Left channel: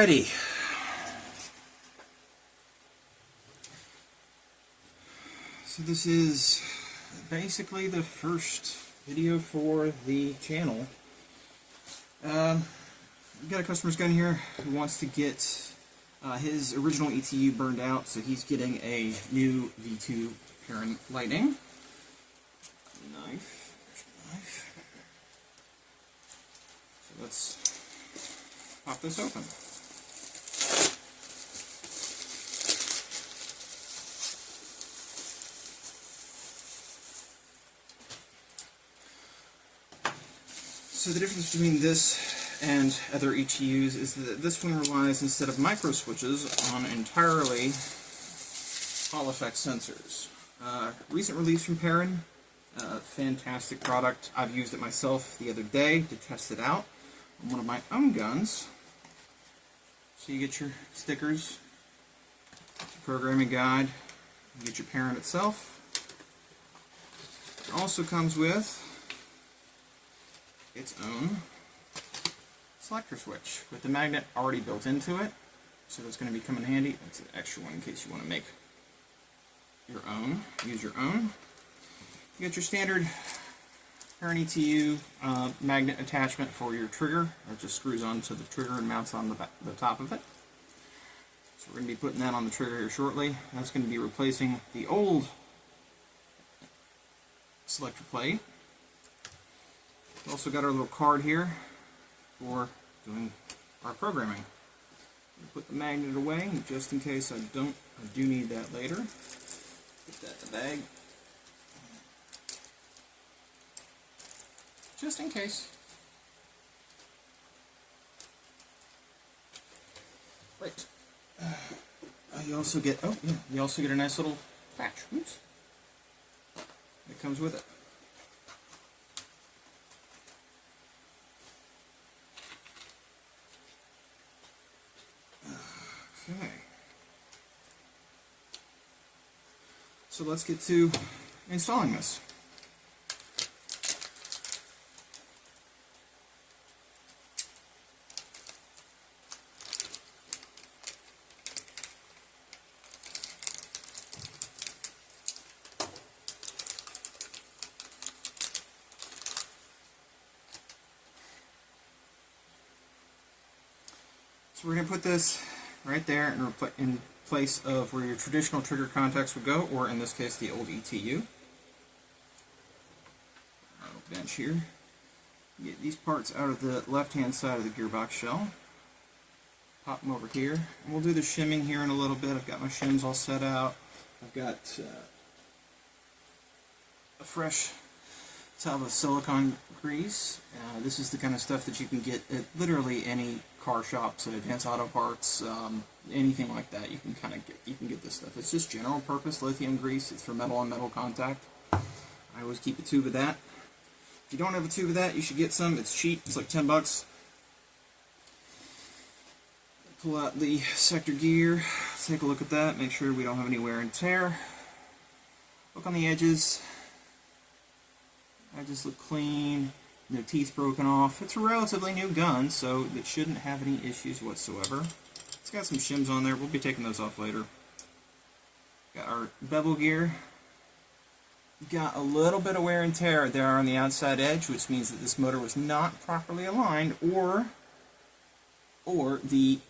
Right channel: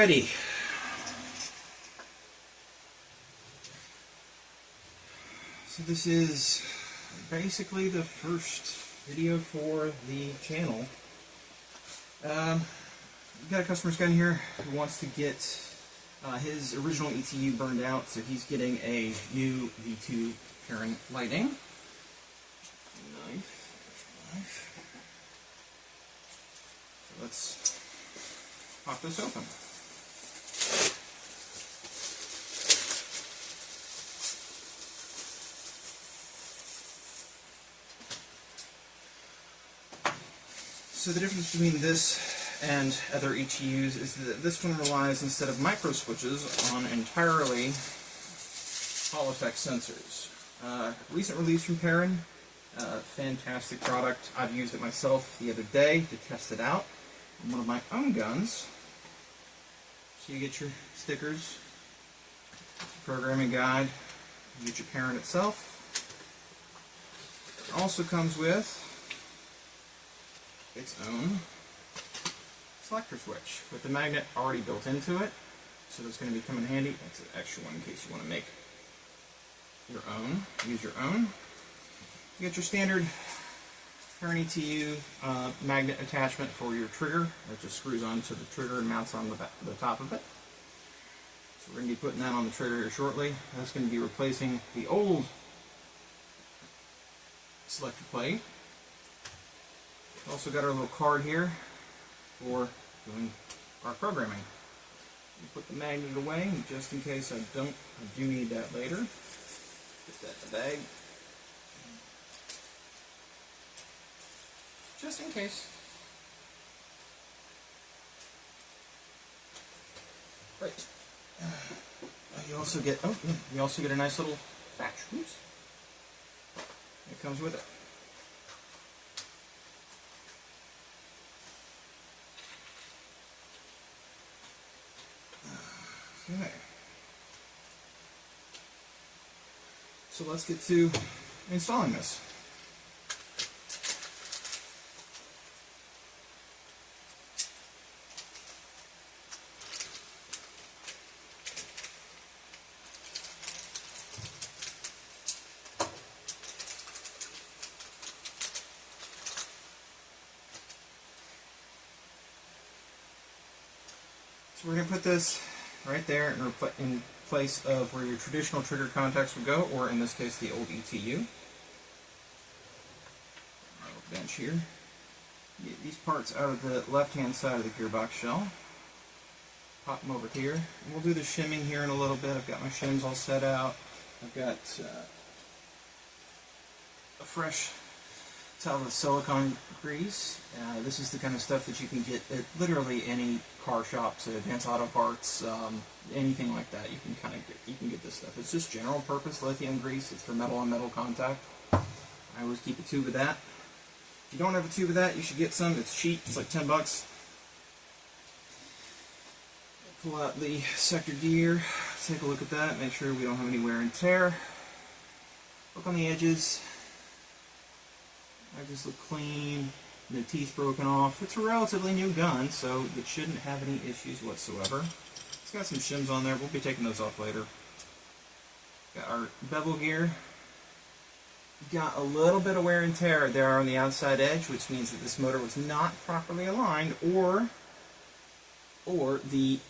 Alrighty. So this is basically the first video for the channel. We've got a customer's gun here who wants to get his original ETU burned out, so he's getting a new V2 parent lighting. Knife. There's my knife. So let's pop this open. So the difference between this and other ETUs is that this one relies, instead of micro switches, on entirely Hall effect sensors. Recent release from Perrin, fantastic product. I've used it myself the other day to test it out on one of my own guns. So you get your stickers, your programming guide, you get your Perrin itself. It also comes with its own selector switch with the magnet already built into it, so that's going to be coming in handy. That's an extra one in case you want to make your own, use your own. You get your standard Perrin ETU magnet attachment for your trigger. That just screws onto the trigger and mounts on the top of it. So we're going to be putting that on the trigger here shortly. That's going to be replacing the old selector plate. We also got our little card here for doing our programming. We'll put the magnet away, just in case I do need that later. Put that in the bag. Just in case. Right. You also get a nice little patch. Oops. It comes with it. Okay. So let's get to installing this. So we're going to put this right there in place of where your traditional trigger contacts would go, or in this case the old ETU. Little bench here. Get these parts out of the left-hand side of the gearbox shell. Pop them over here. And we'll do the shimming here in a little bit. I've got my shims all set out. I've got a fresh tub of silicone grease. This is the kind of stuff that you can get at literally any car shop, so Advanced Auto Parts, anything like that. You can get this stuff. It's just general purpose lithium grease. It's for metal on metal contact. I always keep a tube of that. If you don't have a tube of that, you should get some. It's cheap. It's like 10 bucks. Pull out the sector gear. Take a look at that. Make sure we don't have any wear and tear. Look on the edges. Edges look clean. No teeth broken off. It's a relatively new gun, so it shouldn't have any issues whatsoever. It's got some shims on there. We'll be taking those off later. Got our bevel gear. Got a little bit of wear and tear there on the outside edge, which means that this motor was not properly aligned, or the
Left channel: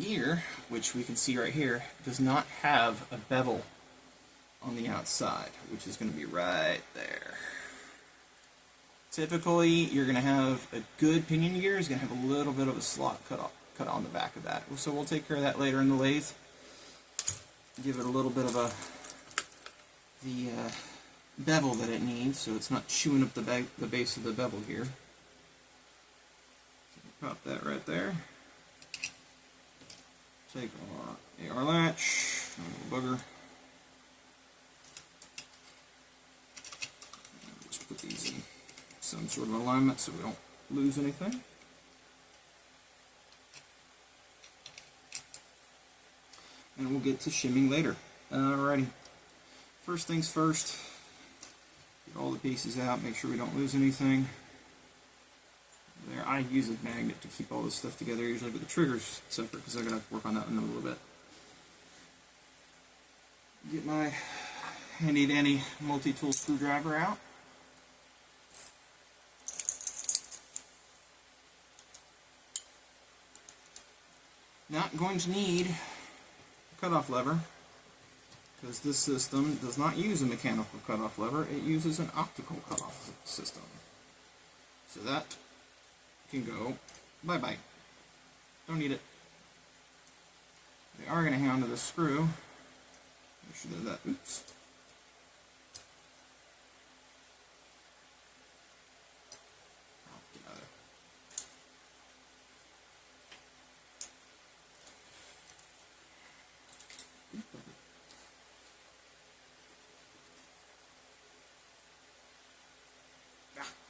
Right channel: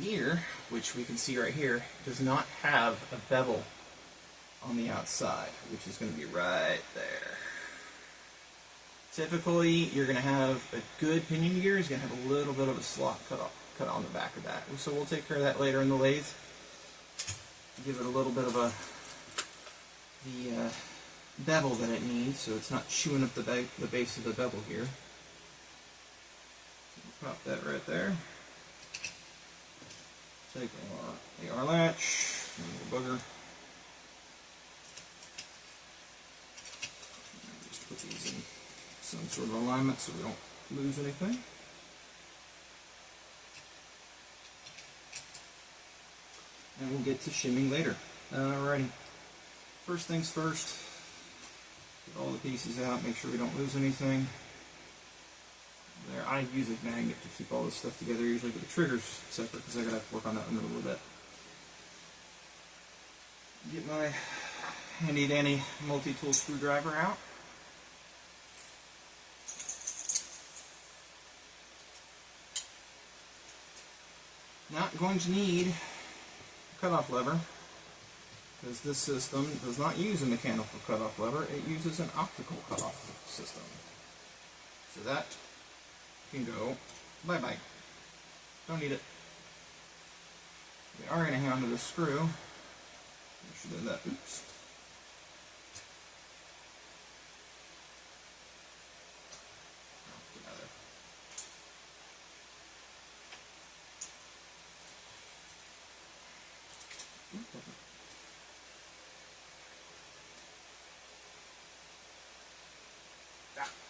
gear, which we can see right here, does not have a bevel on the outside, which is going to be right there. Typically, you're going to have a good pinion gear is going to have a little bit of a slot cut on the back of that. So we'll take care of that later in the lathe. Give it a little bit of the bevel that it needs, so it's not chewing up the base of the bevel gear. So pop that right there. Take our AR latch, a little booger. Put these in some sort of alignment so we don't lose anything. And we'll get to shimming later. Alrighty. First things first, get all the pieces out, make sure we don't lose anything. There, I use a magnet to keep all this stuff together, usually with the triggers separate, because I gotta work on that one a little bit. Get my handy dandy multi-tool screwdriver out. Not going to need a cutoff lever, because this system does not use a mechanical cutoff lever, it uses an optical cutoff system. So that can go bye-bye. Don't need it. We are going to hang on to the screw. Make sure that, oops.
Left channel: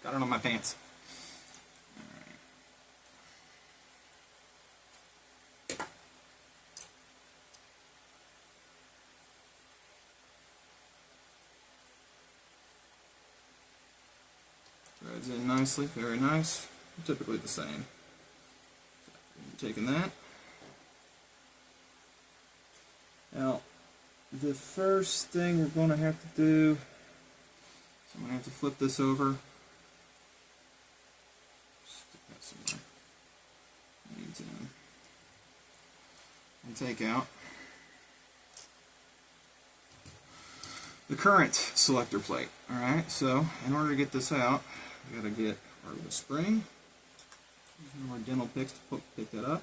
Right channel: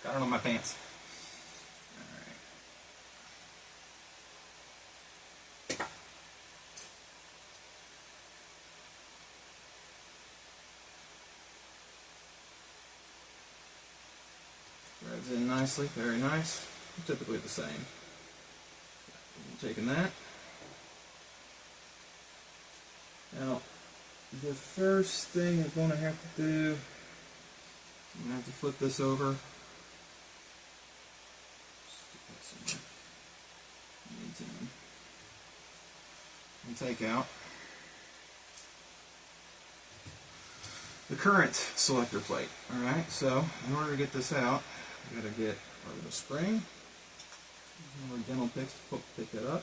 Got it on my pants. Threads in nicely, very nice. Typically the same. Taking that. Now, the first thing you're going to have to do, I'm going to have to flip this over. And take out the current selector plate. Alright, so in order to get this out, I gotta get rid of the spring. Use more dental picks to pick that up.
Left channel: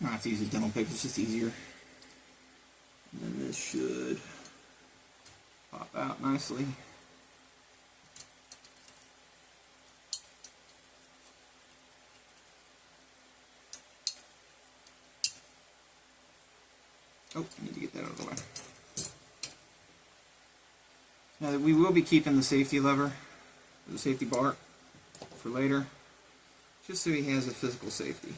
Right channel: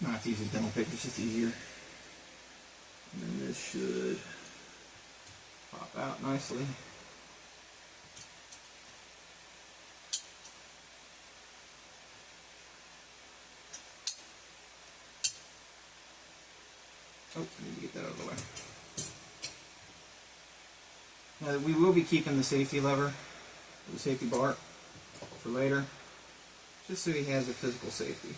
I'm gonna have to use a dental pick, it's just easier. And then this should pop out nicely. Oh, I need to get that out of the way. Now we will be keeping the safety lever, the safety bar, for later, just so he has a physical safety.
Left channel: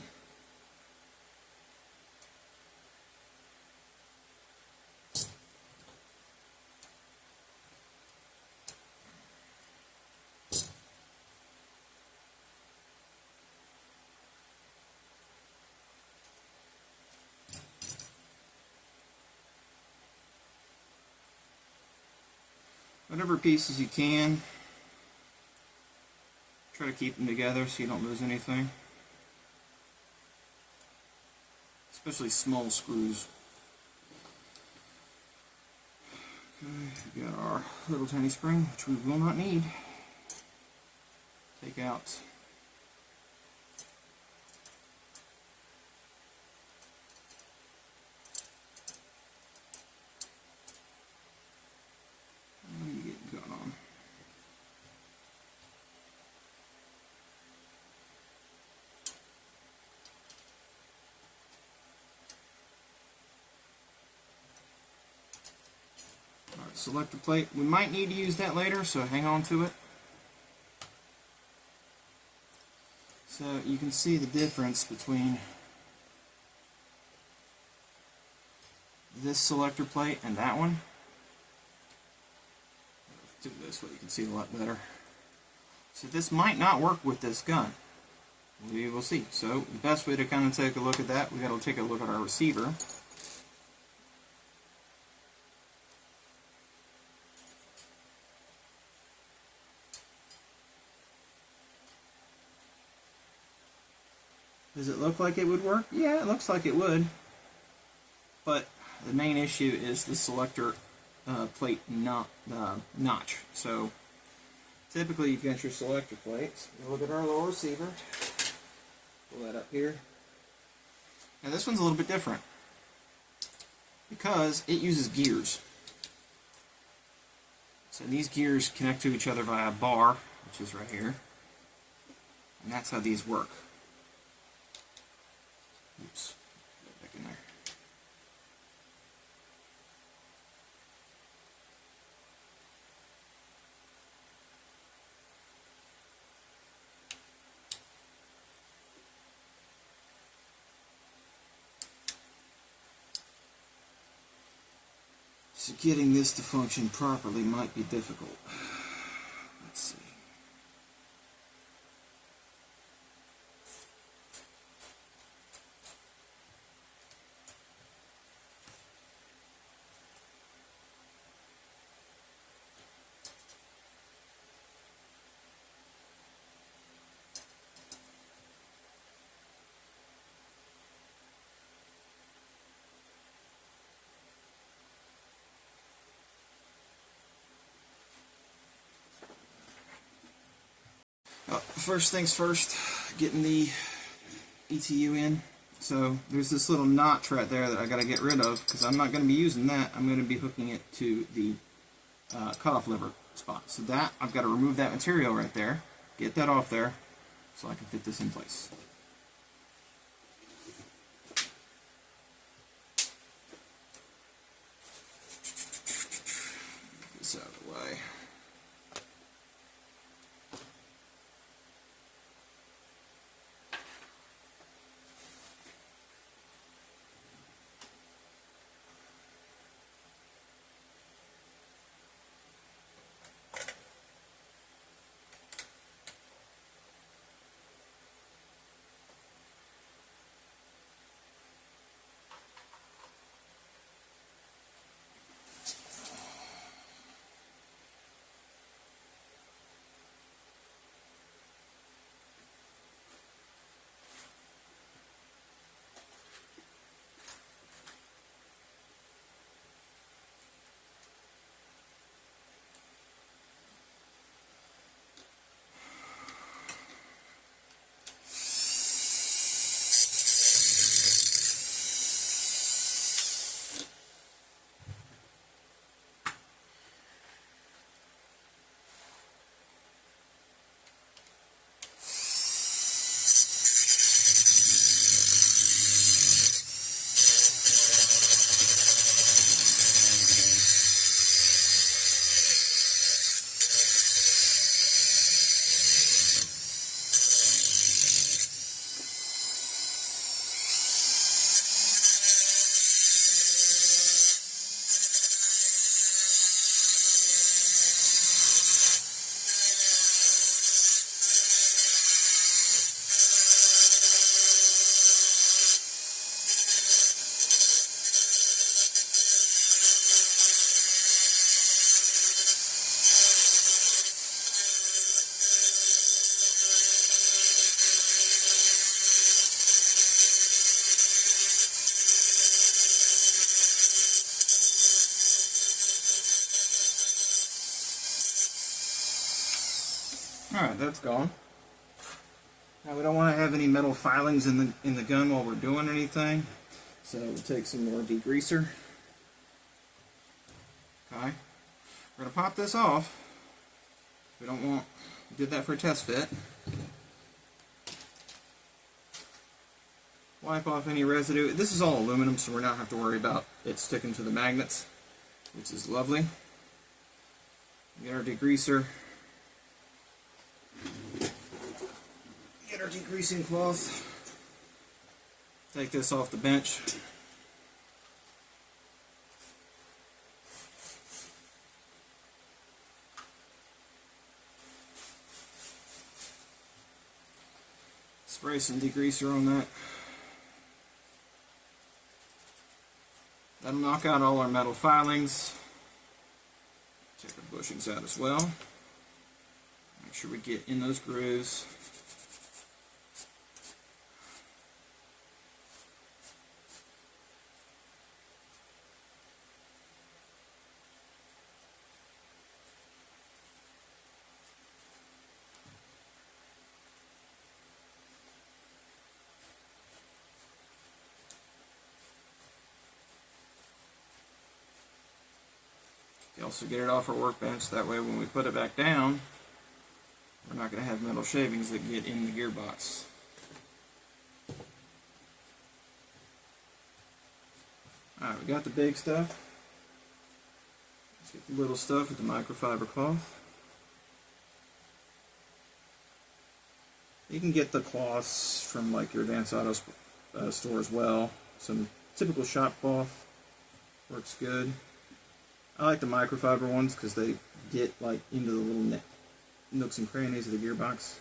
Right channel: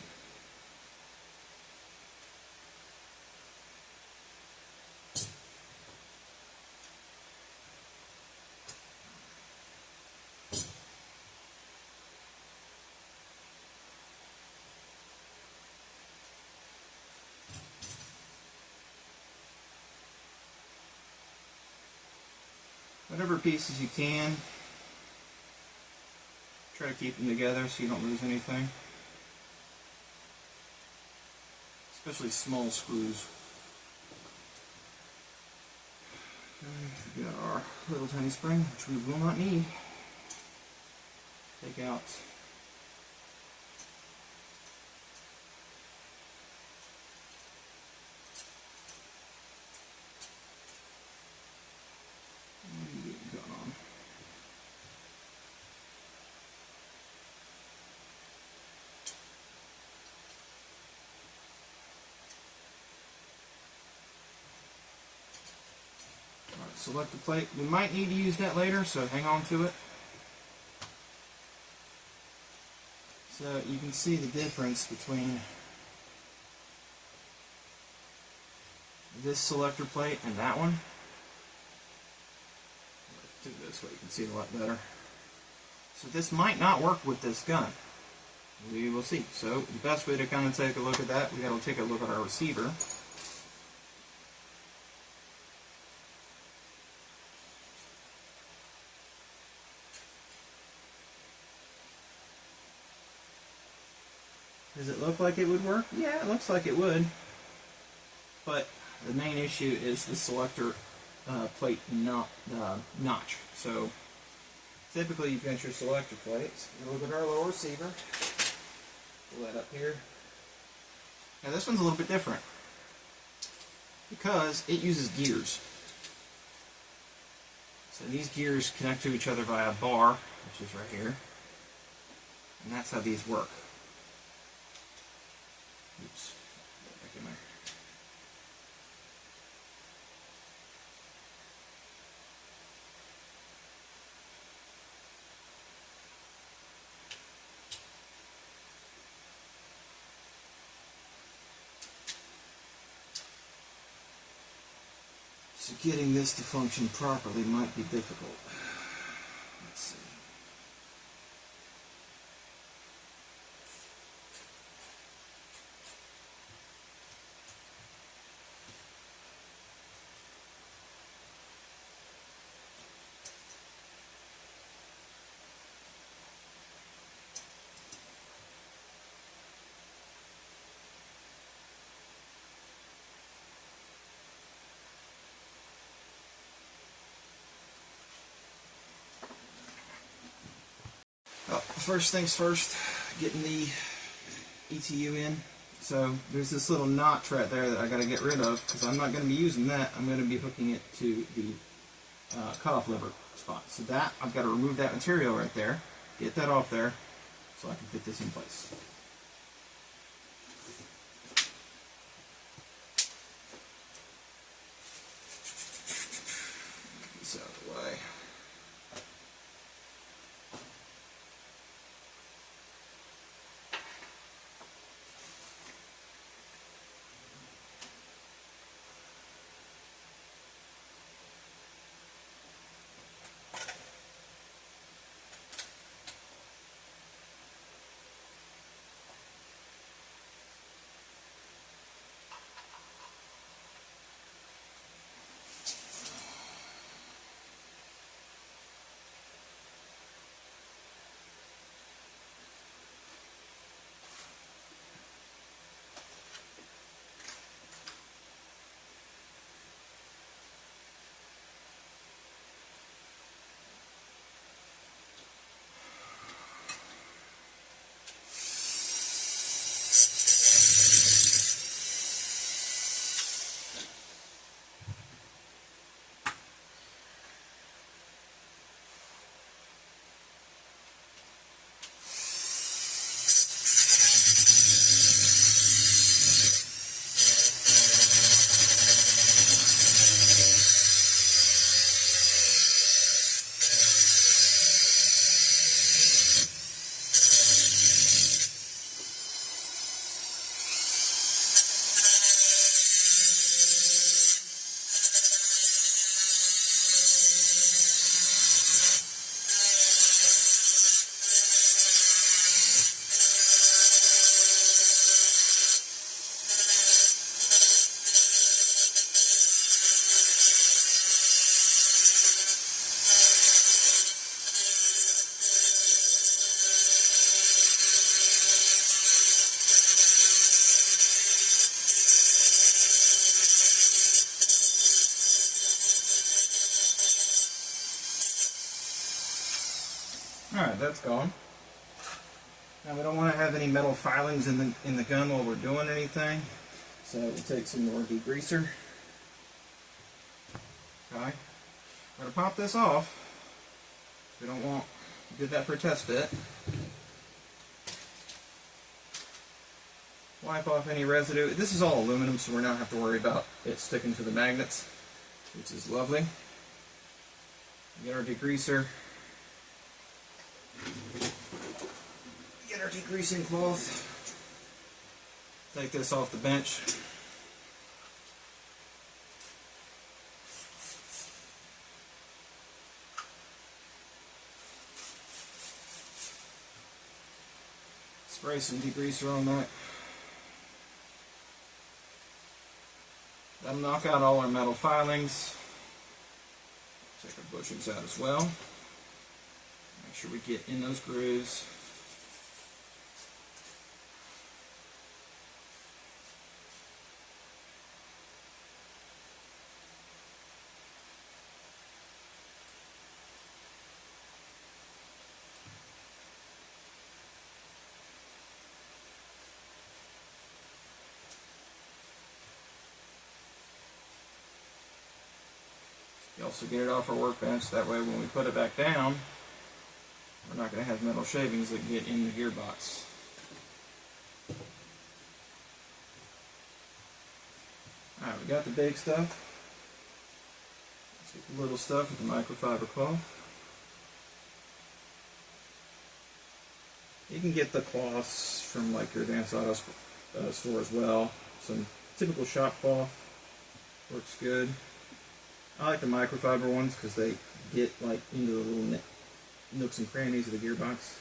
Whatever pieces you can, try to keep them together so you don't lose anything. Especially small screws. Okay, we got our little tiny spring, which we will not need. Take out selector plate. We might need to use that later, so hang on to it. So you can see the difference between this selector plate and that one. Let's do this so you can see it a lot better. So this might not work with this gun. We will see. So the best way to kind of take a look at that, we got to take a look at our receiver. Does it look like it would work? Yeah, it looks like it would. But the main issue is the selector plate notch. So typically you've got your selector plates. You look at our little receiver. Pull that up here. Now this one's a little bit different because it uses gears. So these gears connect to each other via a bar, which is right here. And that's how these work. Oops, get back in there. So getting this to function properly might be difficult. Let's see. First things first, getting the ETU in. So there's this little notch right there that I got to get rid of because I'm not going to be using that. I'm going to be hooking it to the cutoff lever spot. So that, I've got to remove that material right there, get that off there so I can fit this in place. Get this out of the way. Alright, that's gone. Now we don't want to have any metal filings in the gun while we're doing anything, so we'll take some more degreaser. Okay, we're going to pop this off. We don't want, we did that for a test fit. Wipe off any residue. This is all aluminum, so we're not have to worry about it sticking to the magnets, which is lovely. Get our degreaser. Get our degreasing cloth. Take this off the bench. Spray some degreaser on that. That'll knock out all our metal filings. Take our bushings out as well. Make sure we get in those grooves. You also get it off our workbench, that way when we put it back down, we're not going to have metal shavings that get in the gearbox. Alright, we got the big stuff. Let's get the little stuff with the microfiber cloth. You can get the cloths from like your Advanced Auto store as well. Some typical shop cloth works good. I like the microfiber ones because they get like into the little nooks and crannies of the gearbox.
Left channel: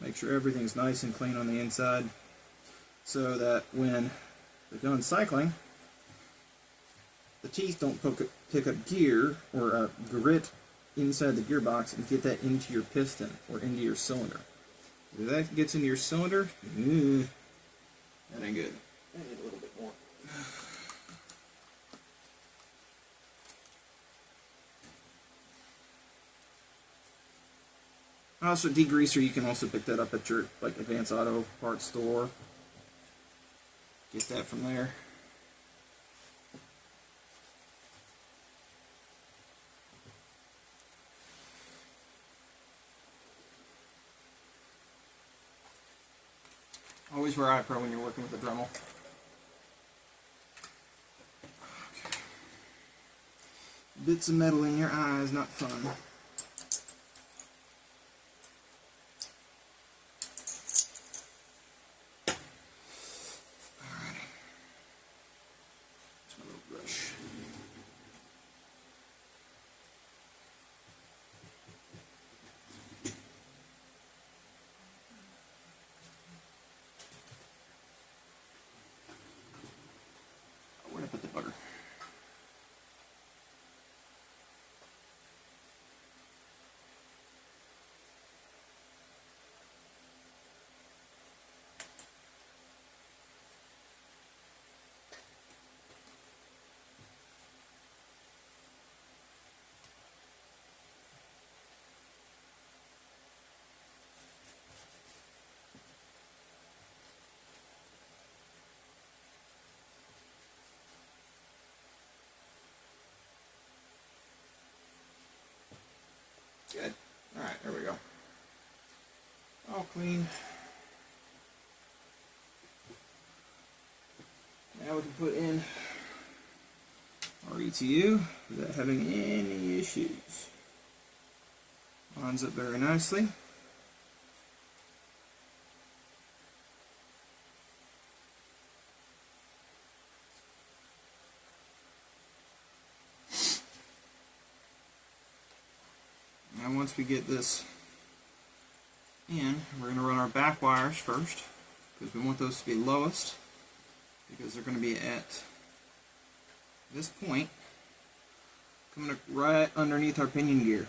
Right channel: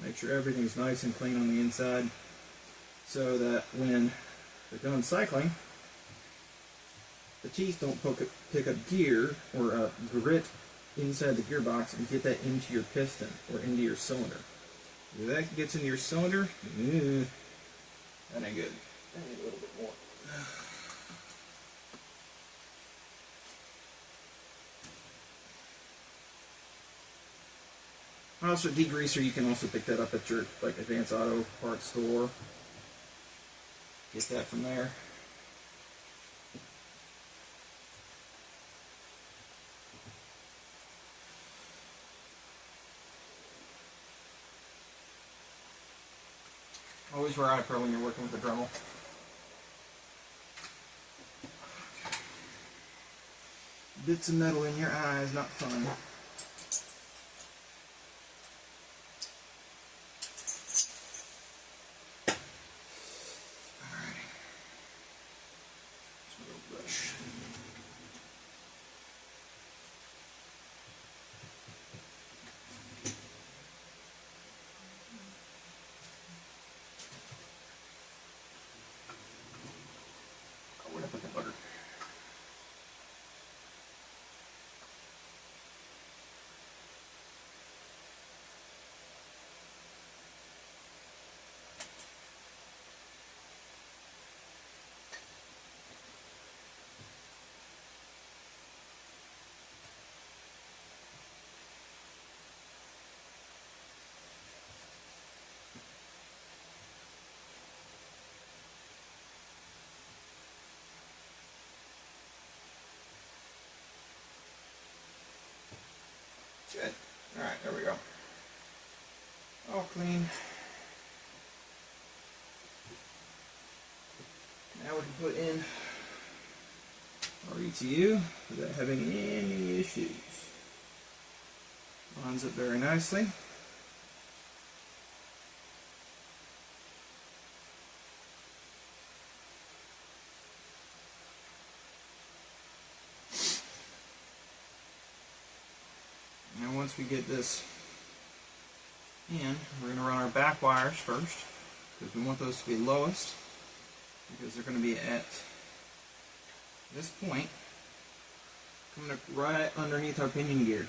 Make sure everything's nice and clean on the inside so that when they're done cycling, the teeth don't pick up gear or grit inside the gearbox and get that into your piston or into your cylinder. If that gets into your cylinder, that ain't good. I need a little bit more. Also, degreaser, you can also pick that up at your like Advanced Auto Parts store. Get that from there. Always wear eye pro when you're working with a Dremel. Okay. Bits of metal in your eye is not fun. Good. Alright, there we go. All clean. Now we can put in our ETU without having any issues. Lines up very nicely. Now once we get this in, we're going to run our back wires first because we want those to be lowest because they're going to be at this point coming up right underneath our pinion gear.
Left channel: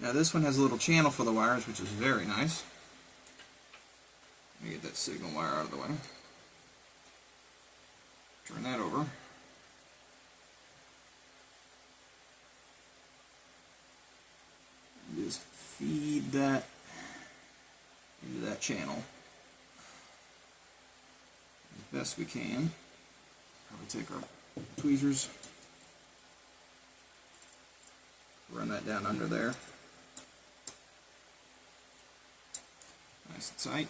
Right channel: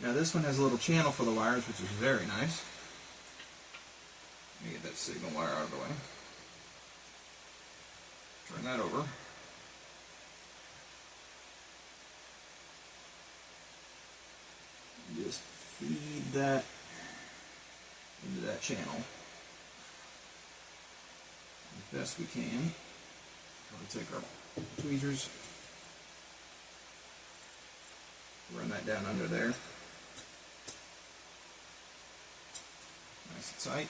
Now this one has a little channel for the wires, which is very nice. Let me get that signal wire out of the way. Turn that over. Just feed that into that channel as best we can. Probably take our tweezers, run that down under there. Nice and tight.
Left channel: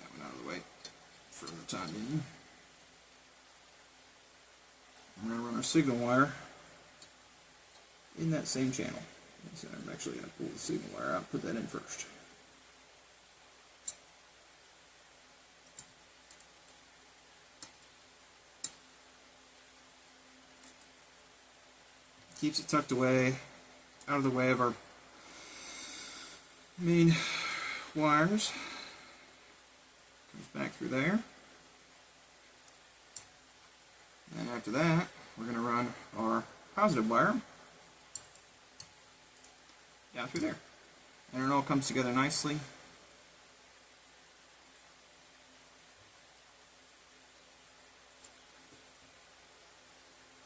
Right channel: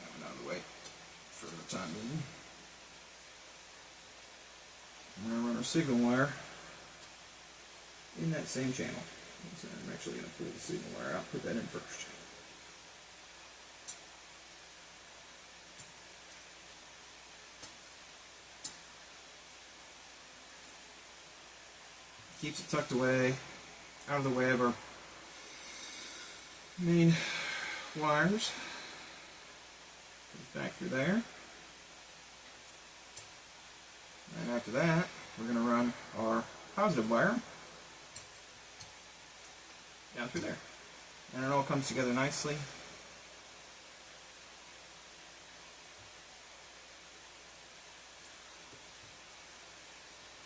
Have it out of the way for the time being. We're going to run our signal wire in that same channel. So I'm actually going to pull the signal wire out, put that in first. Keeps it tucked away, out of the way of our main wires. Goes back through there. And after that, we're going to run our positive wire down through there. And it all comes together nicely.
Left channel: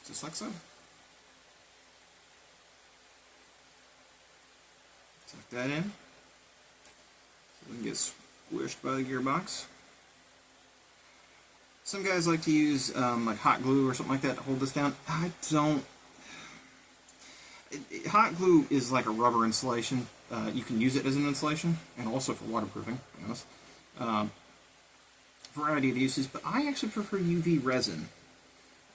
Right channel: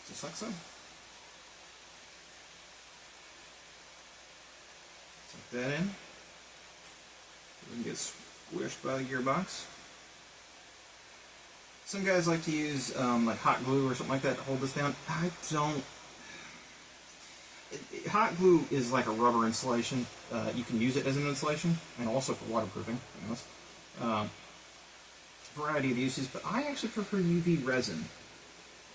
Just like so. Tuck that in. It doesn't get squished by the gearbox. Some guys like to use like hot glue or something like that to hold this down. I don't. Hot glue is like a rubber insulation. You can use it as an insulation and also for waterproofing. Variety of uses, but I actually prefer UV resin.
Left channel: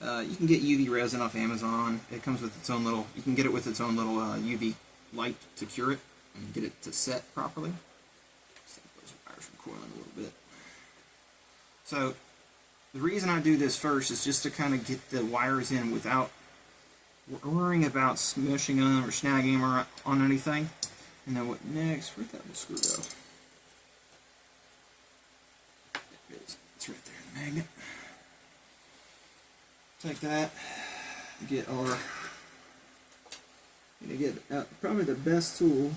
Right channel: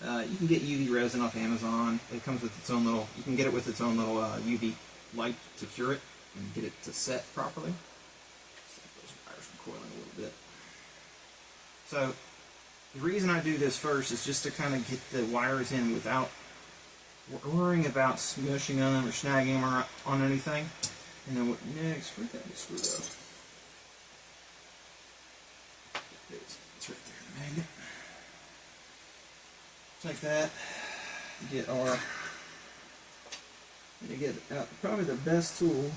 You can get UV resin off Amazon. It comes with its own little. You can get it with its own little UV light to cure it and get it to set properly. Those wires are coiling a little bit. So the reason I do this first is just to kind of get the wires in without worrying about smushing them or snagging them on anything. And then what next? Where'd that screw go? It's right there in the magnet. Like that. Get our. Gonna get probably the best tool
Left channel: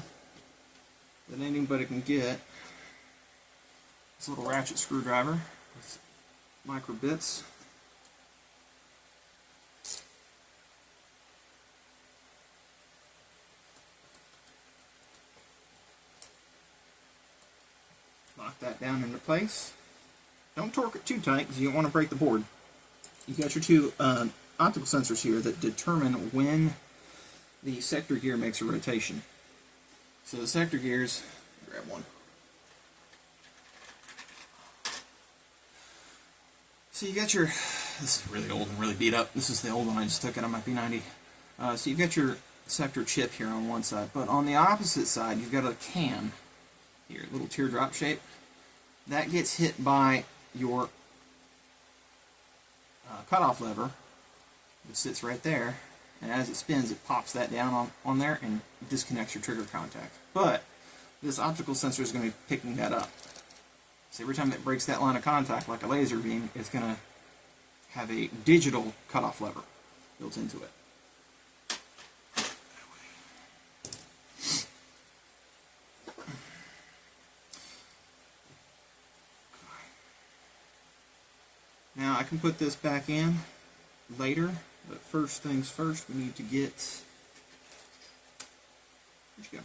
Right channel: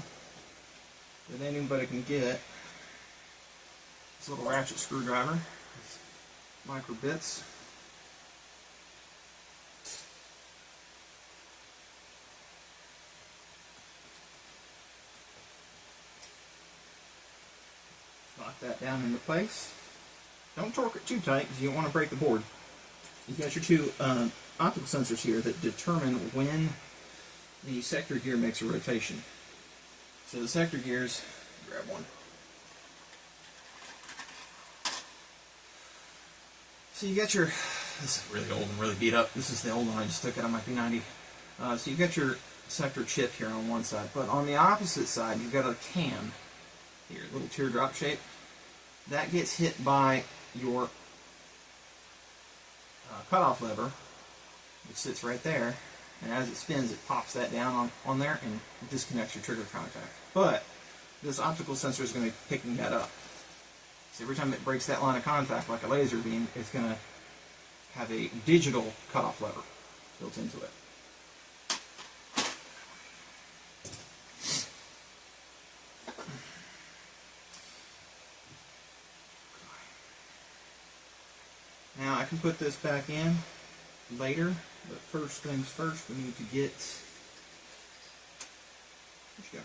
that anybody can get. This little ratchet screwdriver with micro bits. Lock that down into place. Don't torque it too tight because you don't want to break the board. You've got your two optical sensors here that determine when the sector gear makes a rotation. So the sector gears, grab one. So you got your, this is really old and really beat up. This is the old one I just took out of my P90. So you've got your sector chip here on one side, but on the opposite side you've got a cam here, little teardrop shape. That gets hit by your cutoff lever, which sits right there, and as it spins it pops that down on there and disconnects your trigger contact. But this optical sensor is going to be picking that up. So every time it breaks that line of contact like a laser beam, it's going to have a digital cutoff lever built into it. Now I can put this back in later, but first things first, we need to get, where'd you go?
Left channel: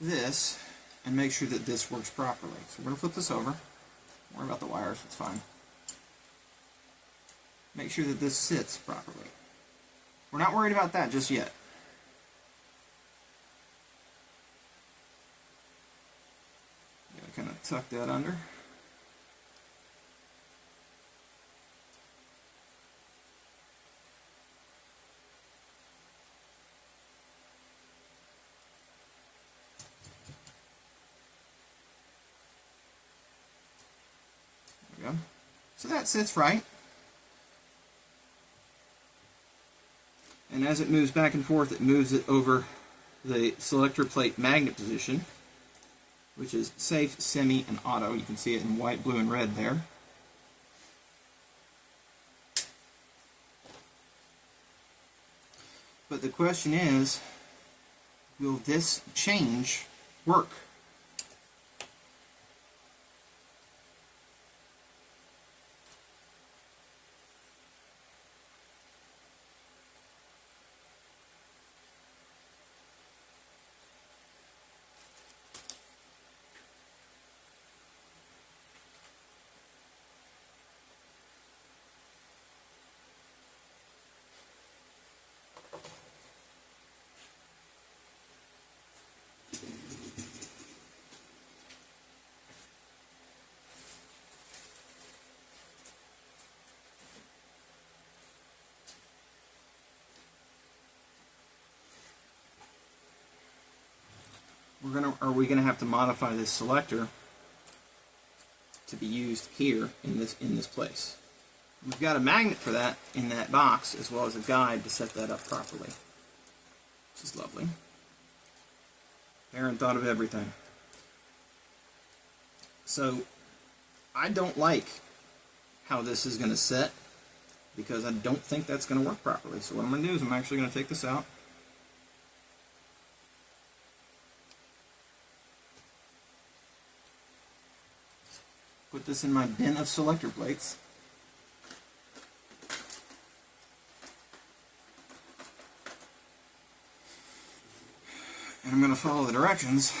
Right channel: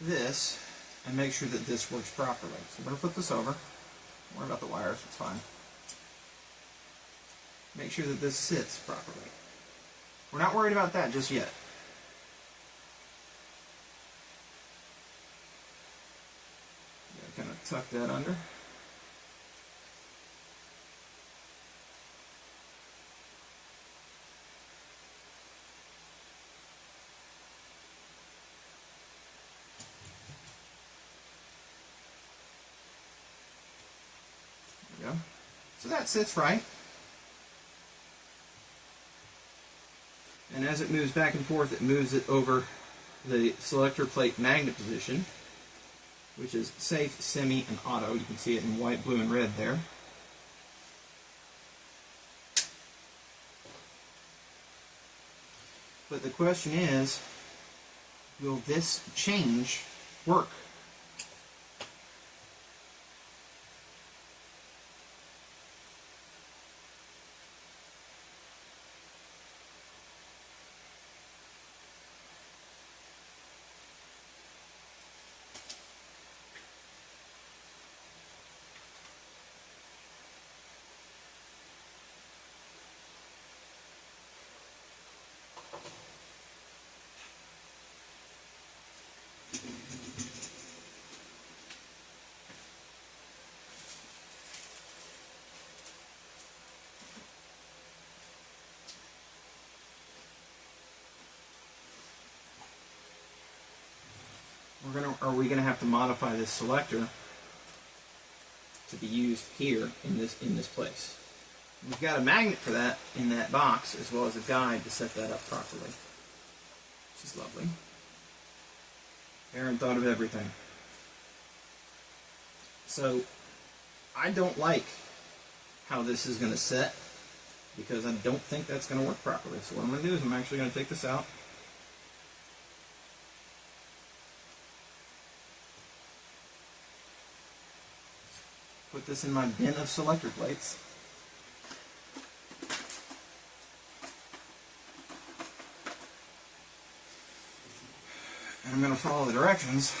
This, and make sure that this works properly. So we're going to flip this over. Don't worry about the wires, it's fine. Make sure that this sits properly. We're not worried about that just yet. Kind of tuck that under. There we go. So that sits right. And as it moves back and forth, it moves it over the selector plate magnet position, which is safe, semi, and auto. You can see it in white, blue, and red there. But the question is, will this change work? Are we going to have to modify this selector to be used here in this place? And we've got a magnet for that in that box, as well as a guide to set that up properly. This is lovely. Aaron thought of everything. So I don't like how this is going to set, because I don't think that's going to work properly. So what I'm going to do is I'm actually going to take this out. Put this in my bin of selector plates. And I'm going to follow the directions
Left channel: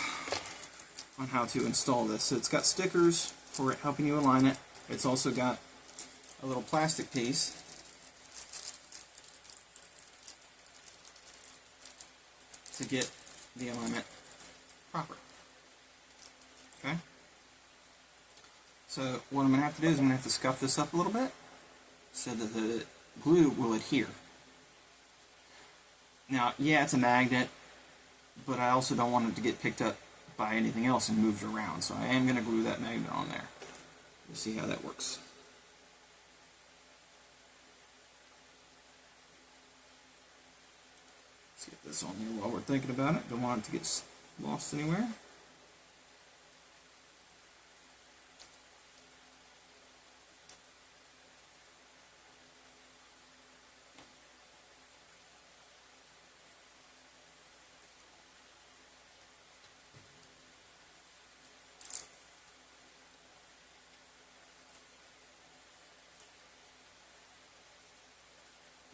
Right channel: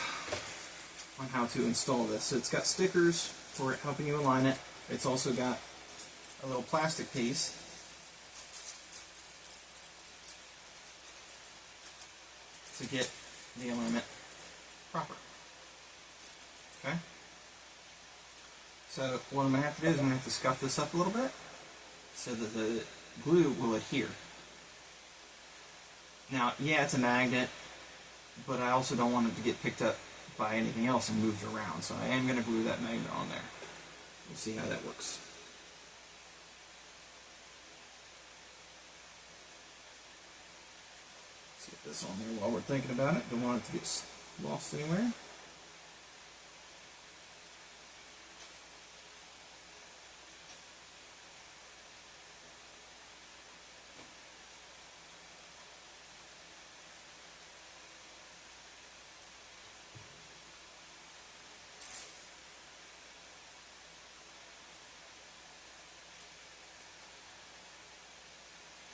on how to install this. So it's got stickers for helping you align it. It's also got a little plastic piece to get the alignment proper. Okay? So what I'm going to have to do is I'm going to have to scuff this up a little bit so that the glue will adhere. Now, yeah, it's a magnet, but I also don't want it to get picked up by anything else and moved around. So I am going to glue that magnet on there. We'll see how that works. Let's get this on there while we're thinking about it. Don't want it to get lost anywhere.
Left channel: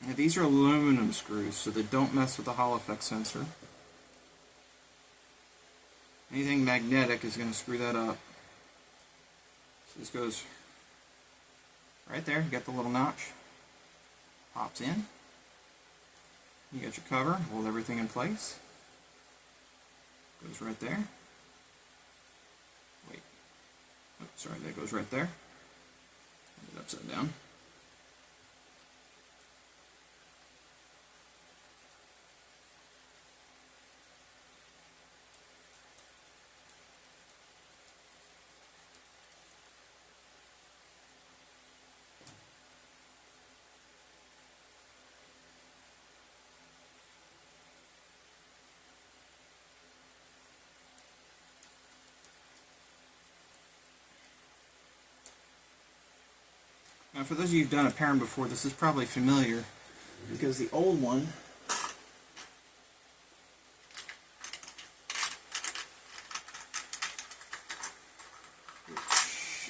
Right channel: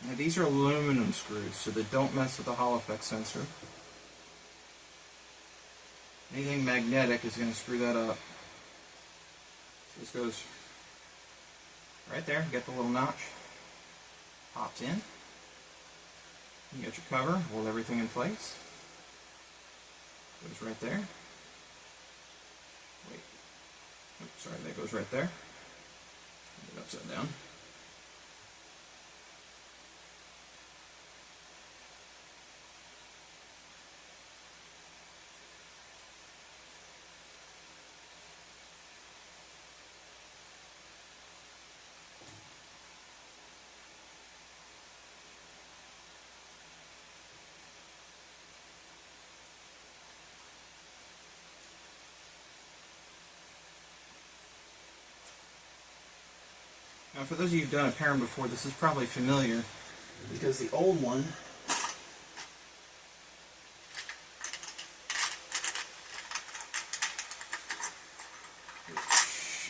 Now these are aluminum screws, so they don't mess with the Hall effect sensor. Anything magnetic is going to screw that up. So this goes right there. You got the little notch. Pops in. You got your cover. Hold everything in place. Goes right there. Wait. Oops, sorry, that goes right there. Put it upside down. Now, for those of you who've done a parent before, this is probably familiar because the old one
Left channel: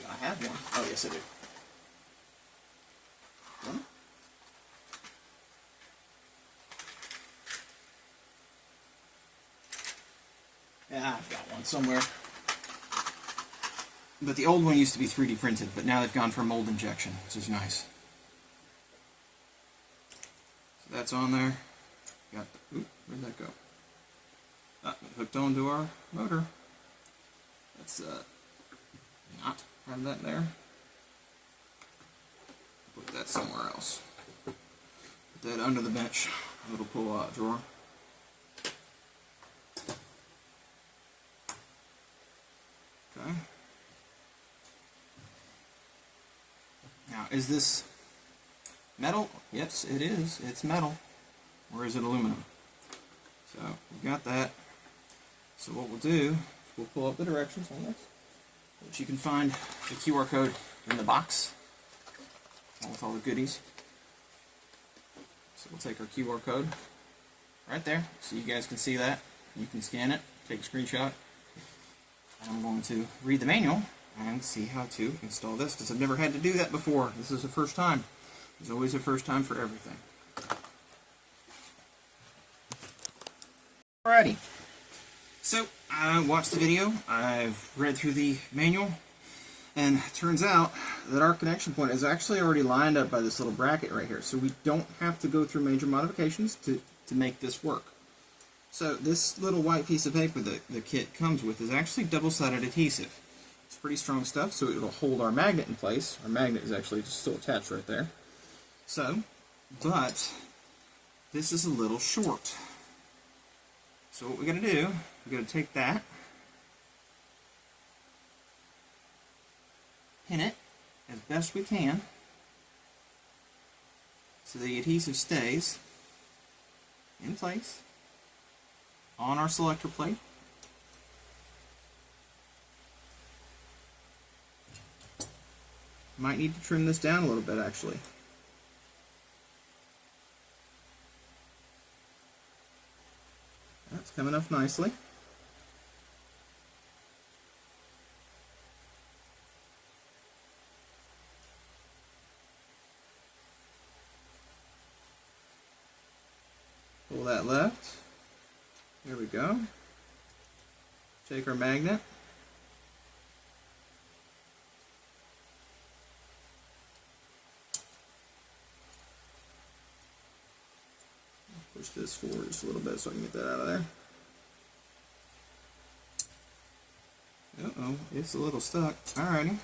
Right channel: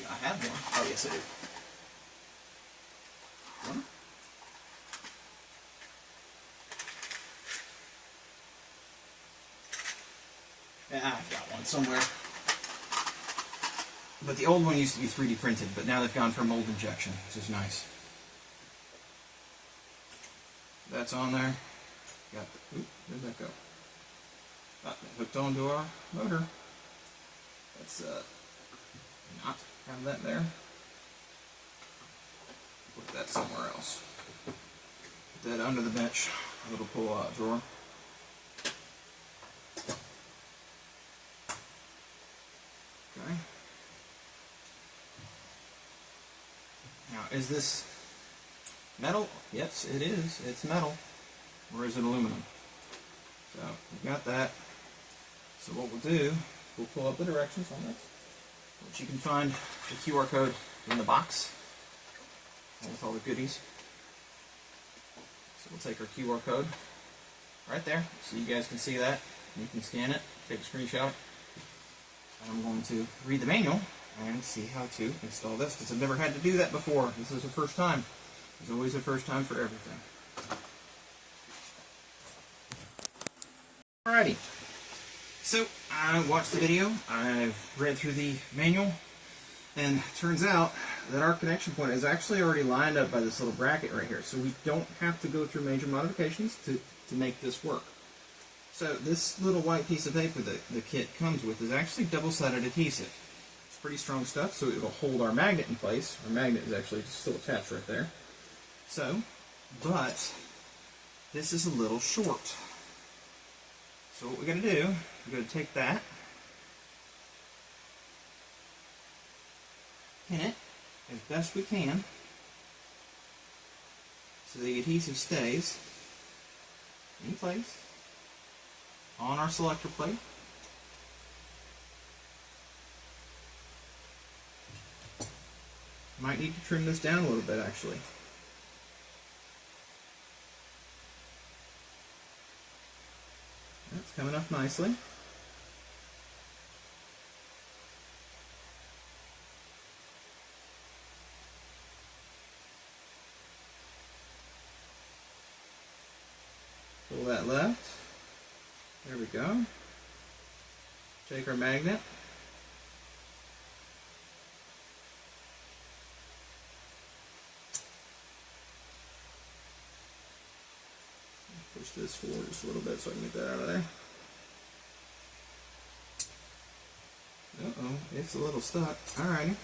I have one. Oh, yes, I do. Hmm? Yeah, I've got one somewhere. But the old one used to be 3D printed, but now they've gone for mold injection, which is nice. So that's on there. Got the, oop, where'd that go? Ah, hooked onto our motor. Let's not have that there. Put that somewhere else. Put that under the bench, a little pull-out drawer. Okay. Now, is this metal? Yes, it is. It's metal. Or is it aluminum? So, we've got that. So what we'll do is we'll pull up the directions on this, which you can find the QR code in the box, with all the goodies. So we'll take our QR code right there, so you guys can see that. You can scan it, take a screenshot. And I'm going to read the manual and see how to install this, because I've never had to do that before. This is the first time. There's always a first time for everything. Alrighty. So, I watched the video, I've read through the manual, and it turns out that our connection point is actually already lined up by this little bracket right here, so we don't have to go through major modifications to make this work. So this little white piece of paper that the kit comes with is actually double-sided adhesive. It's pretty strong stuff, so it'll hold our magnet in place. Our magnet is actually just still attached right there. So, but this is a little short. So what we're going to do, we're going to take that, pin it as best we can so the adhesive stays in place on our selector plate. Might need to trim this down a little bit actually. That's coming up nicely. Pull that left. There we go. Take our magnet. Push this forward just a little bit so I can get that out of there. Uh-oh, it's a little stuck. Alrighty.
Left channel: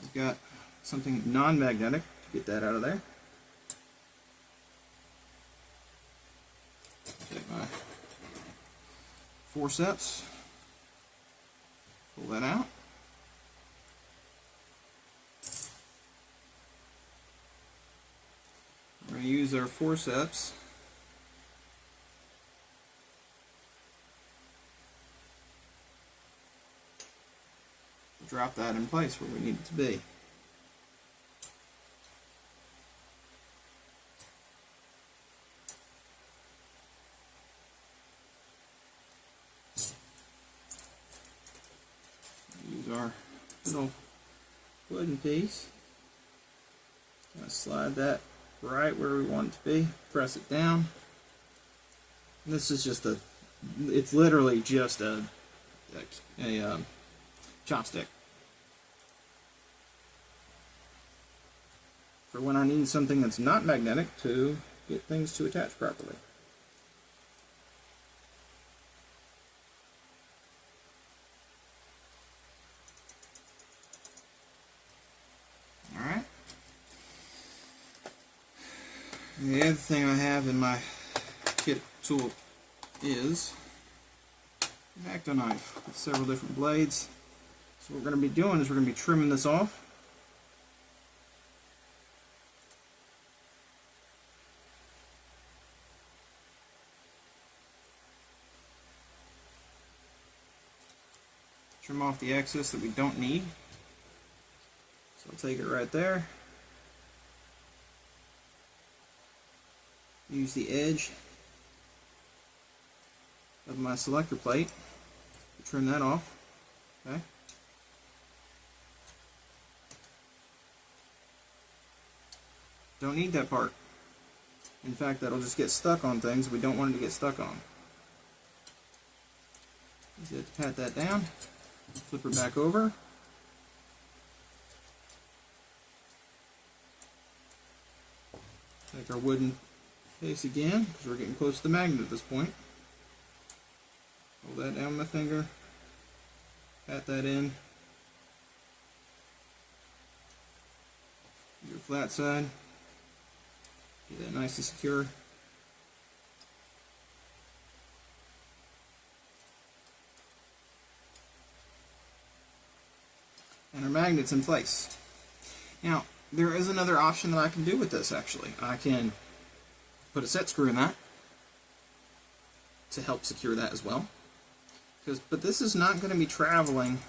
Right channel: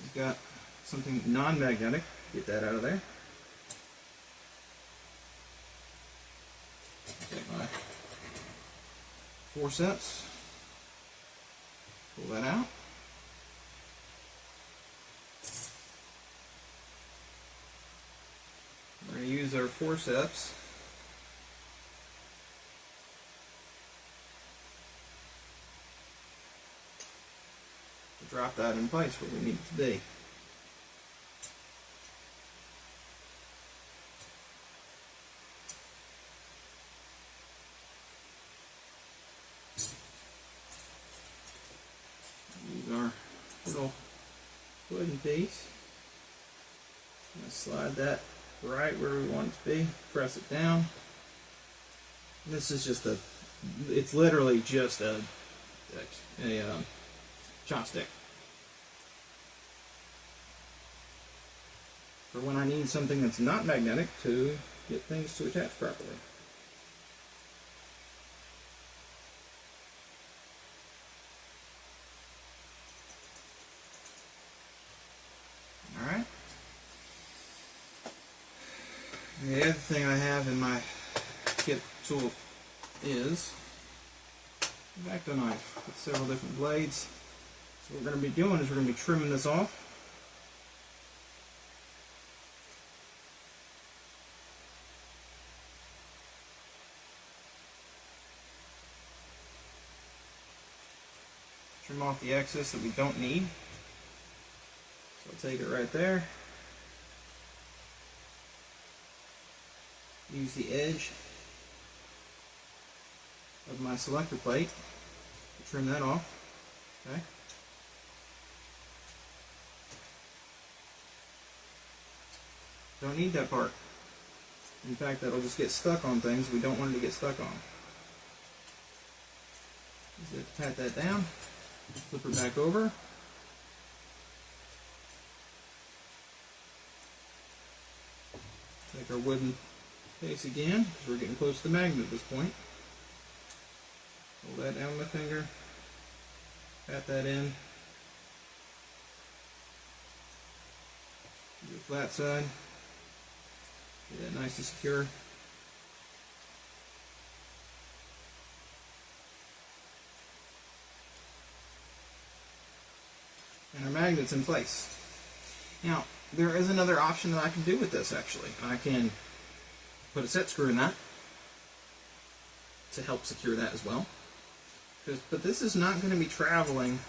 We've got something non-magnetic. Get that out of there. Take my forceps. Pull that out. We're going to use our forceps drop that in place where we need it to be. Use our little wooden piece. I'm going to slide that right where we want it to be. Press it down. And this is just it's literally just a chopstick. For when I need something that's not magnetic to get things to attach properly. Alright. The other thing I have in my kit tool is an X-Acto knife with several different blades. So what we're going to be doing is we're going to be trimming this off. Trim off the excess that we don't need. So I'll take it right there. Use the edge of my selector plate to trim that off. Okay. Don't need that part. In fact, that'll just get stuck on things we don't want it to get stuck on. Just have to pat that down, flip her back over. Take our wooden base again, because we're getting close to the magnet at this point. Hold that down with my finger, pat that in. Do the flat side, get that nice and secure. And our magnet's in place. Now, there is another option that I can do with this actually. I can put a set screw in that to help secure that as well. But this is not going to be traveling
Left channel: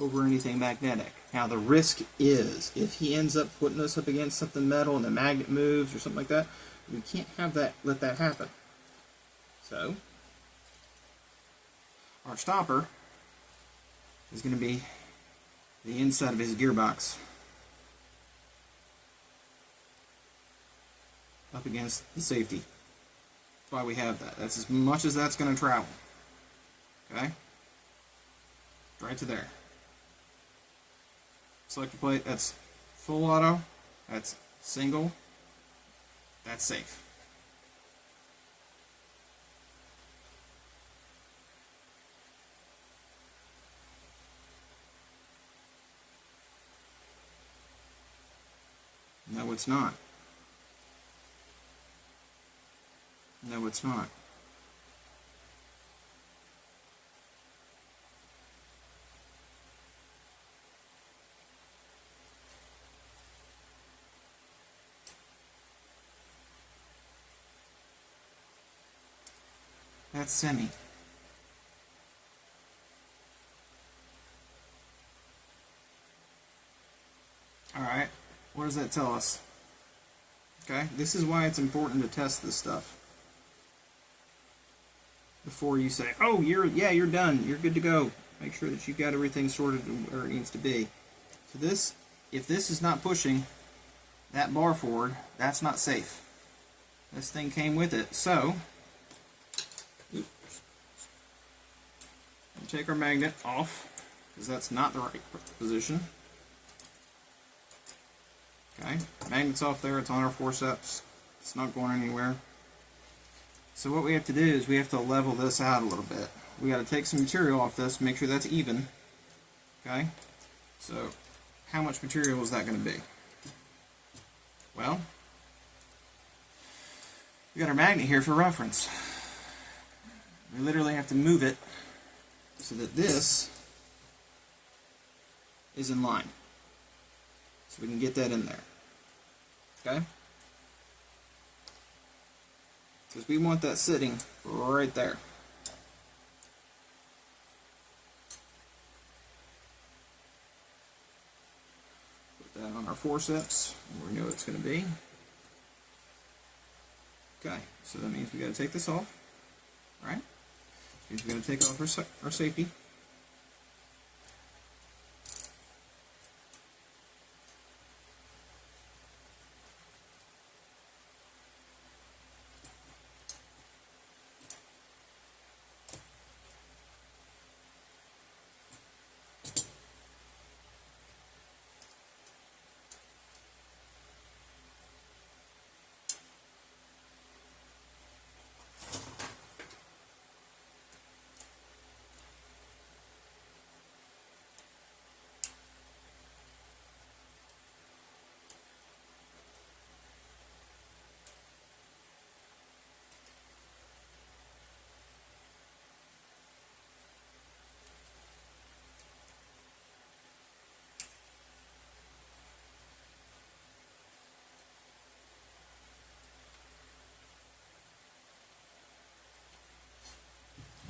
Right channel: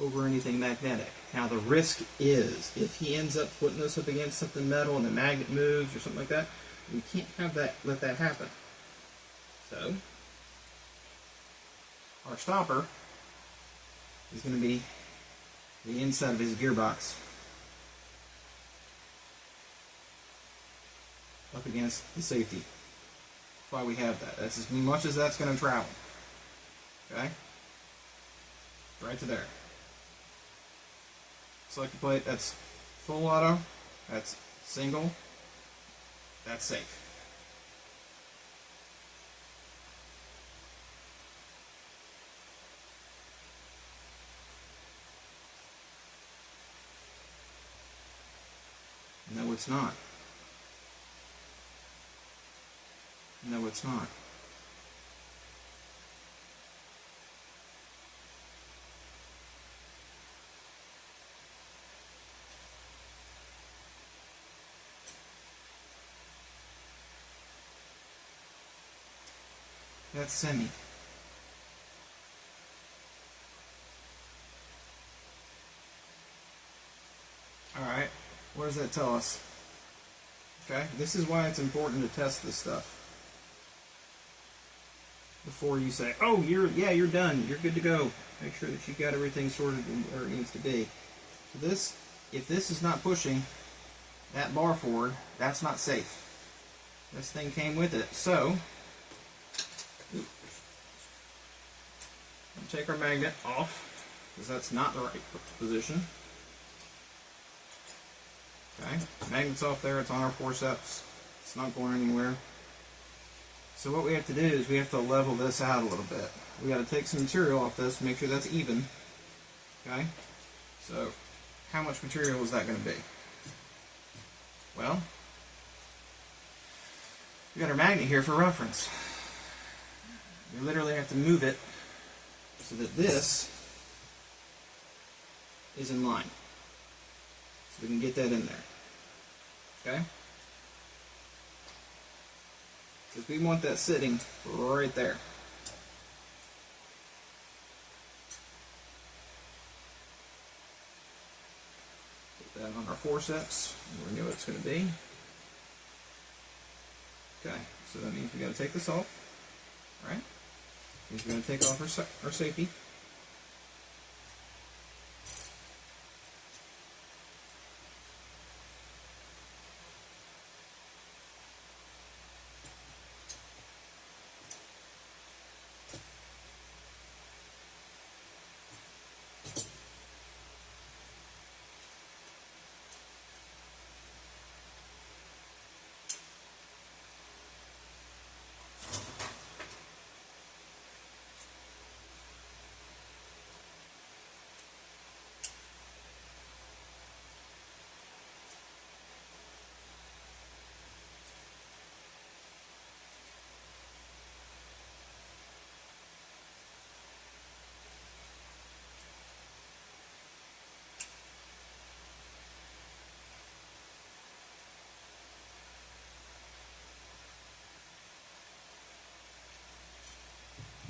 over anything magnetic. Now the risk is, if he ends up putting this up against something metal and the magnet moves or something like that, we can't have that, let that happen. So, our stopper is going to be the inside of his gearbox up against the safety. That's why we have that. That's as much as that's going to travel. Okay? Right to there. Select the plate. That's full auto. That's single. That's safe. No, it's not. No, it's not. That's semi. Alright, what does that tell us? Okay, this is why it's important to test this stuff before you say, oh, you're done, you're good to go. Make sure that you got everything sorted where it needs to be. So this, if this is not pushing that bar forward, that's not safe. This thing came with it, so we'll take our magnet off, because that's not the right position. Okay, magnet's off there, it's on our forceps, it's not going anywhere. So what we have to do is we have to level this out a little bit. We got to take some material off this, make sure that's even. Okay, so how much material is that going to be? Well, we got our magnet here for reference. We literally have to move it so that this is in line. So we can get that in there. Okay? Because we want that sitting right there. forceps, we know what it's going to be. Okay, so that means we got to take this off, right? Means we're going to take off our safety.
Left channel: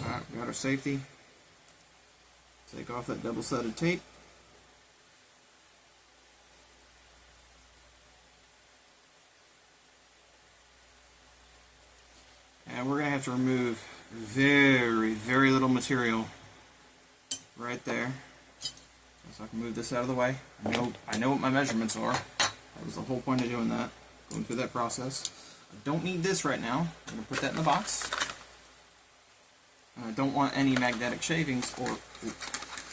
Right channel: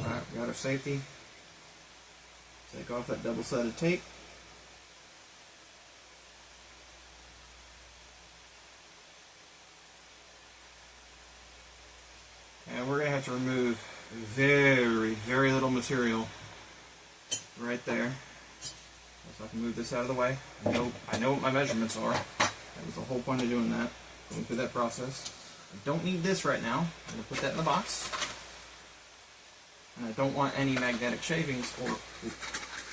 Alright, we got our safety. Take off that double-sided tape. And we're going to have to remove very, very little material right there. So I can move this out of the way. I know what my measurements are. That was the whole point of doing that. Going through that process. I don't need this right now. I'm going to put that in the box. And I don't want any magnetic shavings or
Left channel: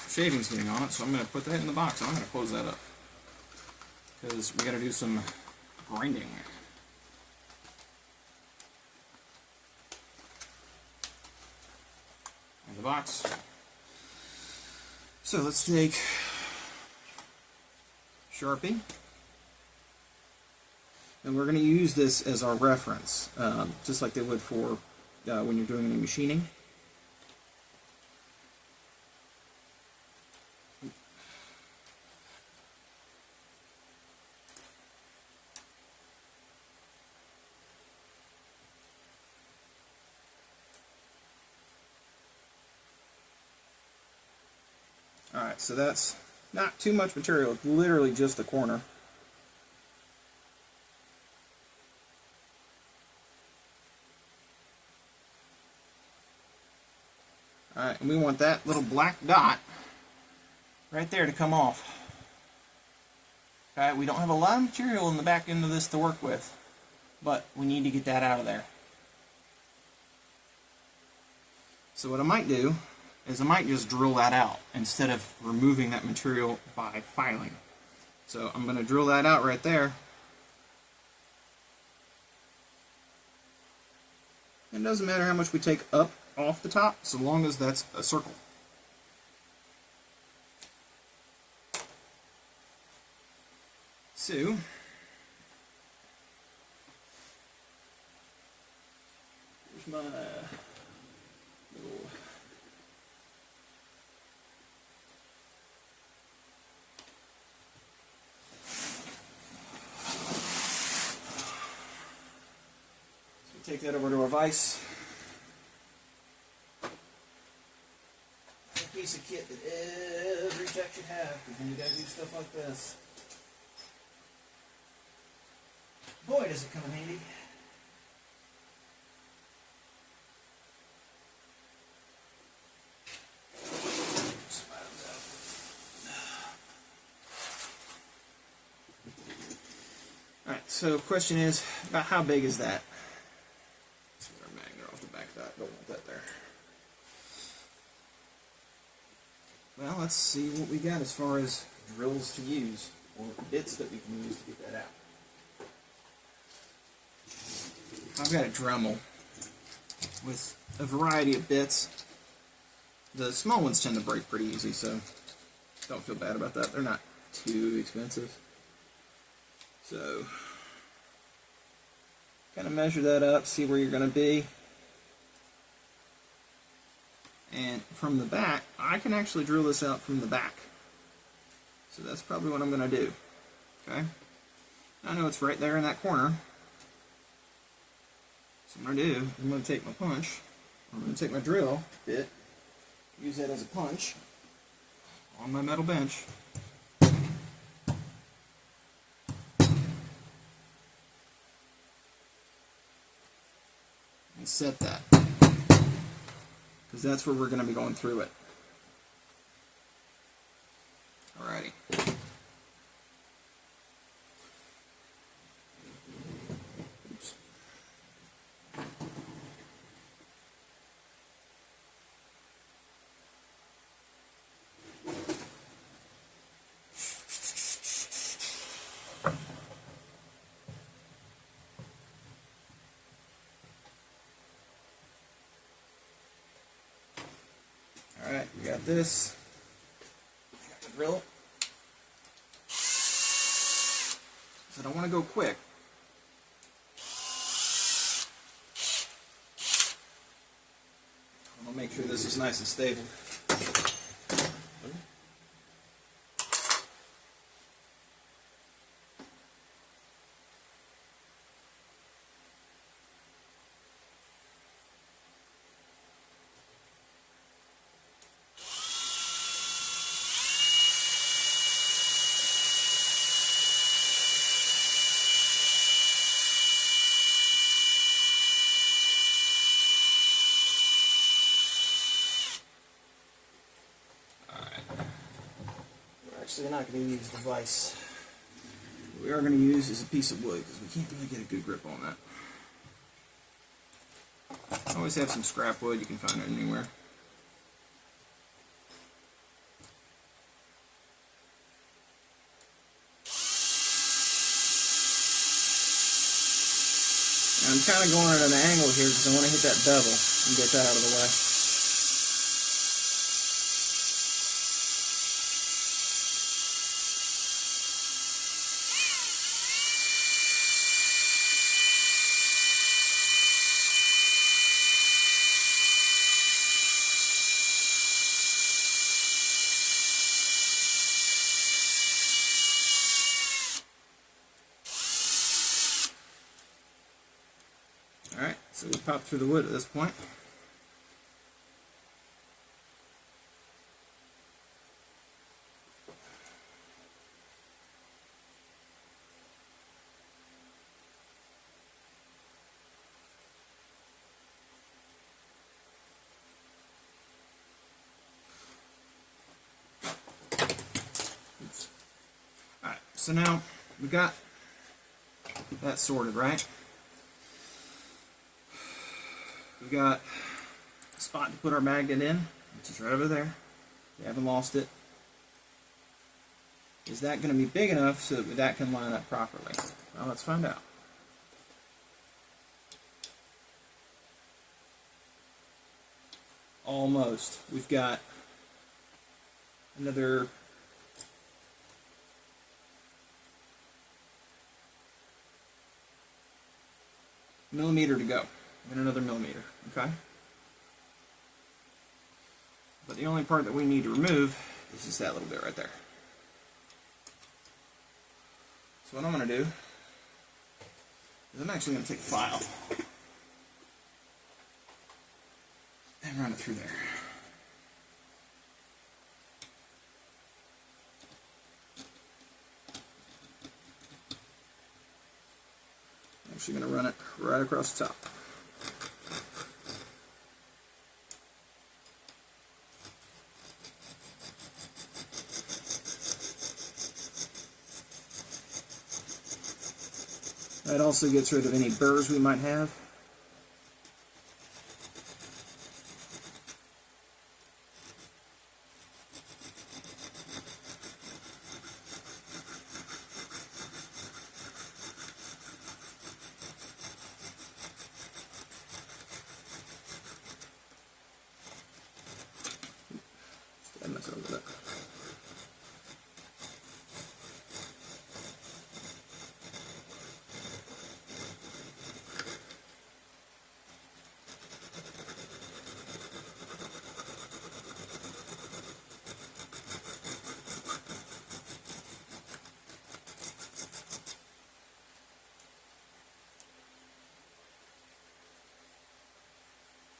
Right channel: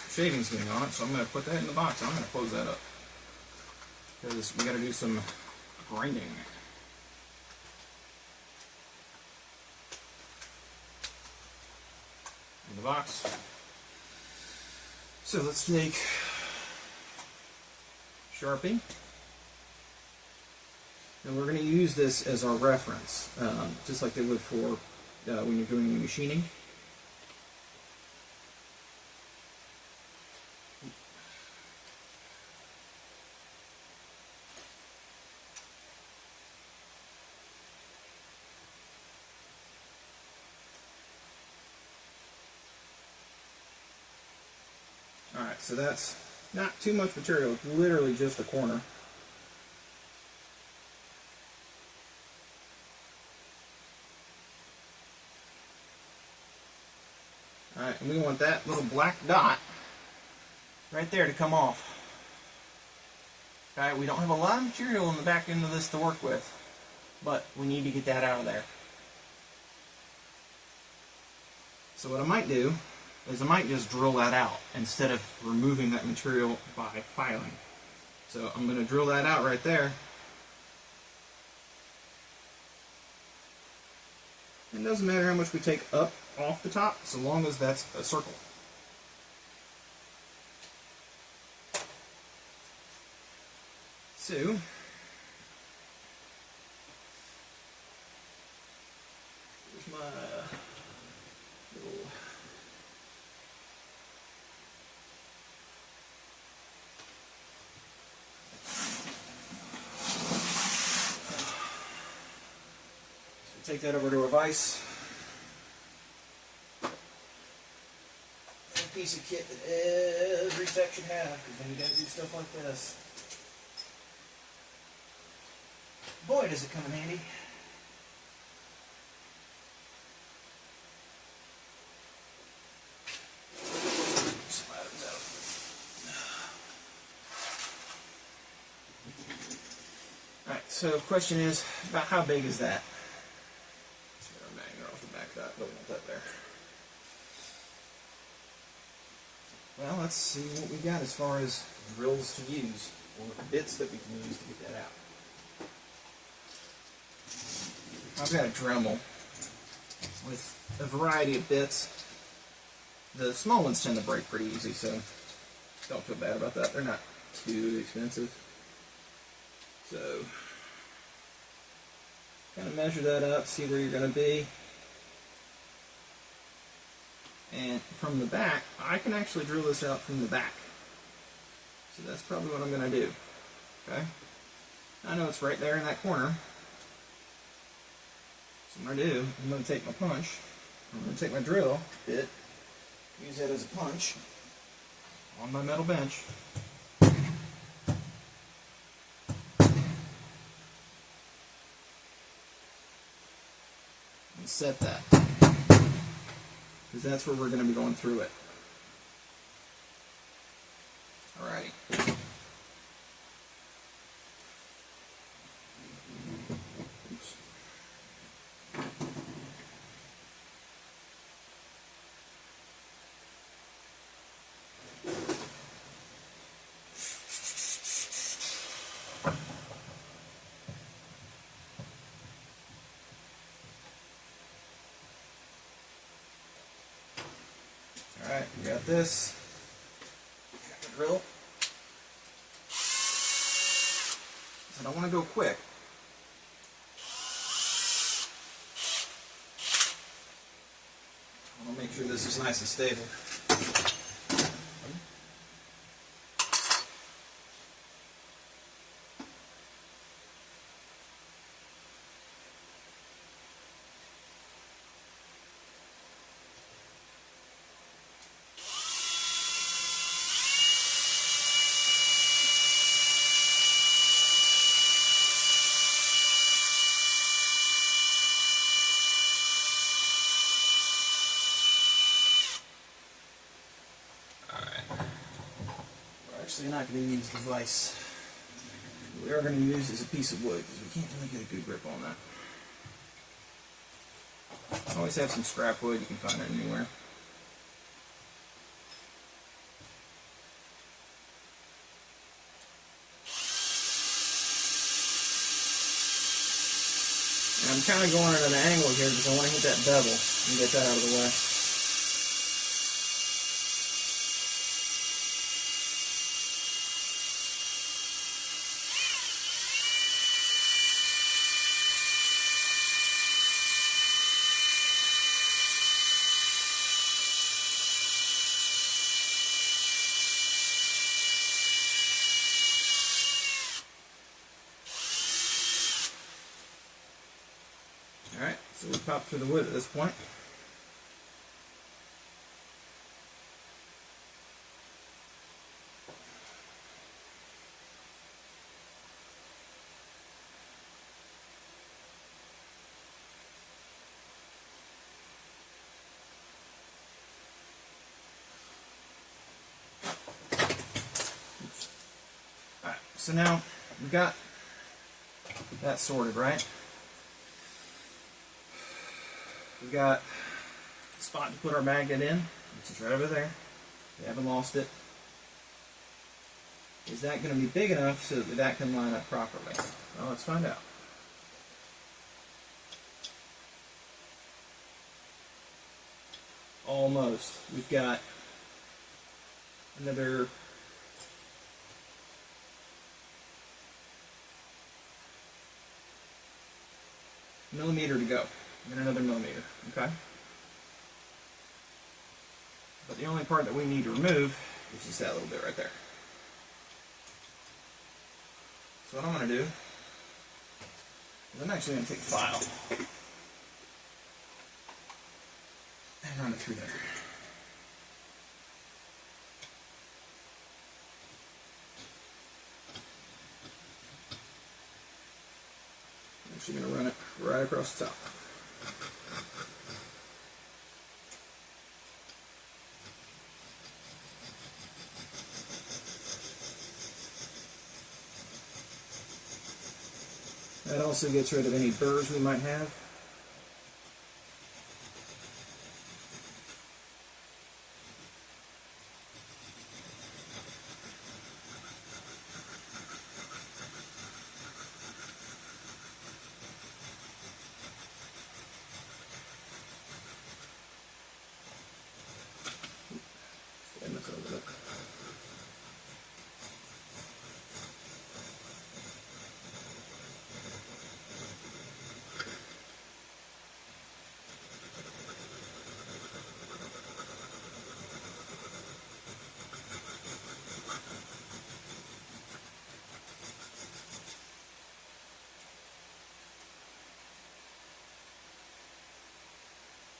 shavings getting on it, so I'm going to put that in the box. I'm going to close that up because we got to do some grinding. In the box. So let's take Sharpie, and we're going to use this as our reference, just like they would for when you're doing your machining. Alright, so that's not too much material, it's literally just the corner. Alright, and we want that little black dot right there to come off. Okay, we don't have a lot of material in the back end of this to work with, but we need to get that out of there. So what I might do is I might just drill that out instead of removing that material by filing. So I'm going to drill that out right there. It doesn't matter how much we take up off the top, so long as that's a circle. So, here's my little take that over to a vise. A piece of kit that every tech should have, because then you gotta do stuff like this. Boy, does it come in handy. Alright, so the question is, about how big is that? Well, let's see what we got as far as drills to use, or bits that we can use to get that out. I've got a Dremel with a variety of bits. The small ones tend to break pretty easy, so don't feel bad about that. They're not too expensive. So, kind of measure that up, see where you're going to be. And from the back, I can actually drill this out from the back. So that's probably what I'm going to do. Okay? I know it's right there in that corner. So what I'm going to do, I'm going to take my punch, I'm going to take my drill bit, use that as a punch on my metal bench. and set that, because that's where we're going to be going through it. Alrighty. Oops. Alright, we got this. Got the drill. I don't want to go quick. I'll make sure this is nice and stable. Actually, not going to use the vise. What we are going to use is a piece of wood, because we can't really get a good grip on that. I always have some scrap wood, you can find it anywhere. And I'm kind of going at an angle here because I want to hit that bevel and get that out of the way. Alright, so we pop through the wood at this point. Alright, so now we got that sorted, right? We got a spot to put our magnet in, which is right over there. We haven't lost it. Is that going to be big enough so that that can line up properly? Well, let's find out. Almost. We've got another millimeter to go. And another millimeter, okay? But the only part that we need to remove is just that little bit right there. So what I'm going to do is I'm actually going to take the file and run it through there. I'm actually going to run it right across the top. That also gets rid of any burrs we might have.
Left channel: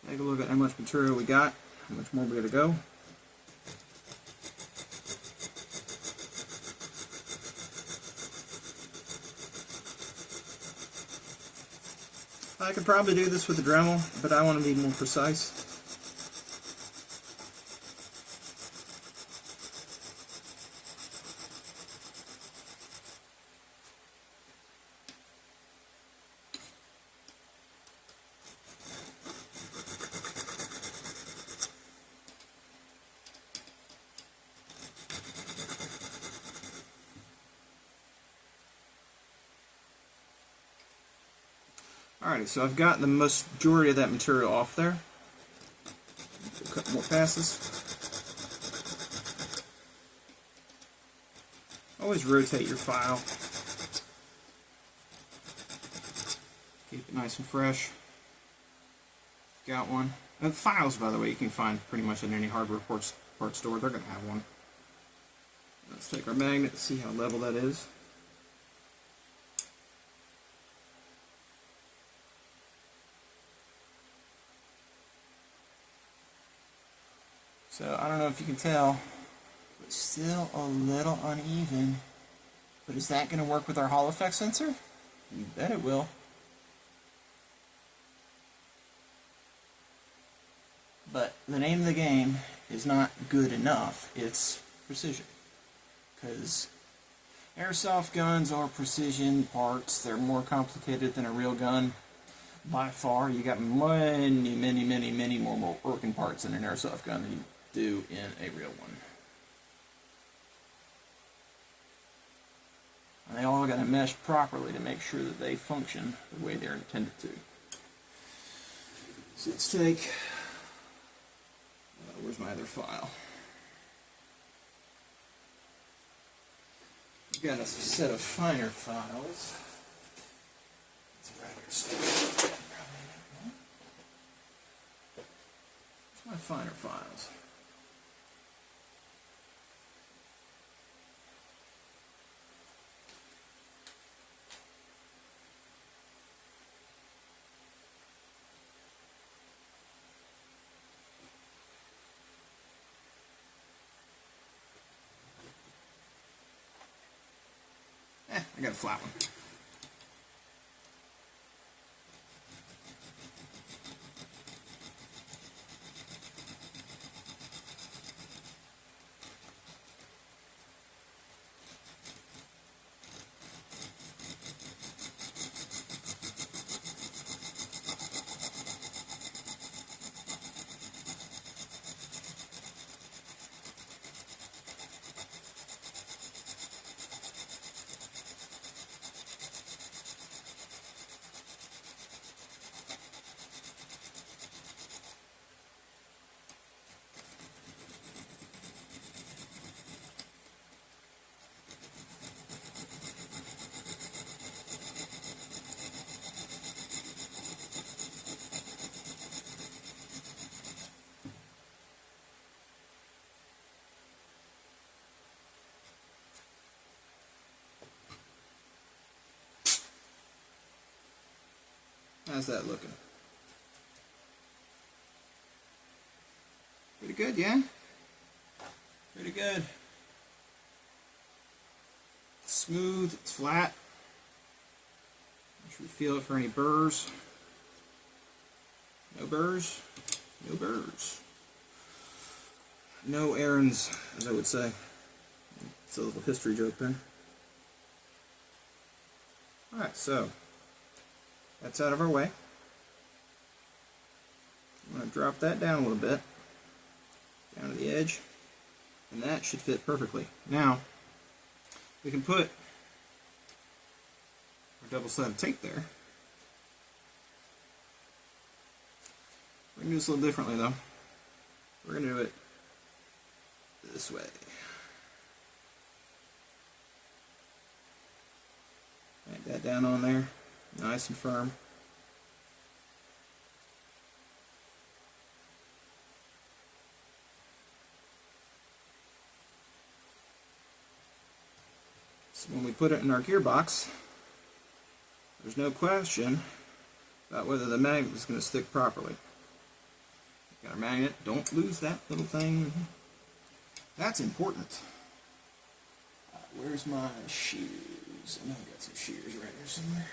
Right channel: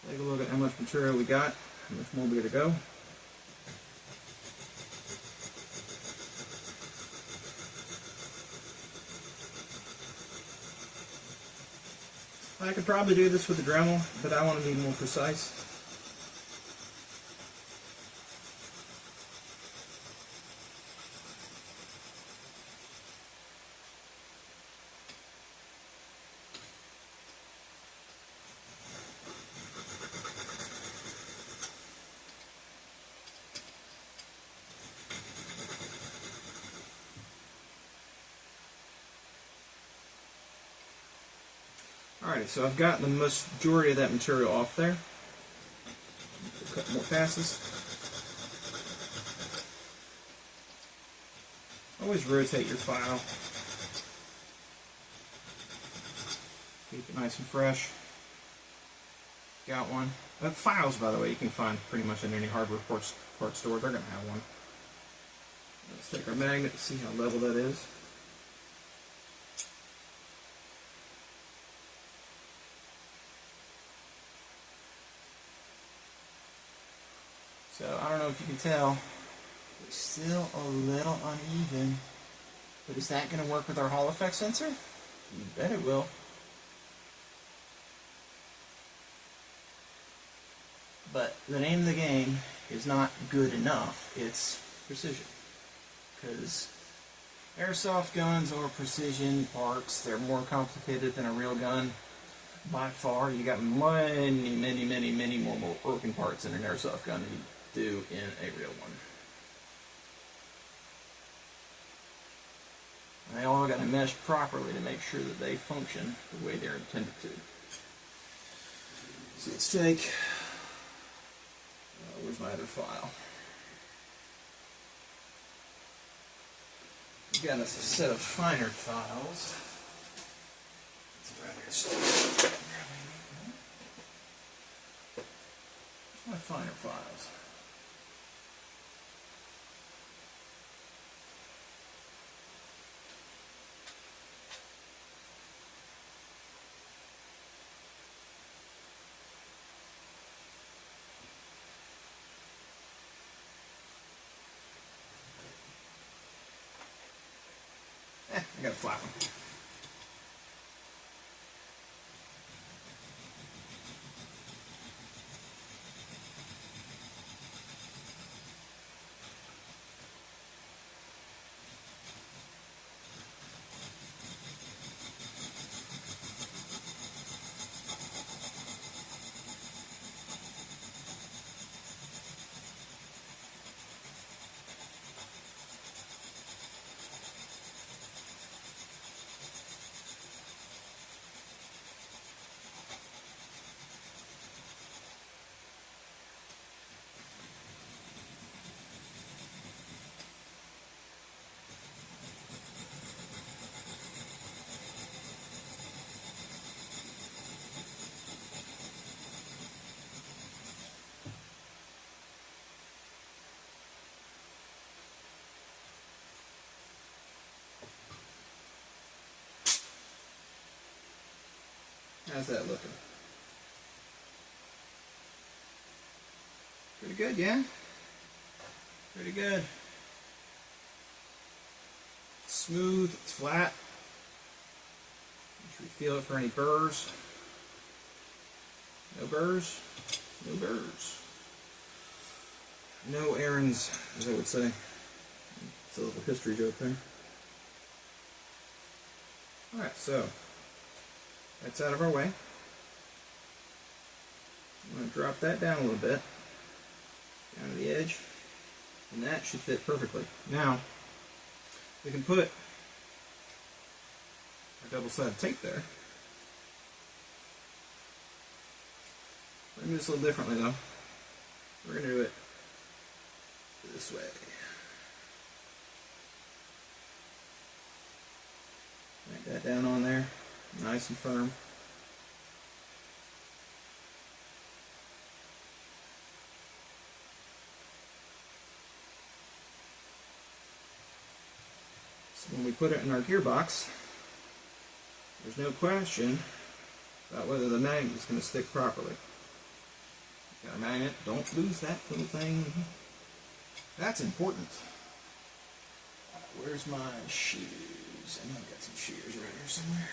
Take a look at how much material we got, how much more we got to go. I could probably do this with a Dremel, but I want to be more precise. Alrighty, so I've got the majority of that material off there. A couple more passes. Always rotate your file. Keep it nice and fresh. Got one. And files, by the way, you can find pretty much in any hardware parts store. They're going to have one. Let's take our magnet and see how level that is. So, I don't know if you can tell, but still a little uneven. But is that going to work with our Hall effect sensor? You bet it will. But the name of the game is not good enough, it's precision. Because airsoft guns are precision parts. They're more complicated than a real gun. By far, you got many more working parts in an airsoft gun than you do in a real one. They all got to mesh properly to make sure that they function the way they're intended to. So let's take, where's my other file? We've got a set of finer files. My finer files. I got a flat one. How's that looking? Pretty good, yeah? Pretty good. It's smooth, it's flat. Make sure you feel it for any burrs. No burrs. No burrs. No errands, as I would say. It's a little history joke there. Alright, so that's out of our way. I'm going to drop that down a little bit, down to the edge, and that should fit perfectly. Now, we can put our double-sided tape there. We're going to do this a little differently though. We're going to do it this way. Make that down on there. Nice and firm. So when we put it in our gearbox, there's no question about whether the magnet is going to stick properly. Got our magnet. Don't lose that little thing. That's important. Where's my shears? I know I've got some shears right here somewhere.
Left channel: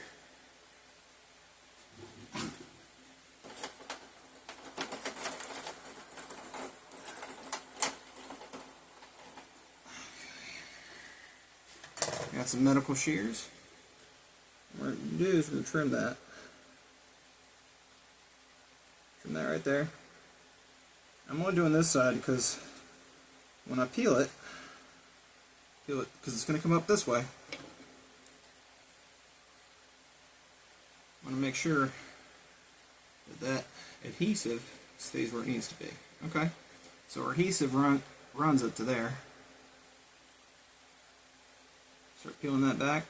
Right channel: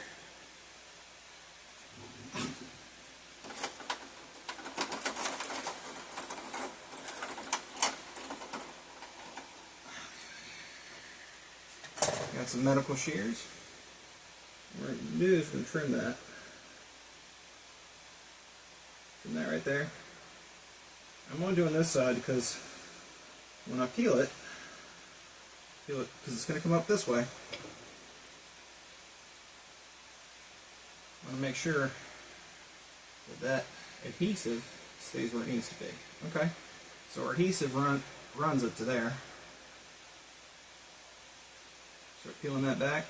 Got some medical shears. What we're going to do is we're going to trim that. Trim that right there. I'm only doing this side because when I peel it because it's going to come up this way, I want to make sure that adhesive stays where it needs to be. Okay, so our adhesive runs up to there. Start peeling that back.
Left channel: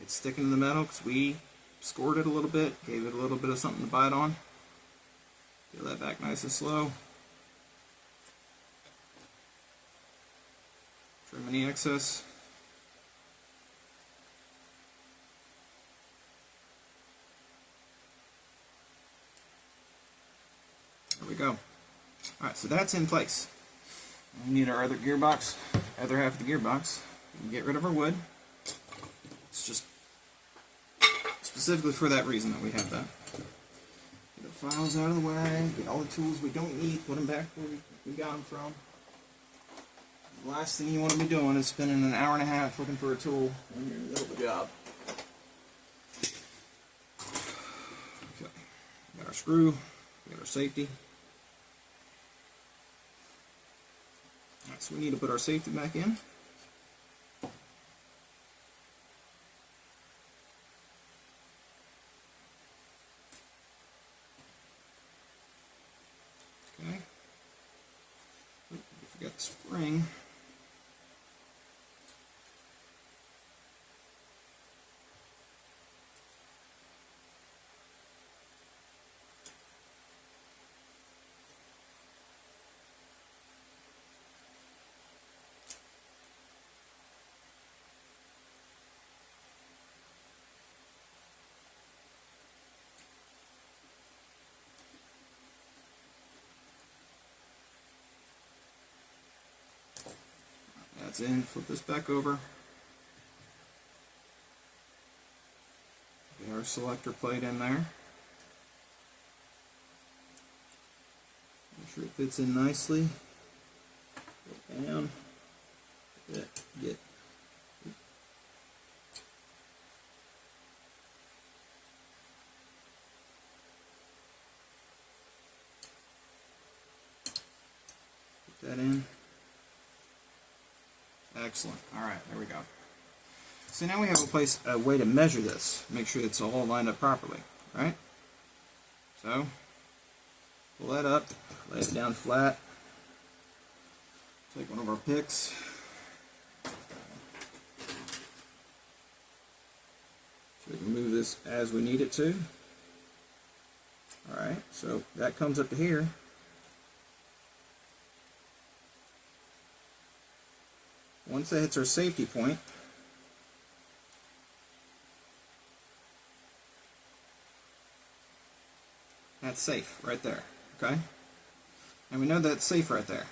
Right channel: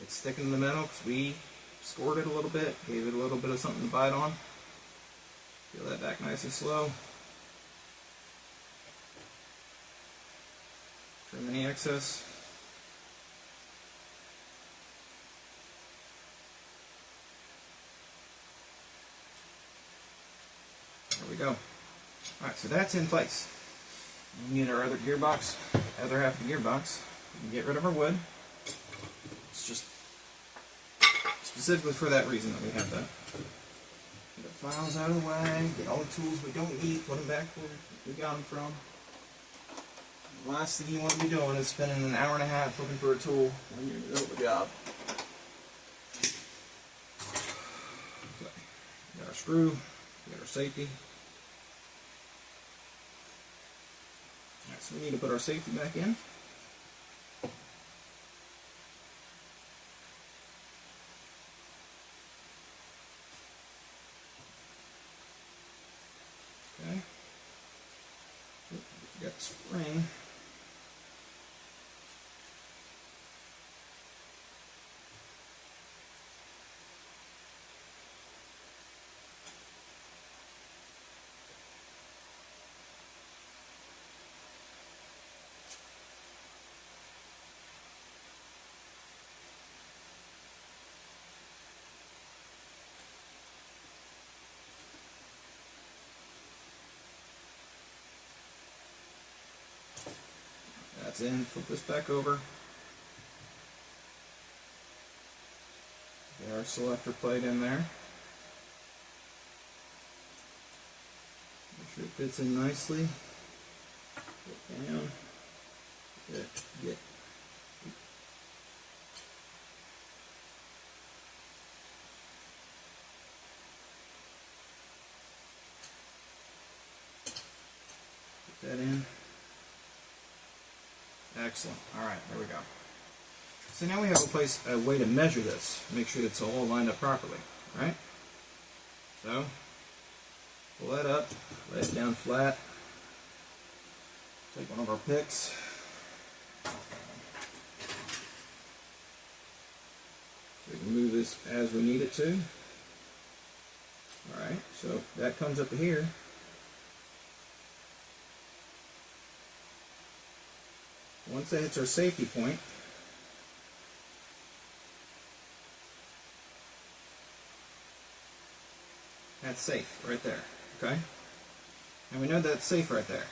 It's sticking to the metal because we scored it a little bit, gave it a little bit of something to bite on. Peel that back nice and slow. Trim any excess. There we go. Alright, so that's in place. We need our other gearbox, other half of the gearbox. We can get rid of our wood. It's just specifically for that reason that we have that. Get our files out of the way, get all the tools we don't need, put them back where we got them from. The last thing you want to be doing is spending an hour and a half looking for a tool when you're in the middle of the job. Okay, got our screw, got our safety. Alright, so we need to put our safety back in. Okay. Oh, we forgot the spring. That's in. Flip this back over. Get our selector plate in there. Make sure it fits in nicely. Put down. Get. Put that in. Excellent. Alright, there we go. So now we have a way to measure this. Make sure it's all lined up properly. Right? So, pull that up, lay it down flat. Take one of our picks. So we can move this as we need it to. Alright, so that comes up to here. Once that hits our safety point, that's safe right there, okay? And we know that's safe right there.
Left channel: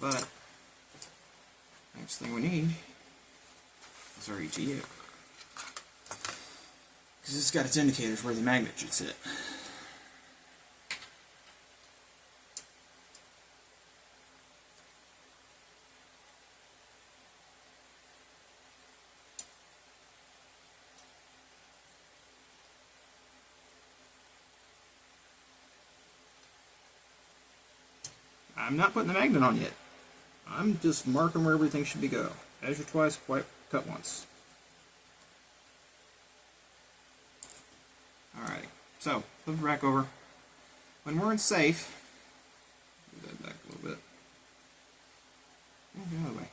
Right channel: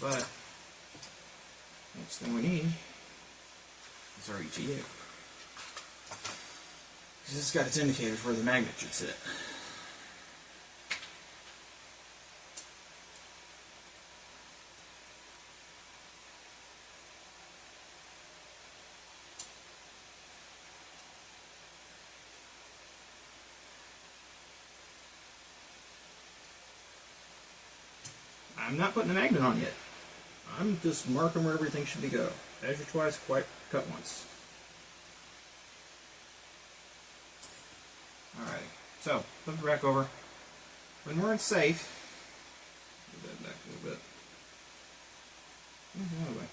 But, next thing we need is our ETU. Because it's got its indicators where the magnet should sit. I'm not putting the magnet on yet. I'm just marking where everything should be go. Measure twice, cut once. Alright, so flip it back over. When we're in safe, move that back a little bit. Move the other way.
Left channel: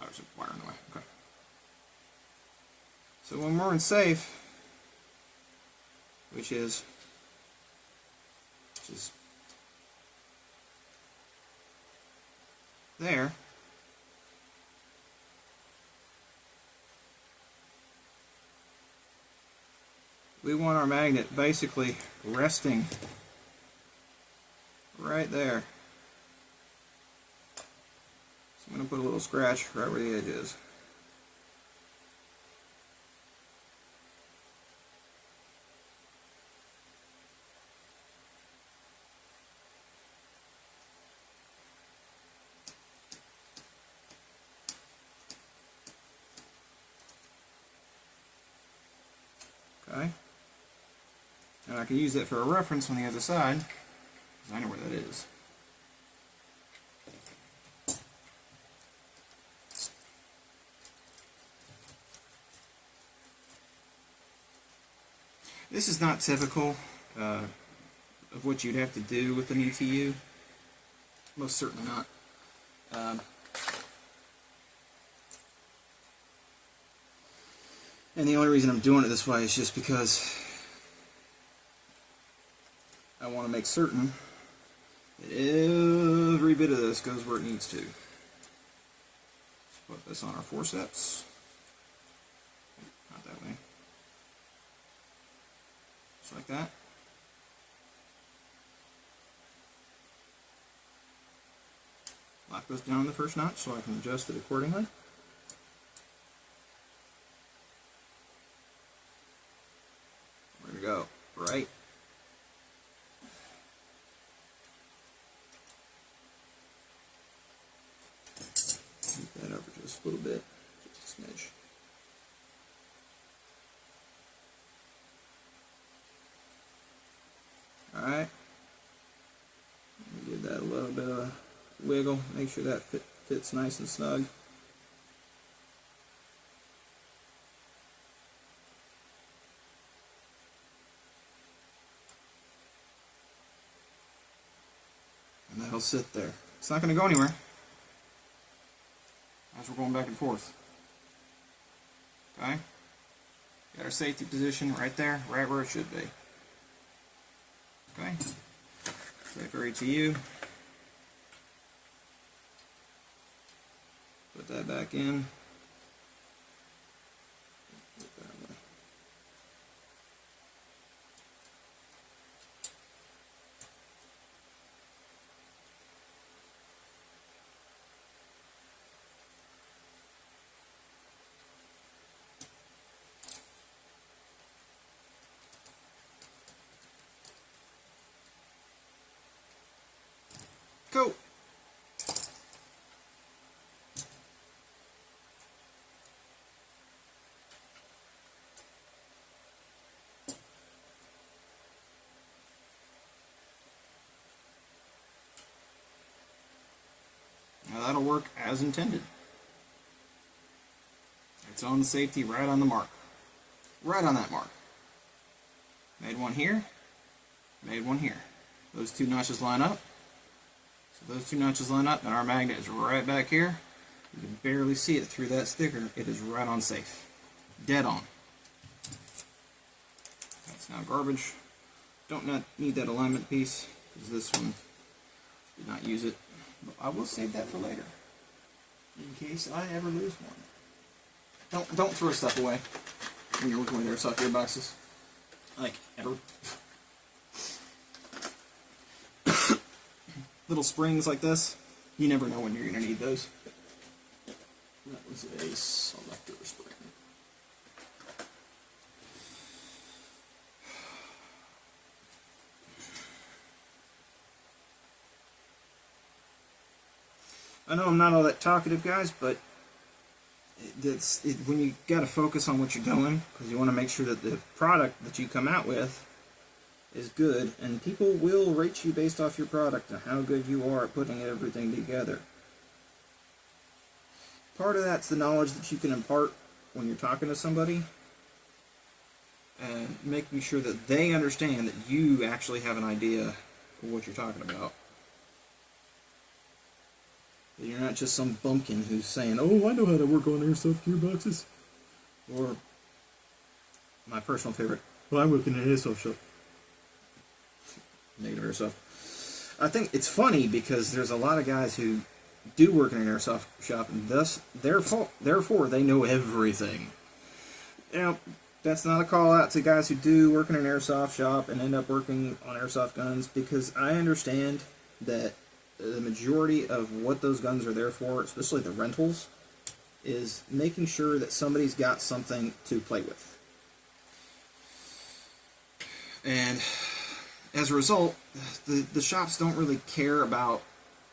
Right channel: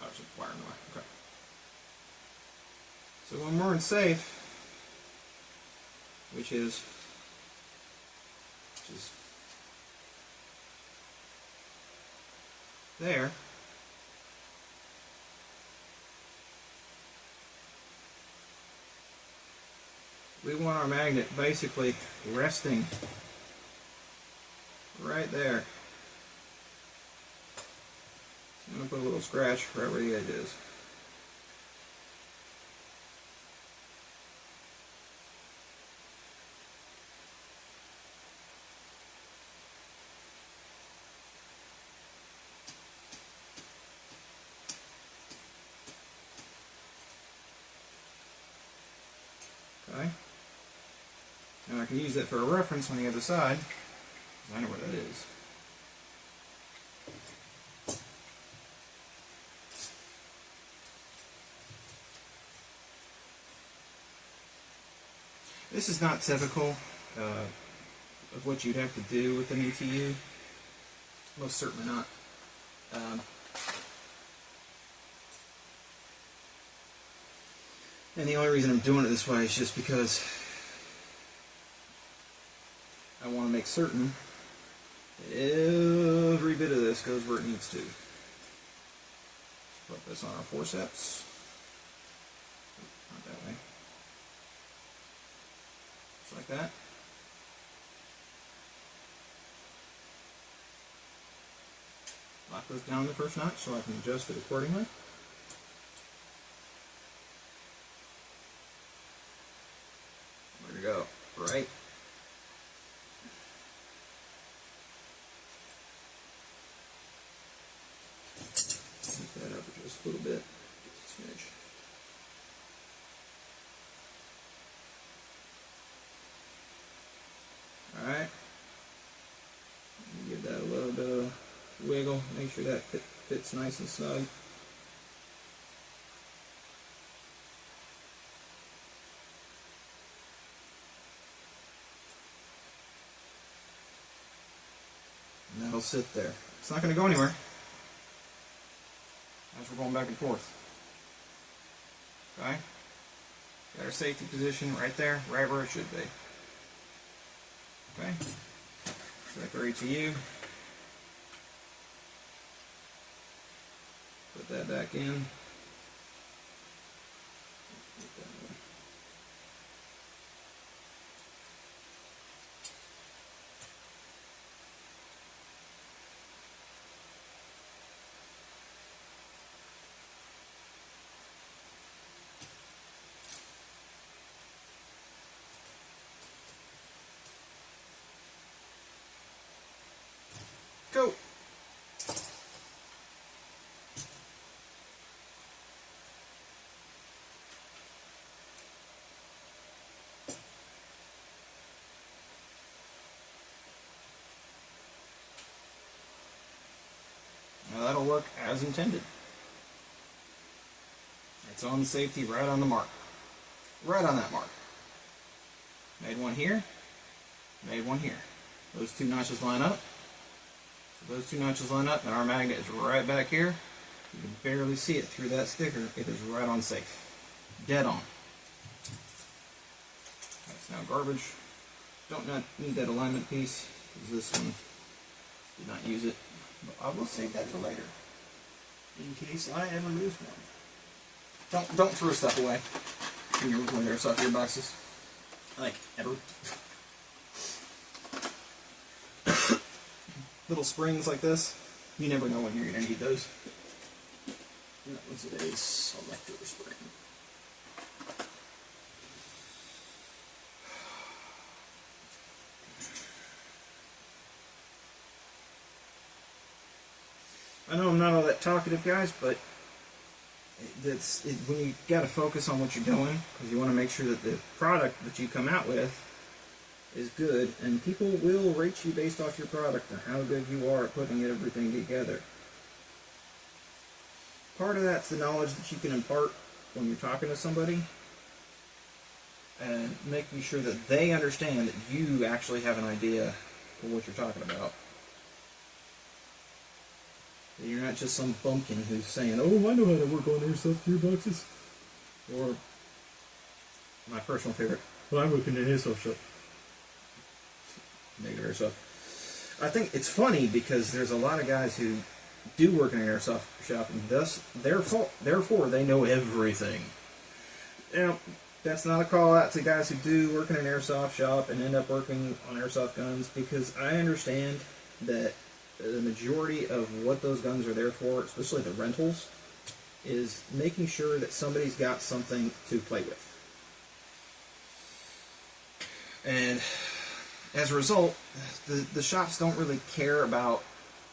Oh, there's a wire in the way. Okay. So when we're in safe, which is there, we want our magnet basically resting right there. So I'm going to put a little scratch right where the edge is. can use that for a reference on the other side, because I know where that is. This is not typical of what you'd have to do with an ETU. Most certainly not. And the only reason I'm doing it this way is just because I want to make certain that every bit of this goes where it needs to. Let's put this on our forceps. Not that way. Just like that. Lock those down the first notch so I can adjust it accordingly. There we go. Right. Keep that up just a little bit. Just a smidge. Alright. Give that a little bit of a wiggle. Make sure that fits nice and snug. And that'll sit there. It's not going to go anywhere as we're going back and forth. Okay? Got our safety position right there, right where it should be. Okay? Select our ETU. Put that back in. Go. Now that'll work as intended. It's on the safety right on the mark. Right on that mark. Made one here, made one here. Those two notches line up. So those two notches line up and our magnet is right back here. You can barely see it through that sticker. It is right on safe. Dead on. That's now garbage. Don't not need that alignment piece because this one did not use it. But I will save that for later, in case I ever lose one. Don't throw stuff away when you're working with airsoft gearboxes. Like, ever. Little springs like this, you never know when you're going to need those. That was a selector spring. I know I'm not all that talkative, guys, but when you got to focus on what you're doing, because you want to make sure that the product that you come out with is good, and people will rate you based off your product and how good you are at putting everything together. Part of that's the knowledge that you can impart when you're talking to somebody, and making sure that they understand that you actually have an idea of what you're talking about. You're not just some bumpkin who's saying, "Oh, I know how to work on airsoft gearboxes." Or, my personal favorite, "Well, I'm working in an airsoft shop." Negative airsoft. I think it's funny because there's a lot of guys who do work in an airsoft shop, and thus, therefore, they know everything. Now, that's not a call out to guys who do work in an airsoft shop and end up working on airsoft guns, because I understand that the majority of what those guns are there for, especially the rentals, is making sure that somebody's got something to play with. And as a result, the shops don't really care about,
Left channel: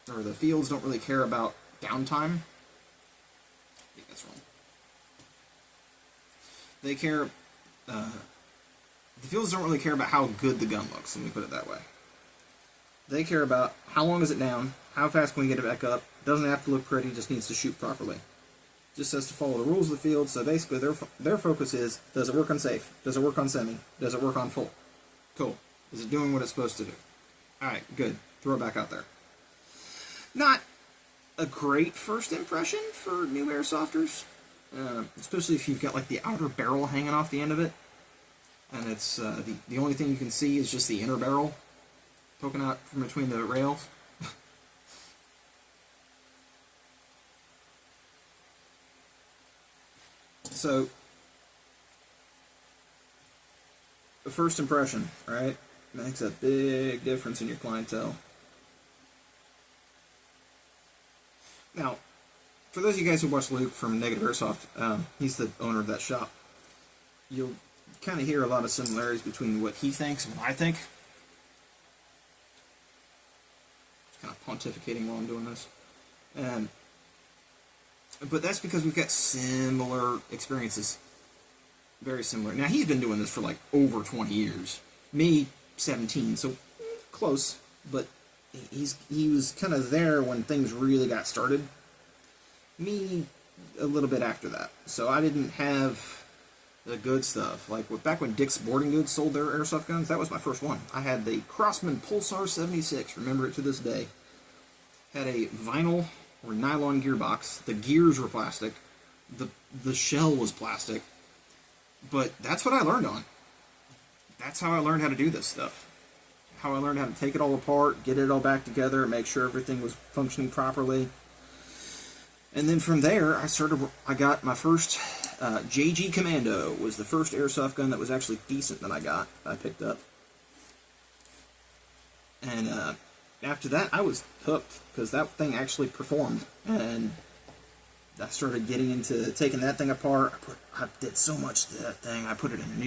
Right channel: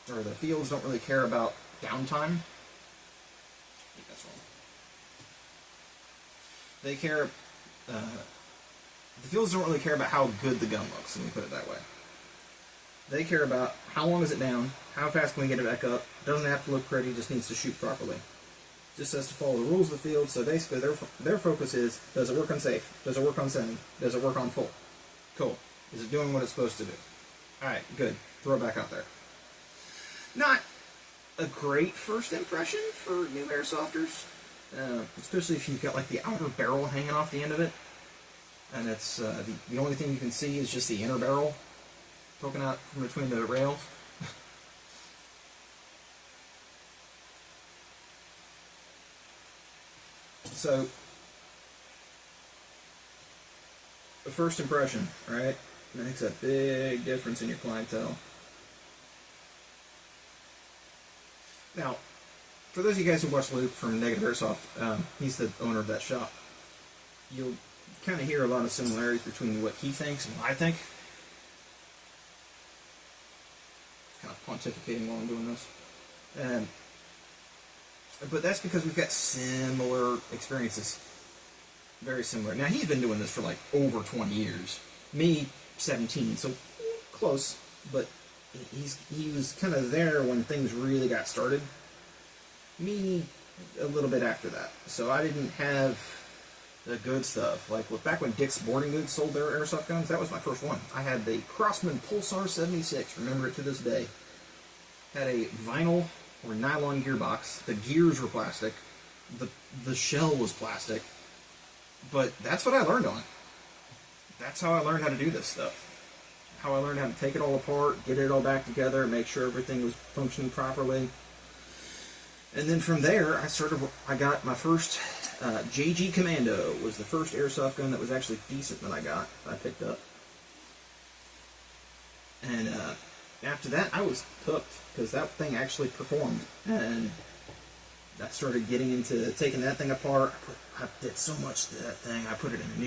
or the fields don't really care about downtime. I think that's wrong. They care The fields don't really care about how good the gun looks, let me put it that way. They care about how long is it down, how fast can we get it back up. Doesn't have to look pretty, just needs to shoot properly. Just has to follow the rules of the field, so basically their focus is, does it work on safe? Does it work on semi? Does it work on full? Cool. Is it doing what it's supposed to do? Alright, good. Throw it back out there. Not a great first impression for new airsofters, especially if you've got like the outer barrel hanging off the end of it, and it's the only thing you can see is just the inner barrel poking out from between the rails. So, the first impression, right, makes a big difference in your clientele. Now, for those of you guys who watch Luke from Negative Airsoft, he's the owner of that shop. You'll kind of hear a lot of similarities between what he thinks and what I think. Kind of pontificating while I'm doing this. But that's because we've got similar experiences. Very similar. Now, he's been doing this for like over 20 years. Me, 17, so close, but he was kind of there when things really got started. Me, a little bit after that. So I didn't have the good stuff. Like back when Dick's Sporting Goods sold their airsoft guns, that was my first one. I had the Crossman Pulsar 76, remember it to this day. Had a vinyl or nylon gearbox. The gears were plastic. The shell was plastic. But that's what I learned on. That's how I learned how to do this stuff. How I learned how to take it all apart, get it all back together, make sure everything was functioning properly. And then from there, I got my first JG Commando. Was the first airsoft gun that was actually decent that I picked up. And after that, I was hooked, because that thing actually performed. And I started getting into taking that thing apart. I did so much to that thing. I put it in a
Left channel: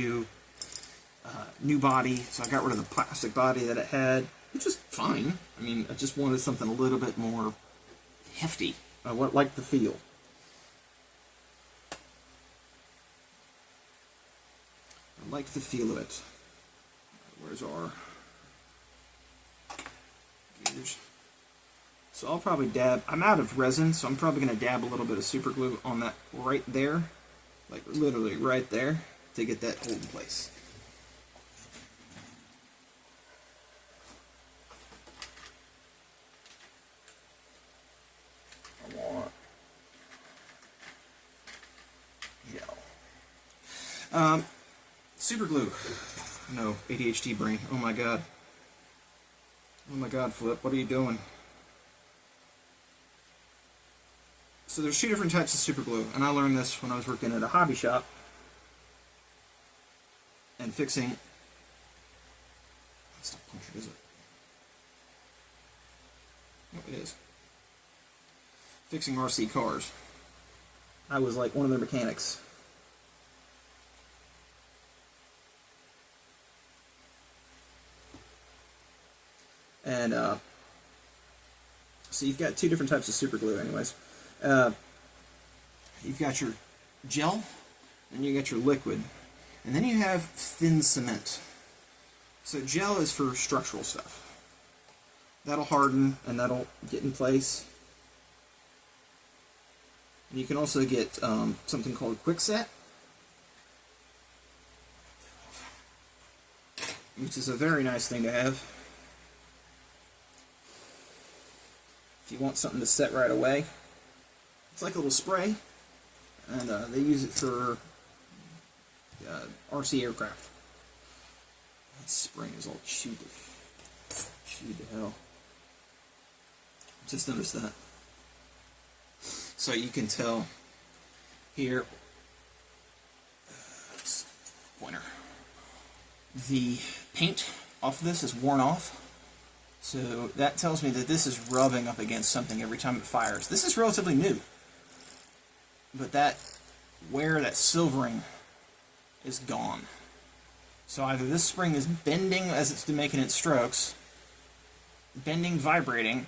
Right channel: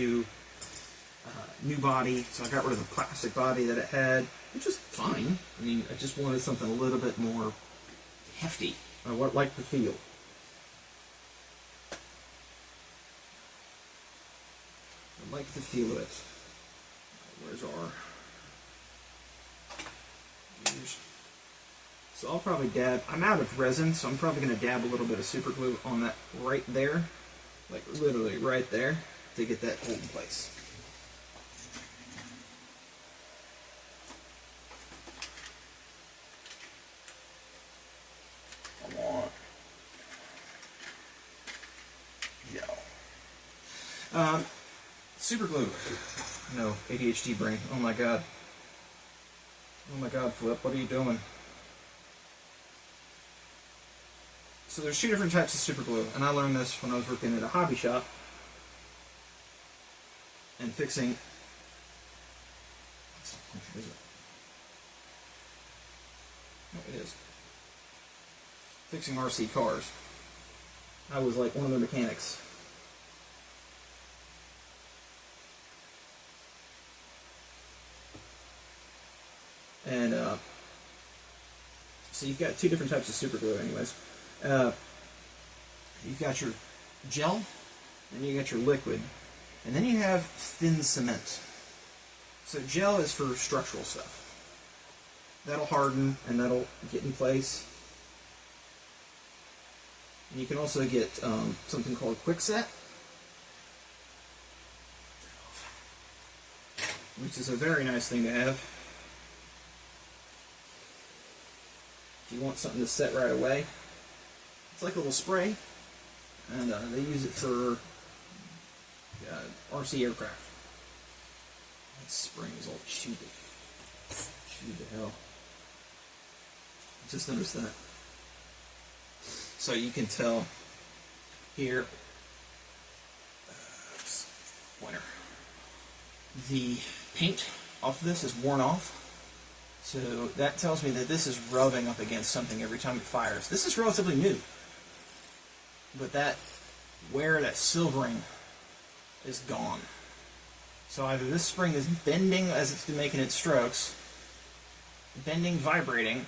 new body, so I got rid of the plastic body that it had, which is fine. I mean, I just wanted something a little bit more hefty. I liked the feel. I liked the feel of it. Where's our gears? So I'll probably dab. I'm out of resin, so I'm probably going to dab a little bit of super glue on that right there, like literally right there, to get that hold in place. Super glue. No, ADHD brain. Oh my god. Oh my god, Flip, what are you doing? So there's two different types of super glue, and I learned this when I was working at a hobby shop and fixing. Is it? No, it is. Fixing RC cars. I was like one of the mechanics. And so you've got two different types of super glue anyways. You've got your gel, and you got your liquid. And then you have thin cement. So gel is for structural stuff. That'll harden, and that'll get in place. And you can also get something called quickset, which is a very nice thing to have. If you want something to set right away. It's like a little spray, and they use it for RC aircraft. That spring is all chewed to hell. Just noticed that. So you can tell here, pointer, the paint off of this is worn off. So that tells me that this is rubbing up against something every time it fires. This is relatively new. But that wear, that silvering, is gone. So either this spring is bending as it's making its strokes, bending, vibrating,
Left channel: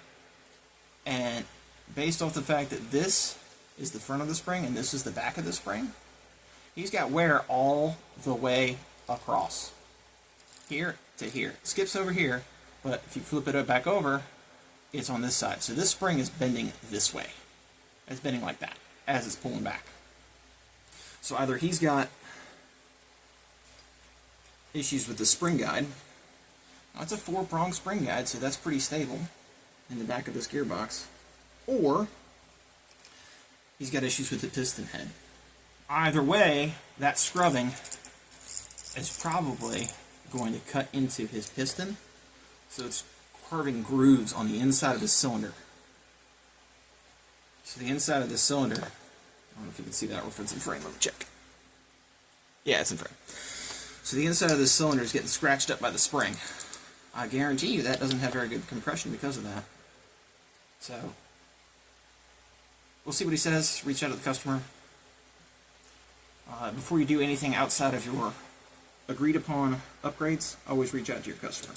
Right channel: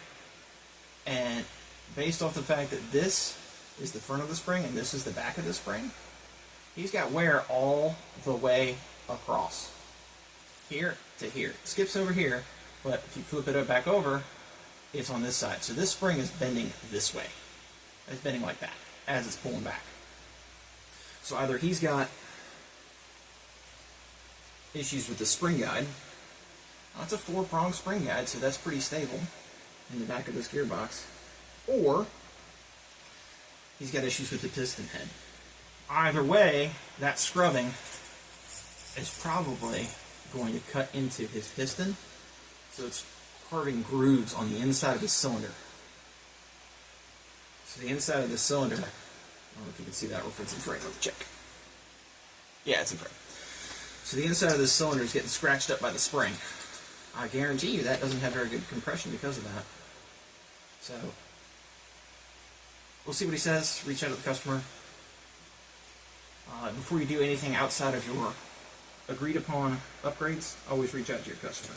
and based off the fact that this is the front of the spring and this is the back of the spring, he's got wear all the way across. here to here. It skips over here, but if you flip it back over, it's on this side. So this spring is bending this way. It's bending like that as it's pulling back. So either he's got issues with the spring guide. That's a 4-prong spring guide, so that's pretty stable in the back of this gearbox. Or he's got issues with the piston head. Either way, that scrubbing is probably going to cut into his piston, so it's carving grooves on the inside of the cylinder. So the inside of the cylinder, I don't know if you can see that, or if it's in frame. Let's check. Yeah, it's in frame. So the inside of the cylinder is getting scratched up by the spring. I guarantee you that doesn't have very good compression because of that. So we'll see what he says. Reach out to the customer. Before you do anything outside of your agreed upon upgrades, always reach out to your customer.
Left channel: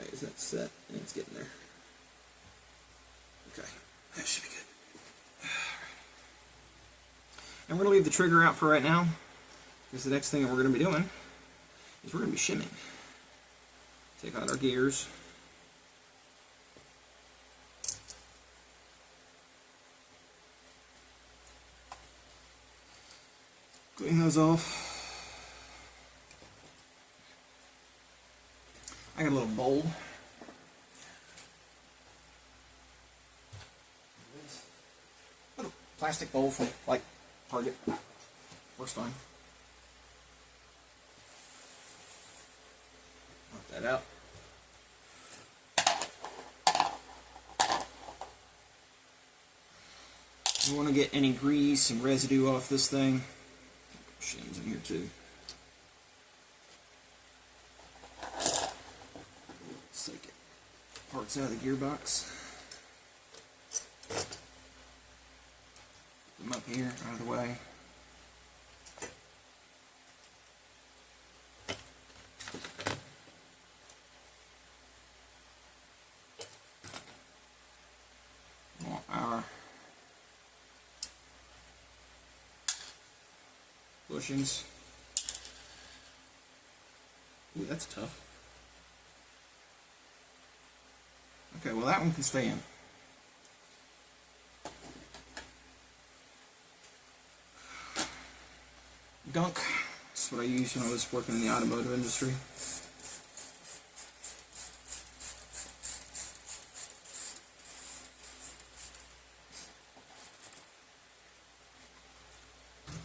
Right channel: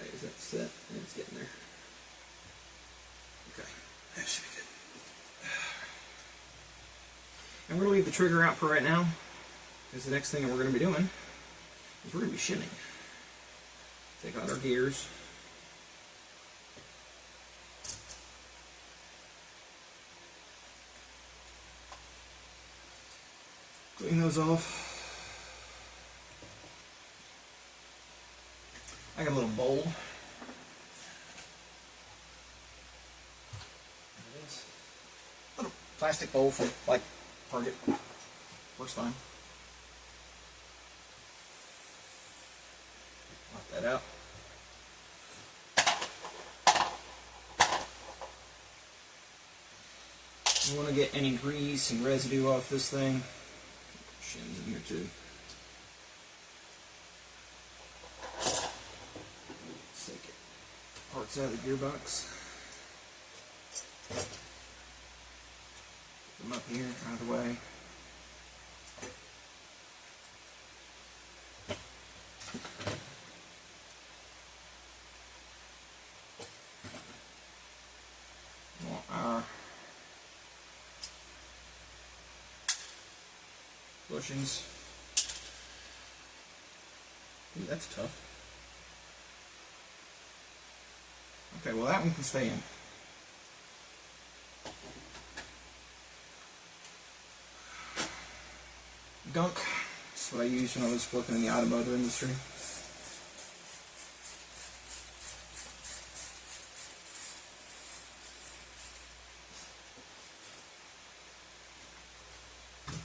Okay, is that set? It's getting there. Okay, that should be good. And we're going to leave the trigger out for right now, because the next thing that we're going to be doing is we're going to be shimming. Take out our gears. Clean those off. I got a little bowl. Little plastic bowl from like Target. Works fine. Knock that out. You want to get any grease and residue off this thing. Shades in here too. Let's take it. Parts out of the gearbox. Put them up here, out of the way. Want our bushings. Ooh, that's tough. Okay, well that one can stay in. Gunk. That's what I used when I was working in the automotive industry.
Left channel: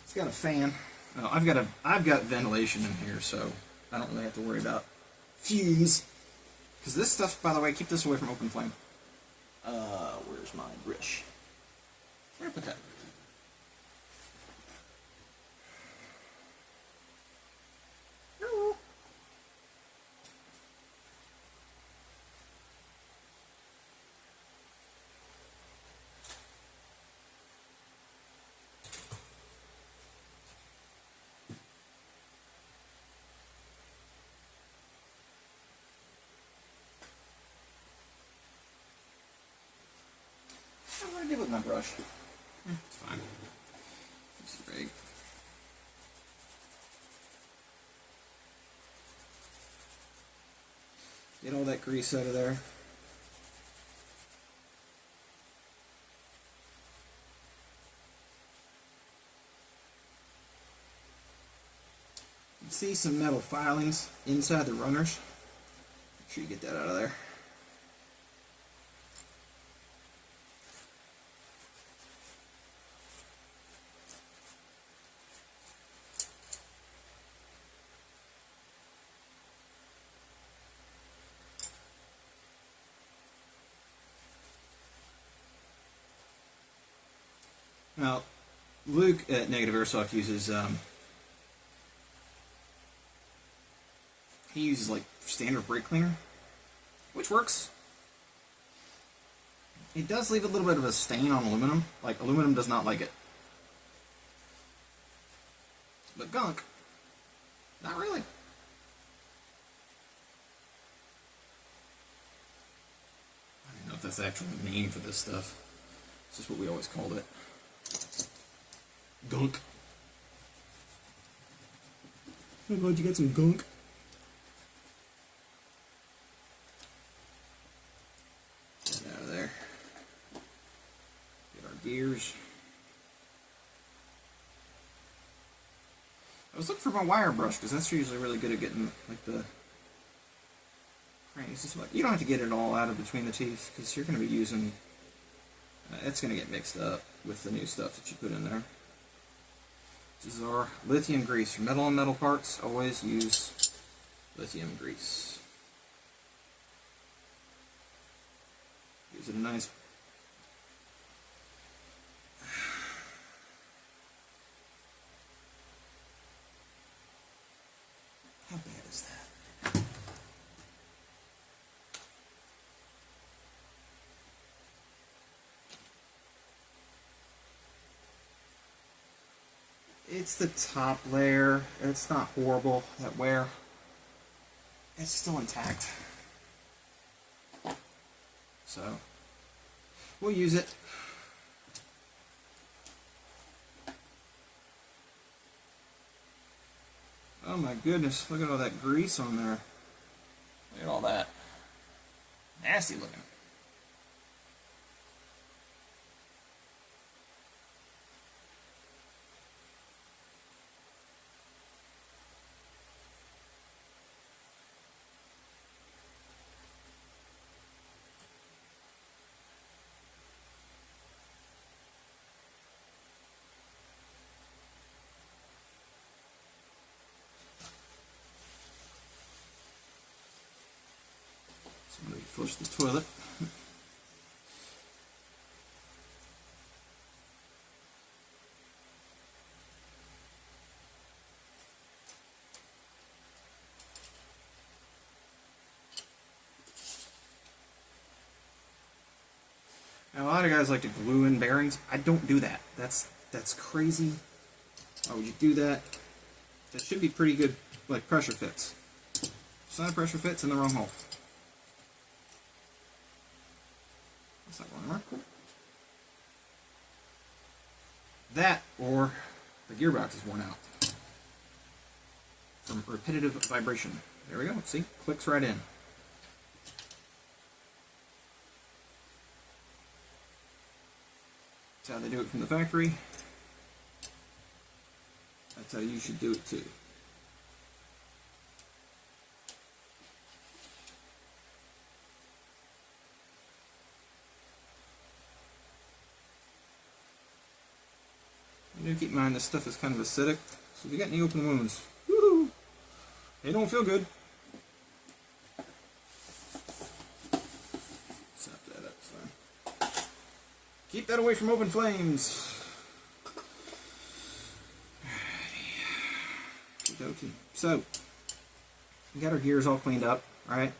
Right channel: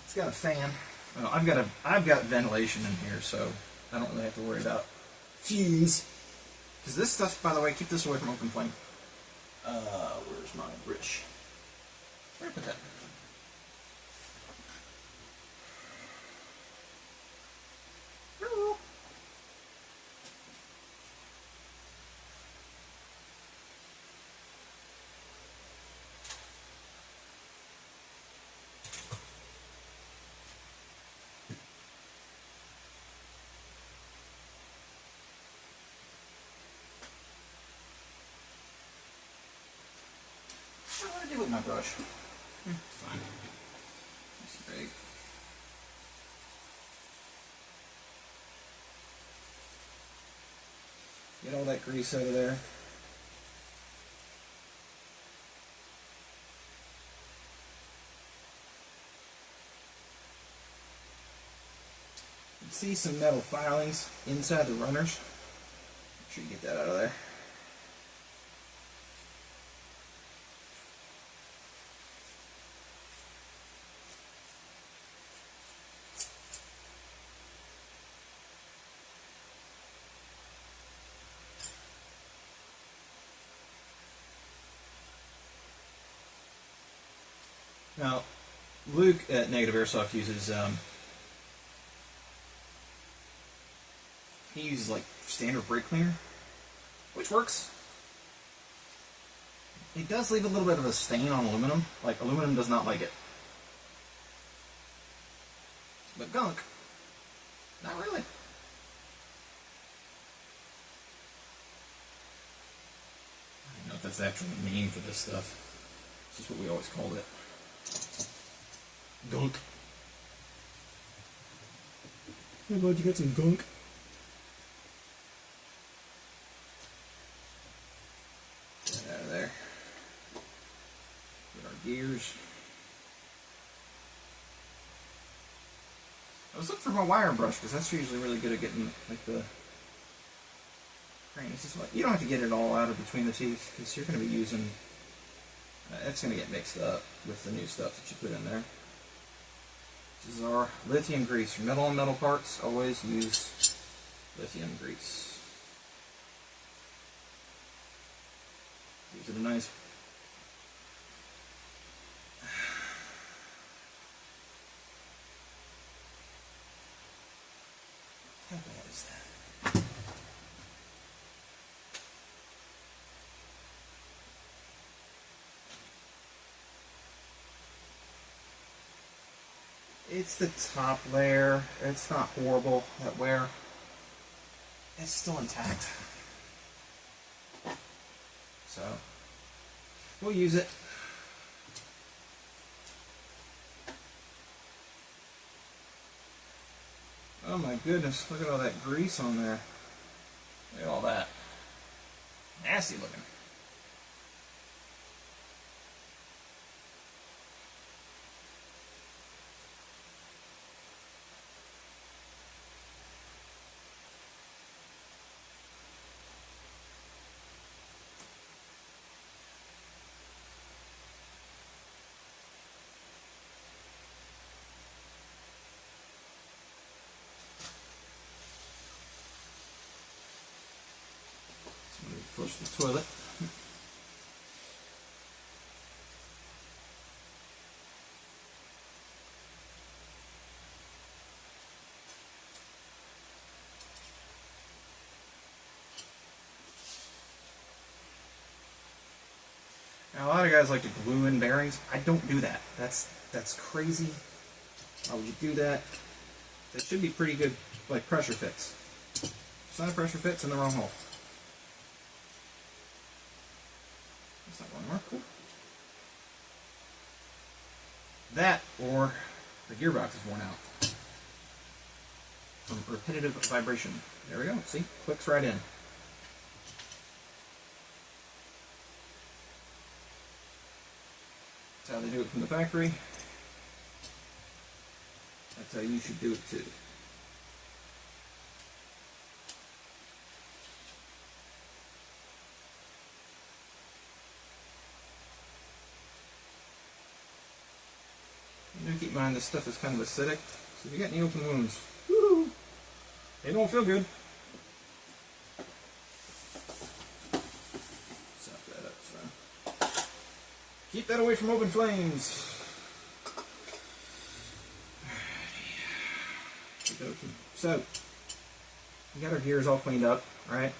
It's got a fan. I've got ventilation in here, so I don't really have to worry about fumes. Because this stuff, by the way, keep this away from open flame. Where's my British? Where did I put that? Hello. What do I do with my brush? It's fine. It's big. Get all that grease out of there. You see some metal filings inside the runners. Make sure you get that out of there. Now, Luke at Negative Airsoft uses, he uses like standard brake cleaner, which works. It does leave a little bit of a stain on aluminum, like aluminum does not like it. But gunk, not really. I don't know if that's the actual name for this stuff. It's just what we always called it. Gunk. I'm glad you get some gunk. Get it out of there. Get our gears. I was looking for my wire brush because that's usually really good at getting like the crannies. You don't have to get it all out of between the teeth because you're going to be using. It's going to get mixed up with the new stuff that you put in there. This is our lithium grease. For metal on metal parts, always use lithium grease. Gives it a nice. How bad is that? It's the top layer. It's not horrible, that wear. It's still intact. So, we'll use it. Oh my goodness, look at all that grease on there. Look at all that. Nasty looking. Flush the toilet. Now, a lot of guys like to glue in bearings. I don't do that. That's crazy. Why would you do that? That should be pretty good, like pressure fits. It's not a pressure fit, it's in the wrong hole. It's not going to work. That, or the gearbox is worn out from repetitive vibration. There we go. See? Clicks right in. That's how they do it from the factory. That's how you should do it too. Keep in mind this stuff is kind of acidic, so if you get any open wounds, woo, they don't feel good. Sop that up, so keep that away from open flames. Alrighty. So we got our gears all cleaned up, right?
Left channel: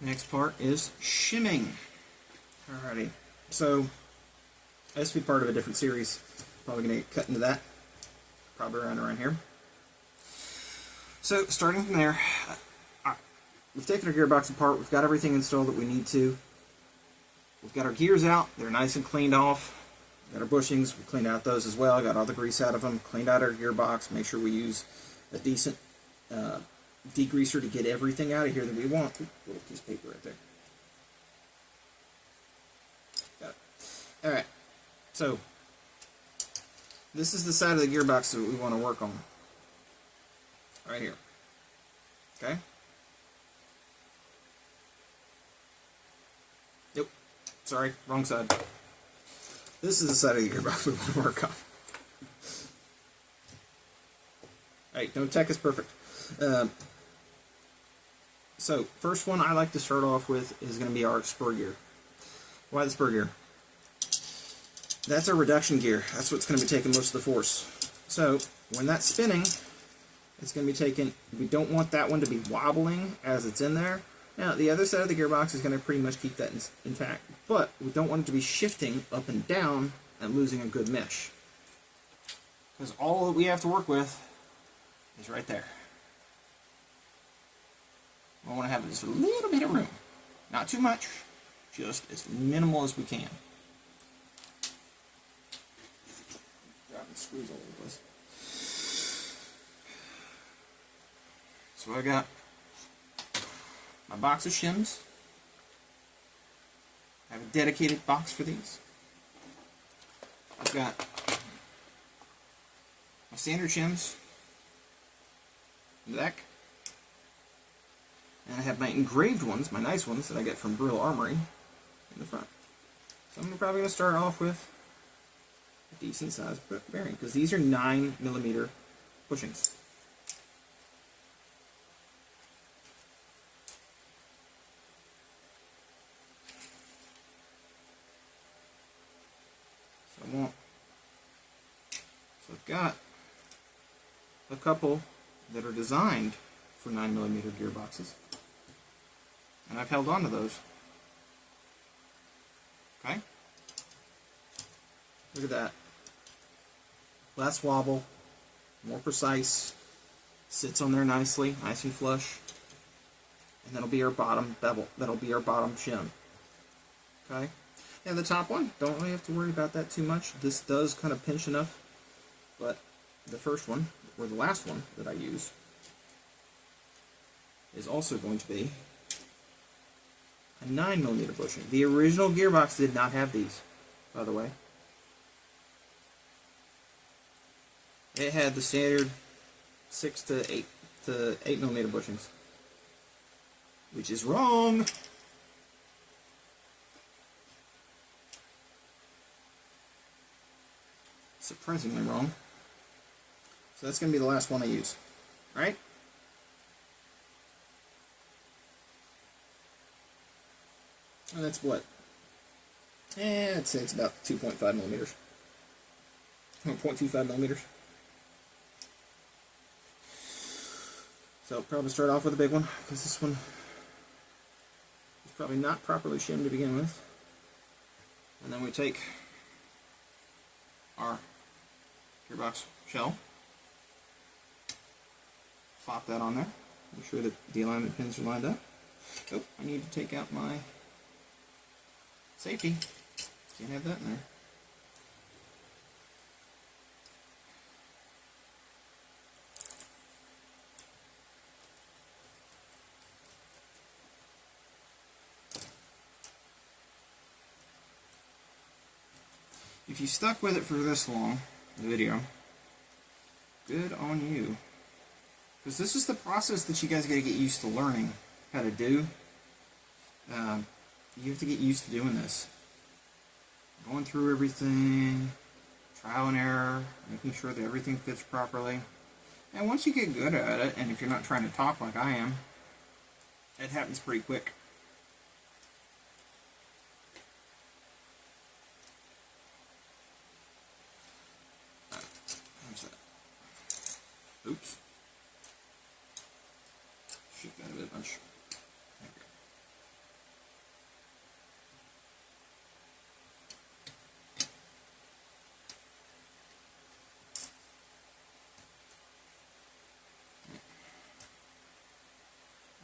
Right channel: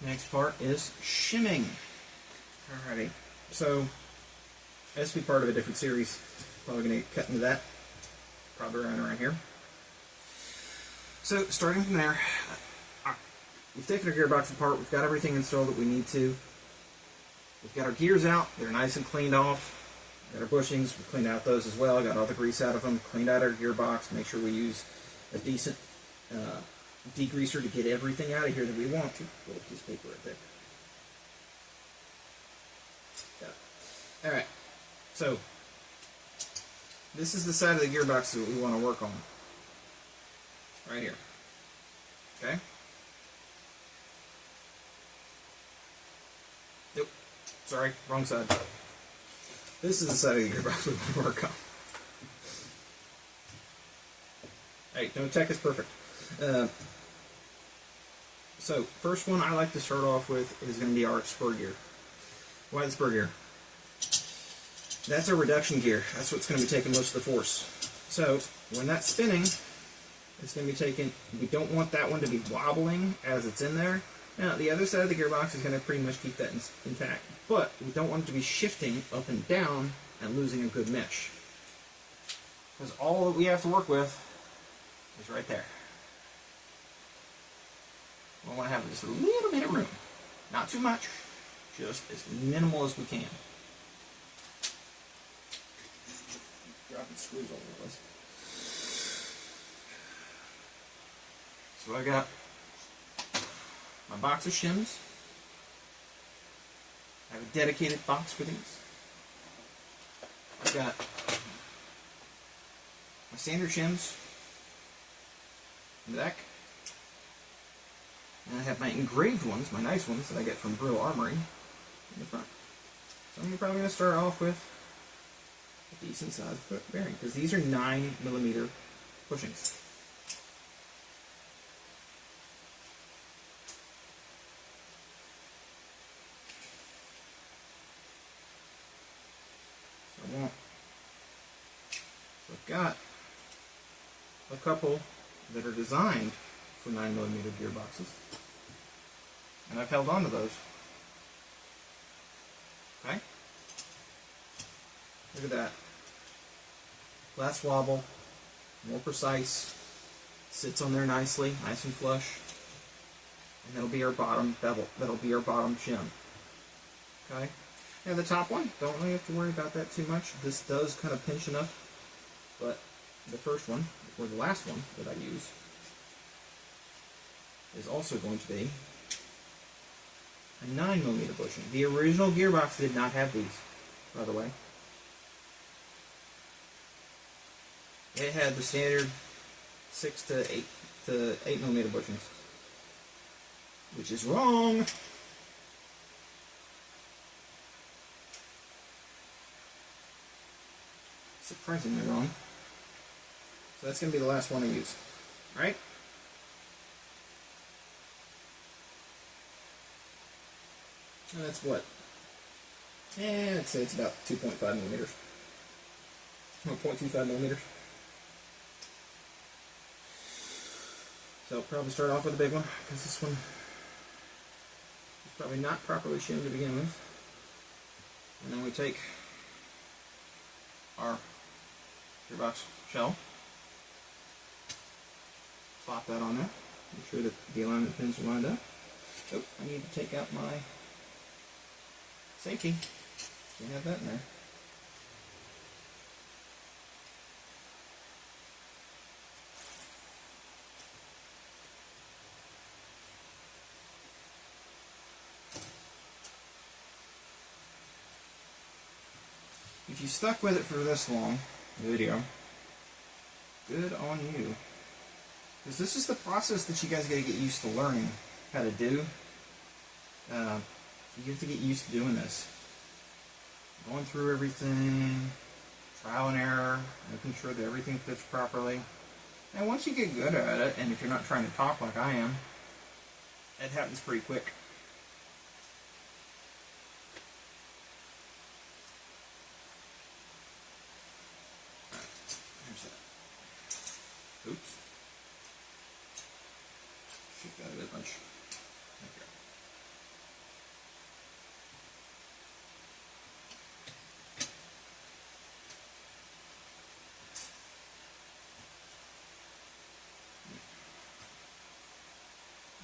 Next part is shimming. Alrighty. So this will be part of a different series. Probably going to get cut into that. Probably around here. So, starting from there, we've taken our gearbox apart. We've got everything installed that we need to. We've got our gears out. They're nice and cleaned off. We've got our bushings. We cleaned out those as well. Got all the grease out of them. Cleaned out our gearbox. Make sure we use a decent degreaser to get everything out of here that we want. Little piece of paper right there. Got it. Alright. So, this is the side of the gearbox that we want to work on. Right here. Okay? Nope. Sorry, wrong side. This is the side of the gearbox we want to work on. Hey, no tech is perfect. So, first one I like to start off with is going to be our spur gear. Why the spur gear? That's our reduction gear. That's what's going to be taking most of the force. So, when that's spinning, it's going to be taking, we don't want that one to be wobbling as it's in there. Now, the other side of the gearbox is going to pretty much keep that intact. But we don't want it to be shifting up and down and losing a good mesh. Because all that we have to work with is right there. We want to have just a little bit of room. Not too much, just as minimal as we can. squeeze all over this. So I got my box of shims. I have a dedicated box for these. I've got my standard shims in the back. And I have my engraved ones, my nice ones that I get from Brill Armory in the front. So I'm probably going to start off with a decent size bearing, because these are 9mm bushings. So I've got a couple that are designed for 9mm gearboxes, and I've held on to those. Okay? Look at that. Less wobble, more precise, sits on there nicely, nice and flush, and that'll be our bottom bevel. That'll be our bottom shim. Okay? Now the top one, don't really have to worry about that too much. This does kind of pinch enough, but the first one, or the last one that I use, is also going to be a 9mm bushing. The original gearbox did not have these, by the way. It had the standard 6 to 8mm bushings, which is wrong. Surprisingly wrong. So that's going to be the last one I use. Alright? And that's what? I'd say it's about 2.5mm. No, 0.25mm. So probably start off with a big one, because this one is probably not properly shimmed to begin with. And then we take our gearbox shell, plop that on there, make sure that the alignment pins are lined up. Oh, I need to take out my safety. Can't have that in there. If you stuck with it for this long, the video, good on you. Because this is the process that you guys got to get used to learning how to do. You have to get used to doing this. Going through everything, trial and error, making sure that everything fits properly. And once you get good at it, and if you're not trying to talk like I am, it happens pretty quick. Oops. Shoot that a bit much. Okay.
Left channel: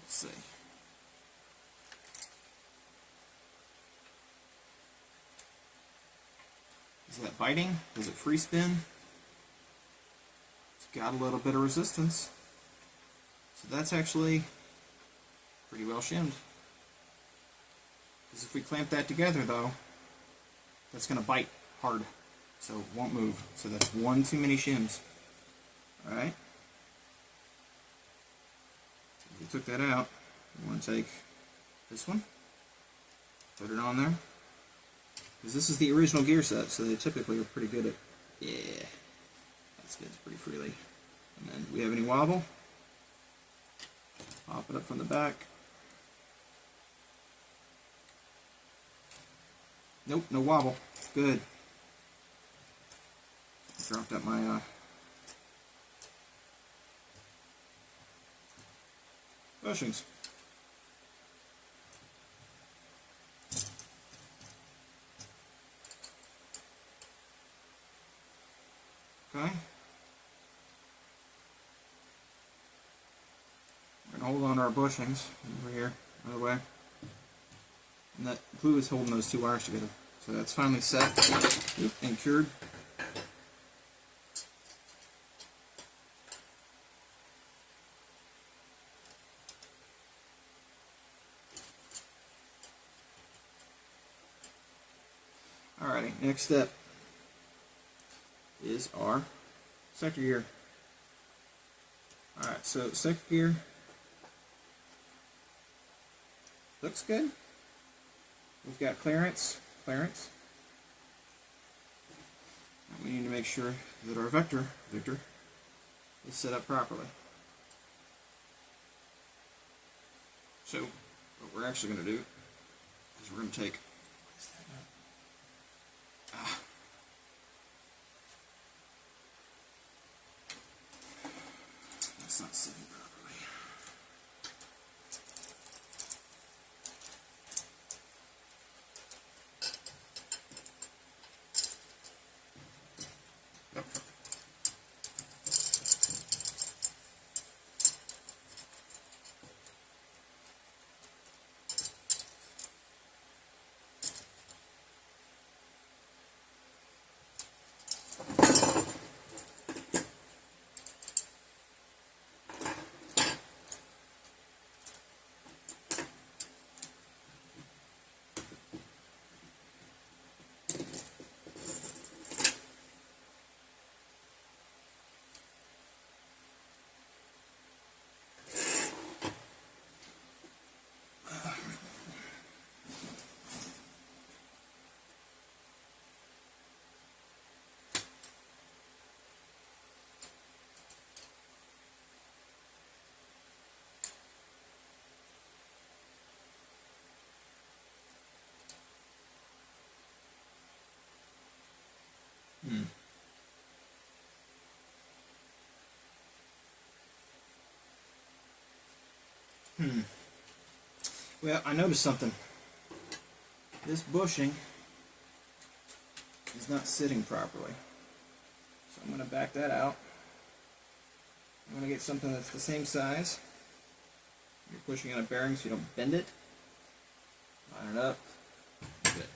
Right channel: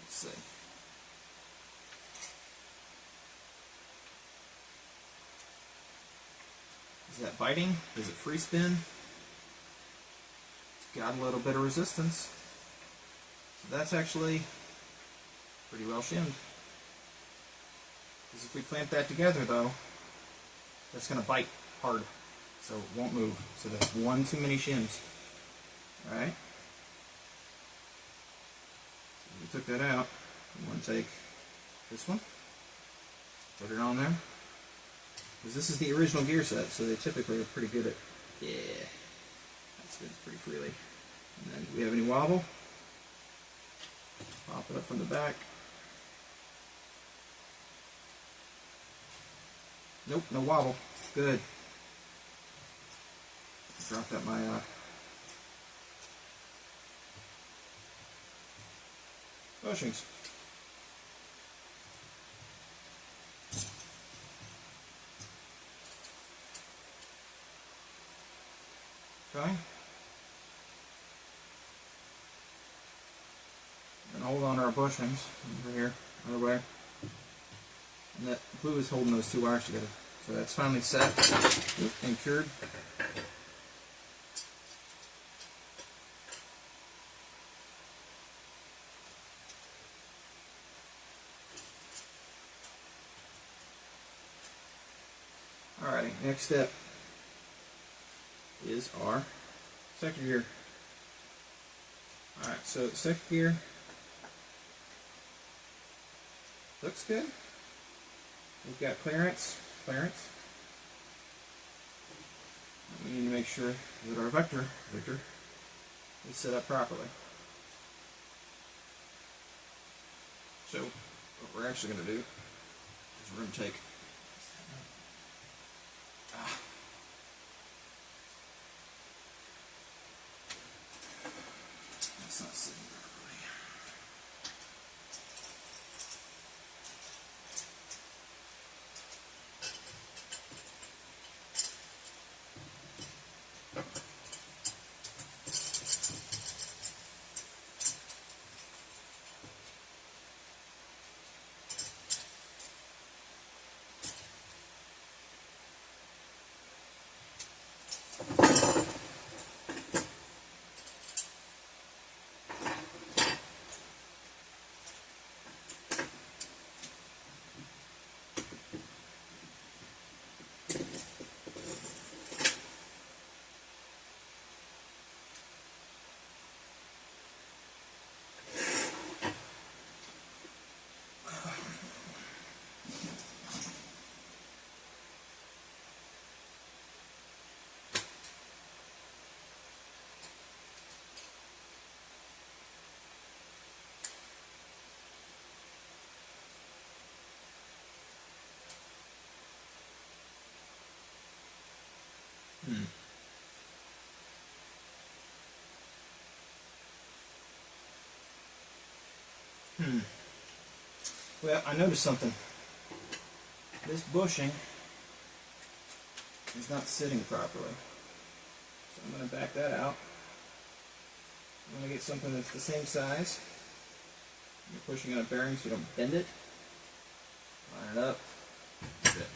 Let's see. Is that biting? Is it free spin? Got a little bit of resistance. So that's actually pretty well shimmed. Because if we clamp that together though, that's going to bite hard. So it won't move. So that's one too many shims. Alright? So we took that out. We want to take this one, put it on there. Because this is the original gear set, so they typically are pretty good at, yeah, that spins pretty freely. And then, do we have any wobble? Pop it up from the back. Nope, no wobble. Good. Dropped out my bushings. Okay. And hold on to our bushings over here, other way. And that glue is holding those two wires together. So that's finally set and cured. next step is our sector gear. Alright, so sector gear looks good. We've got clearance. We need to make sure that our Victor is set up properly. So what we're actually going to do is we're going to take that's not sitting properly. Well, I noticed something. This bushing is not sitting properly. So I'm going to back that out. I'm going to get something that's the same size. You're pushing on a bearing so you don't bend it. Line it up.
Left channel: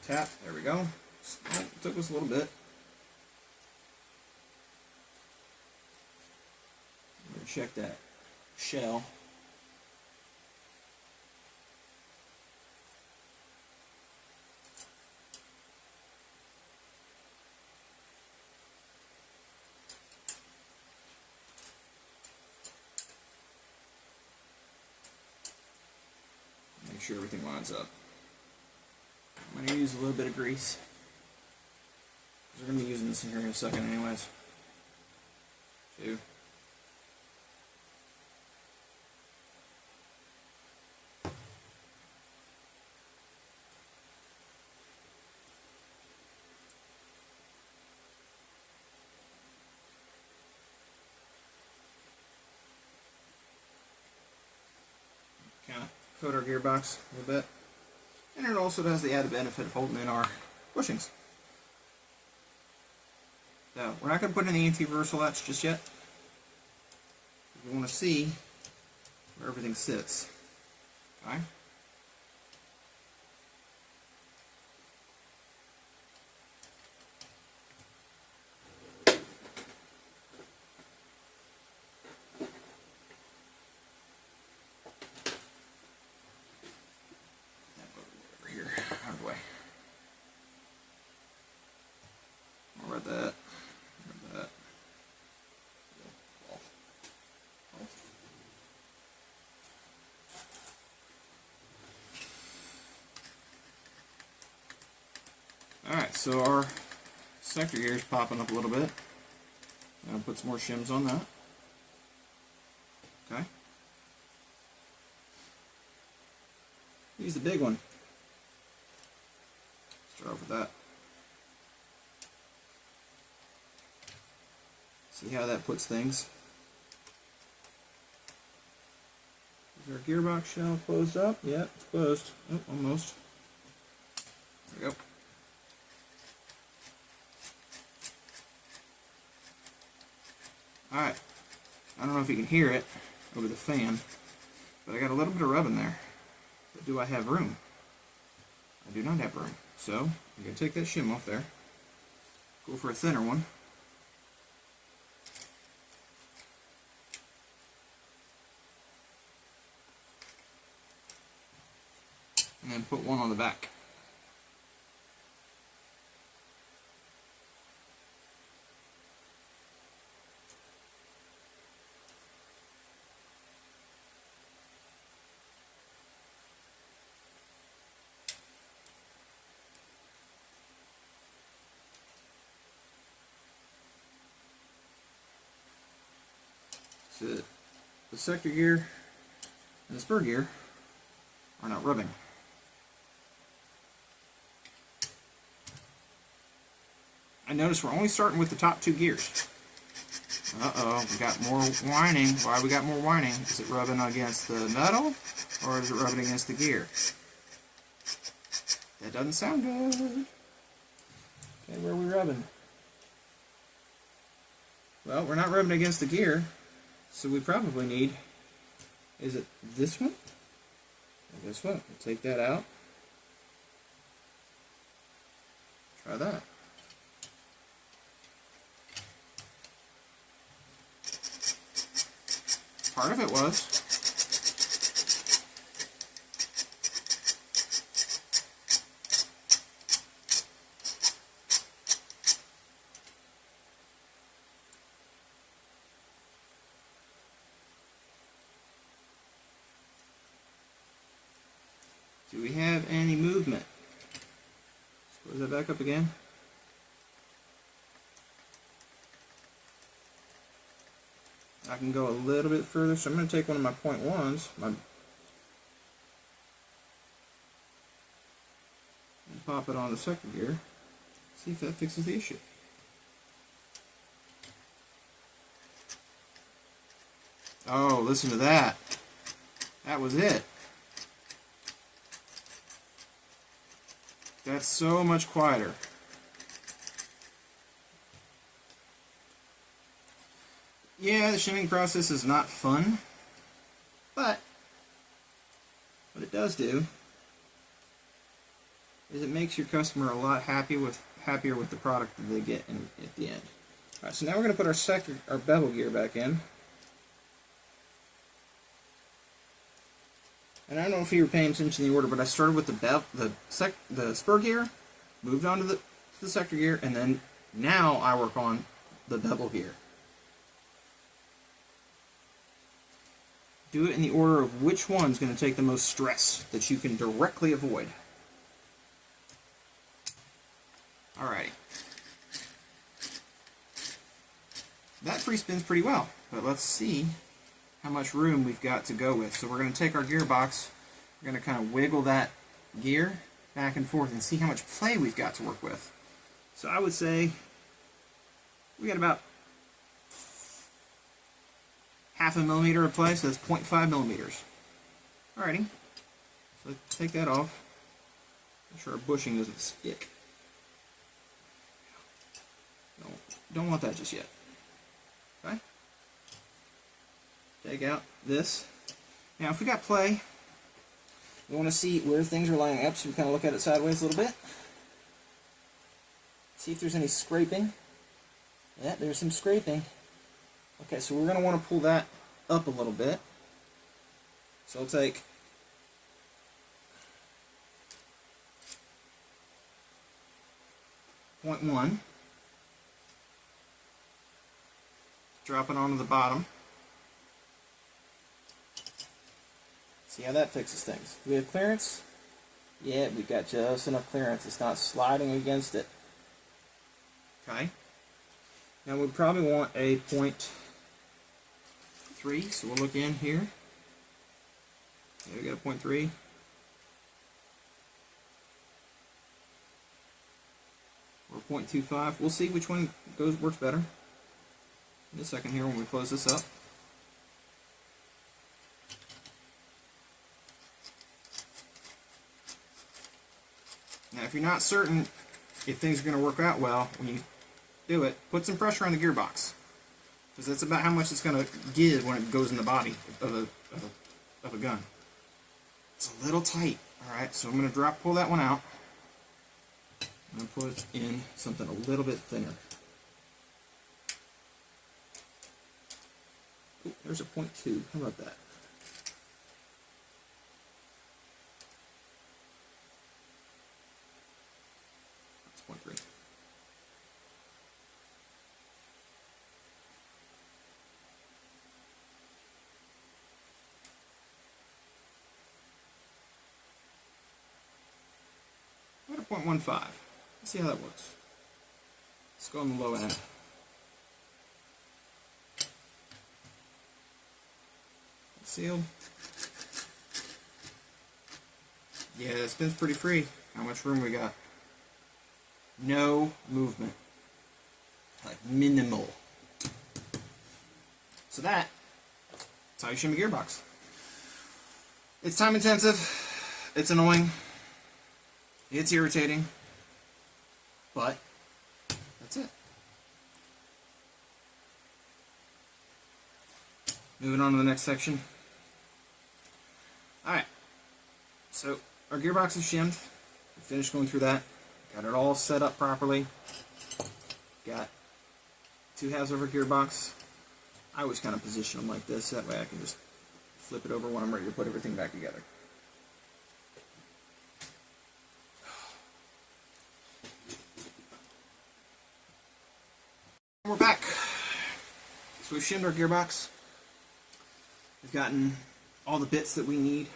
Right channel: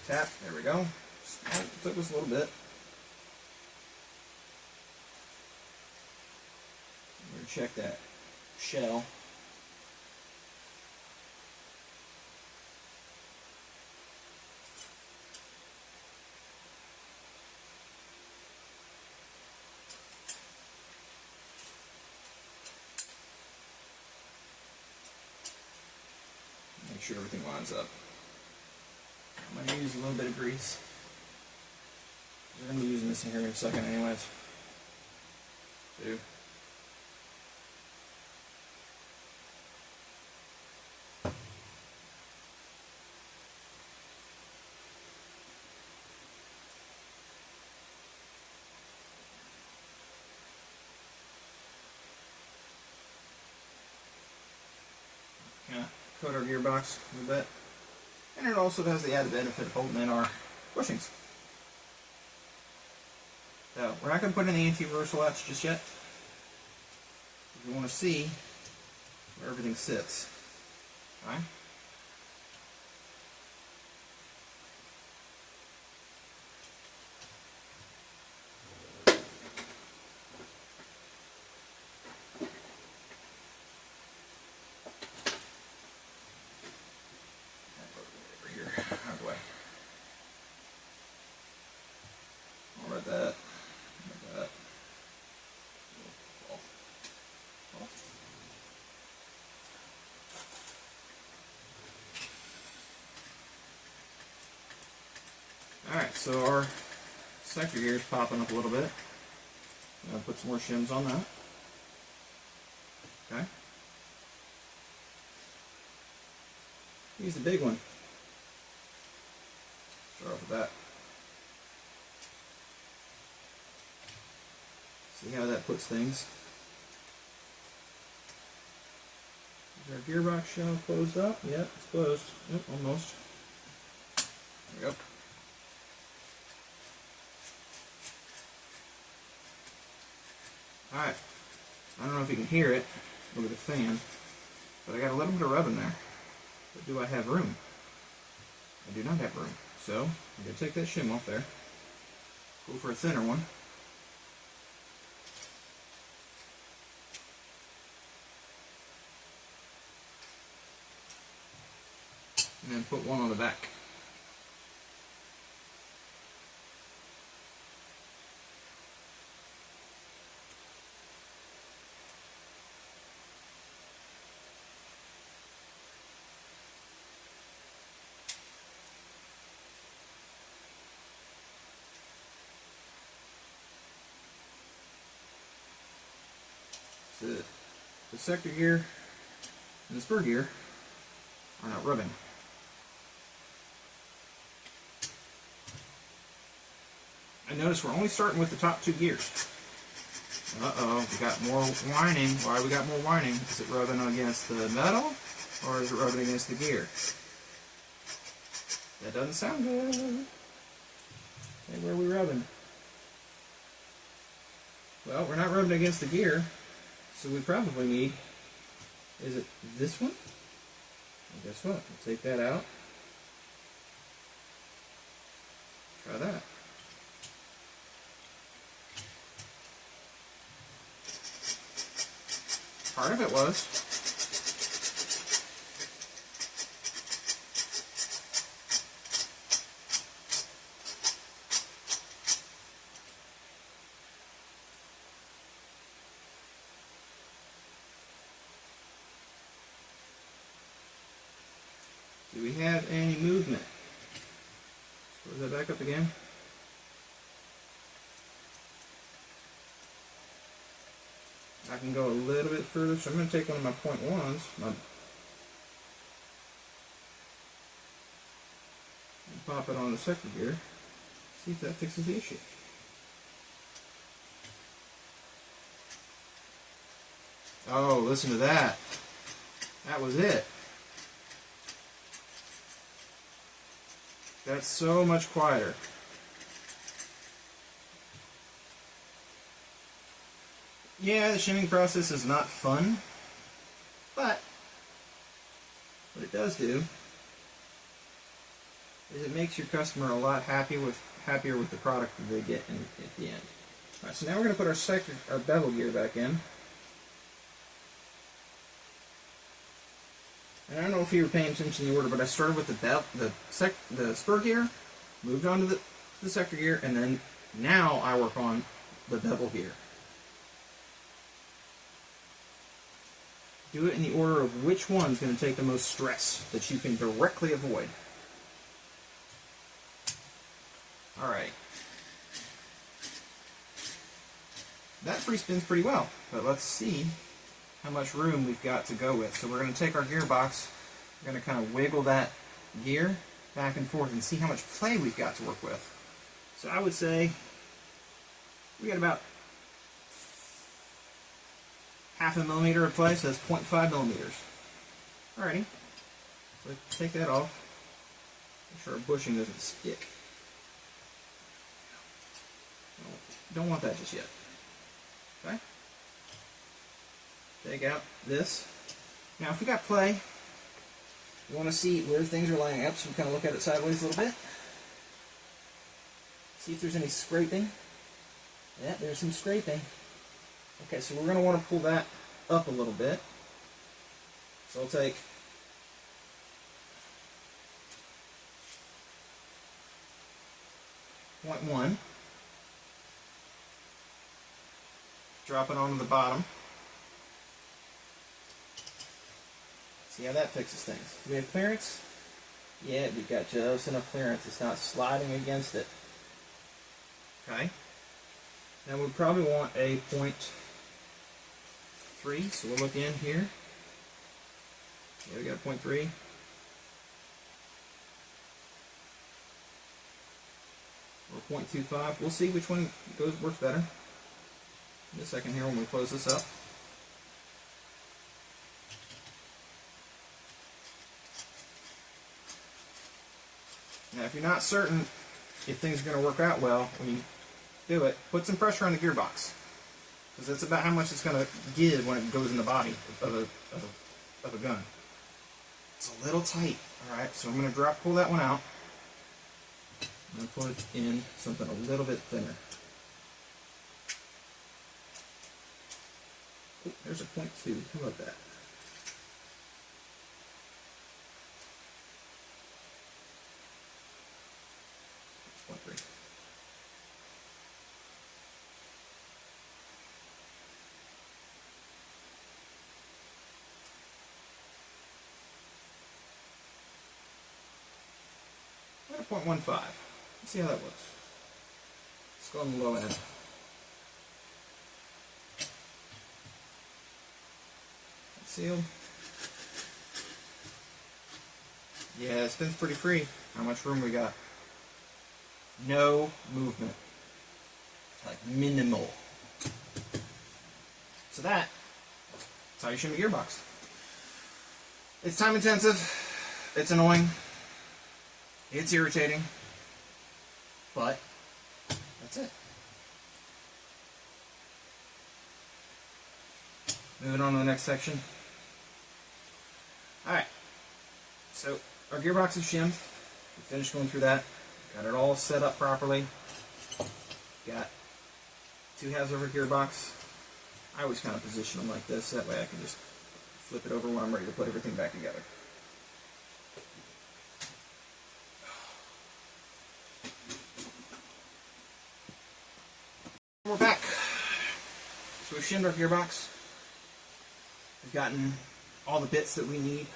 Tap. There we go. It took us a little bit. I'm going to check that shell. Make sure everything lines up. I'm going to use a little bit of grease. We're going to be using this in here in a second anyways. Two. Kind of coat our gearbox a little bit. And it also has the added benefit of holding in our bushings. So we're not going to put in the anti-reversal latch just yet. We want to see where everything sits. Okay? Alright, so our sector gear is popping up a little bit. I'm going to put some more shims on that. Okay. Use the big one. Start off with that. See how that puts things. Is our gearbox shell closed up? Yeah, it's closed. Yep, almost. There we go. Alright, I don't know if you can hear it over the fan, but I got a little bit of rub in there. But do I have room? I do not have room. So, I'm going to take that shim off there, go for a thinner one. And then put one on the back. that the sector gear and the spur gear are not rubbing. I notice we're only starting with the top two gears. Uh-oh, we got more whining. Why we got more whining? Is it rubbing against the metal, or is it rubbing against the gear? That doesn't sound good. Okay, where are we rubbing? Well, we're not rubbing against the gear, so we probably need, is it this one? Well, guess what? We'll take that out. Try that. Part of it was. Do we have any movement? Close that back up again. I can go a little bit further, so I'm going to take one of my point ones, and pop it on the sector gear, see if that fixes the issue. Oh, listen to that. That was it. That's so much quieter. Yeah, the shimming process is not fun, but what it does do is it makes your customer a lot happier with the product that they get at the end. All right, so now we're going to put our bevel gear back in. And I don't know if you were paying attention to the order, but I started with the spur gear, moved on to the sector gear, and then now I work on the bevel gear. Do it in the order of which one's going to take the most stress that you can directly avoid. Alright. That free spins pretty well, but let's see how much room we've got to go with. So we're going to take our gearbox, we're going to kind of wiggle that gear back and forth and see how much play we've got to work with. So I would say we got about half a millimeter of play, so that's 0.5 millimeters. Alrighty, so let's take that off. Make sure our bushing doesn't stick. Don't want that just yet. Okay? Take out this. Now if we got play, we want to see where things are lining up, so we kind of look at it sideways a little bit. See if there's any scraping. Yeah, there's some scraping. Okay, so we're going to want to pull that up a little bit. So we'll take .1, drop it onto the bottom. See how that fixes things. Do we have clearance? Yeah, we've got just enough clearance. It's not sliding against it. Okay. Now we'll probably want a 0.3, so we'll look in here. Yeah, we got a 0.3. Or 0.25. We'll see which one works better in a second here when we close this up. Now, if you're not certain if things are going to work out well when you do it, put some pressure on the gearbox, because that's about how much it's going to give when it goes in the body of a gun. It's a little tight. All right, so I'm going to pull that one out. I'm going to put in something a little bit thinner. Ooh, there's a 0.2. How about that? It's 0.3. I'm at a 0.15. Let's see how that works. Let's go on the low end. Sealed. Yeah, it spins pretty free. How much room we got? No movement. Like minimal. So that's how you shim a gearbox. It's time intensive. It's annoying. It's irritating. But that's it. Moving on to the next section. Alright. So our gearbox is shimmed. We finished going through that. Got it all set up properly. Got two halves of our gearbox. I always kind of position them like this. That way I can just flip it over when I'm ready to put everything back together. We're back. So we've shimmed our gearbox. We've gotten all the bits that we need.